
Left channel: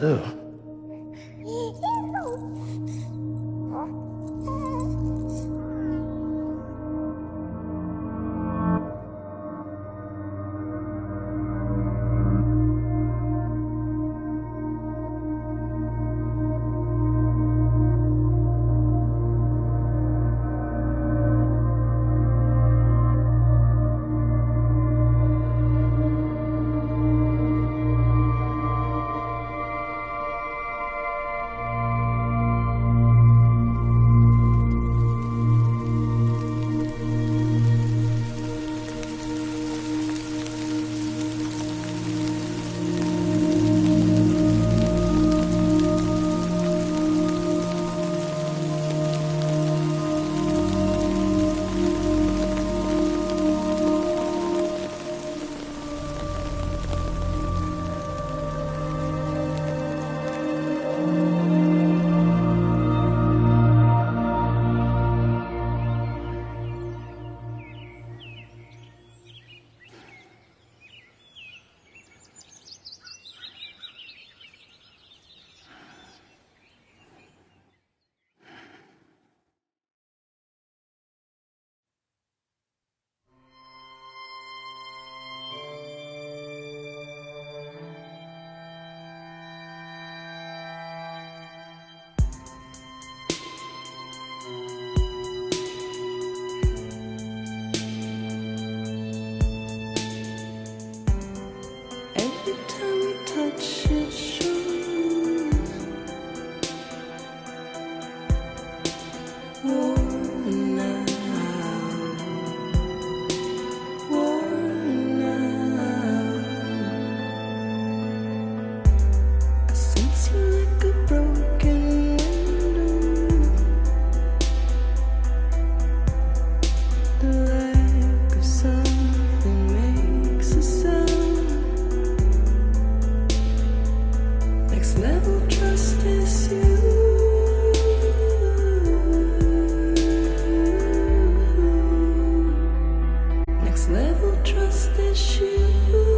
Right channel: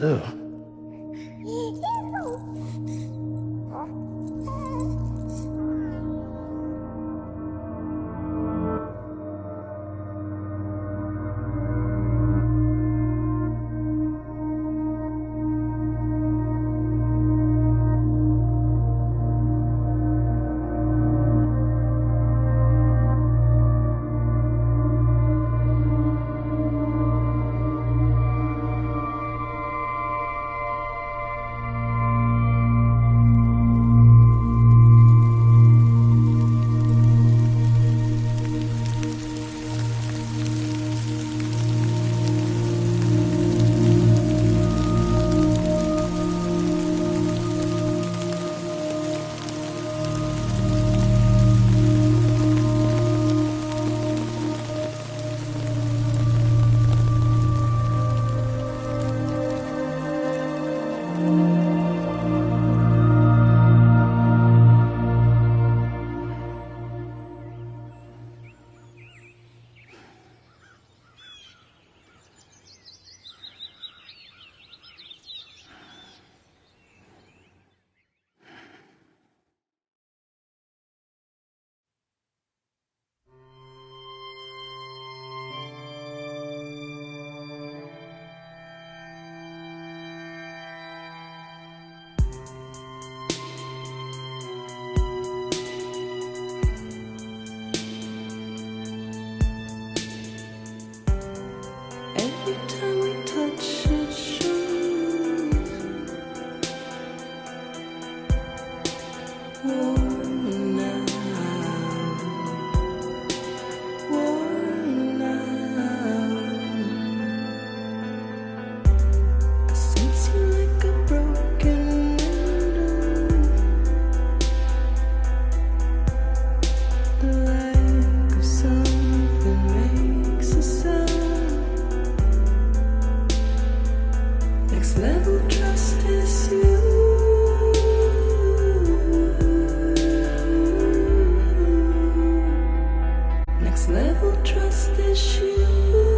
Lou. Every time we touch it shows worn out, worn out. I sense you like a broken window, the lack of something makes a sound. Next level trust is you. Next level trust is you.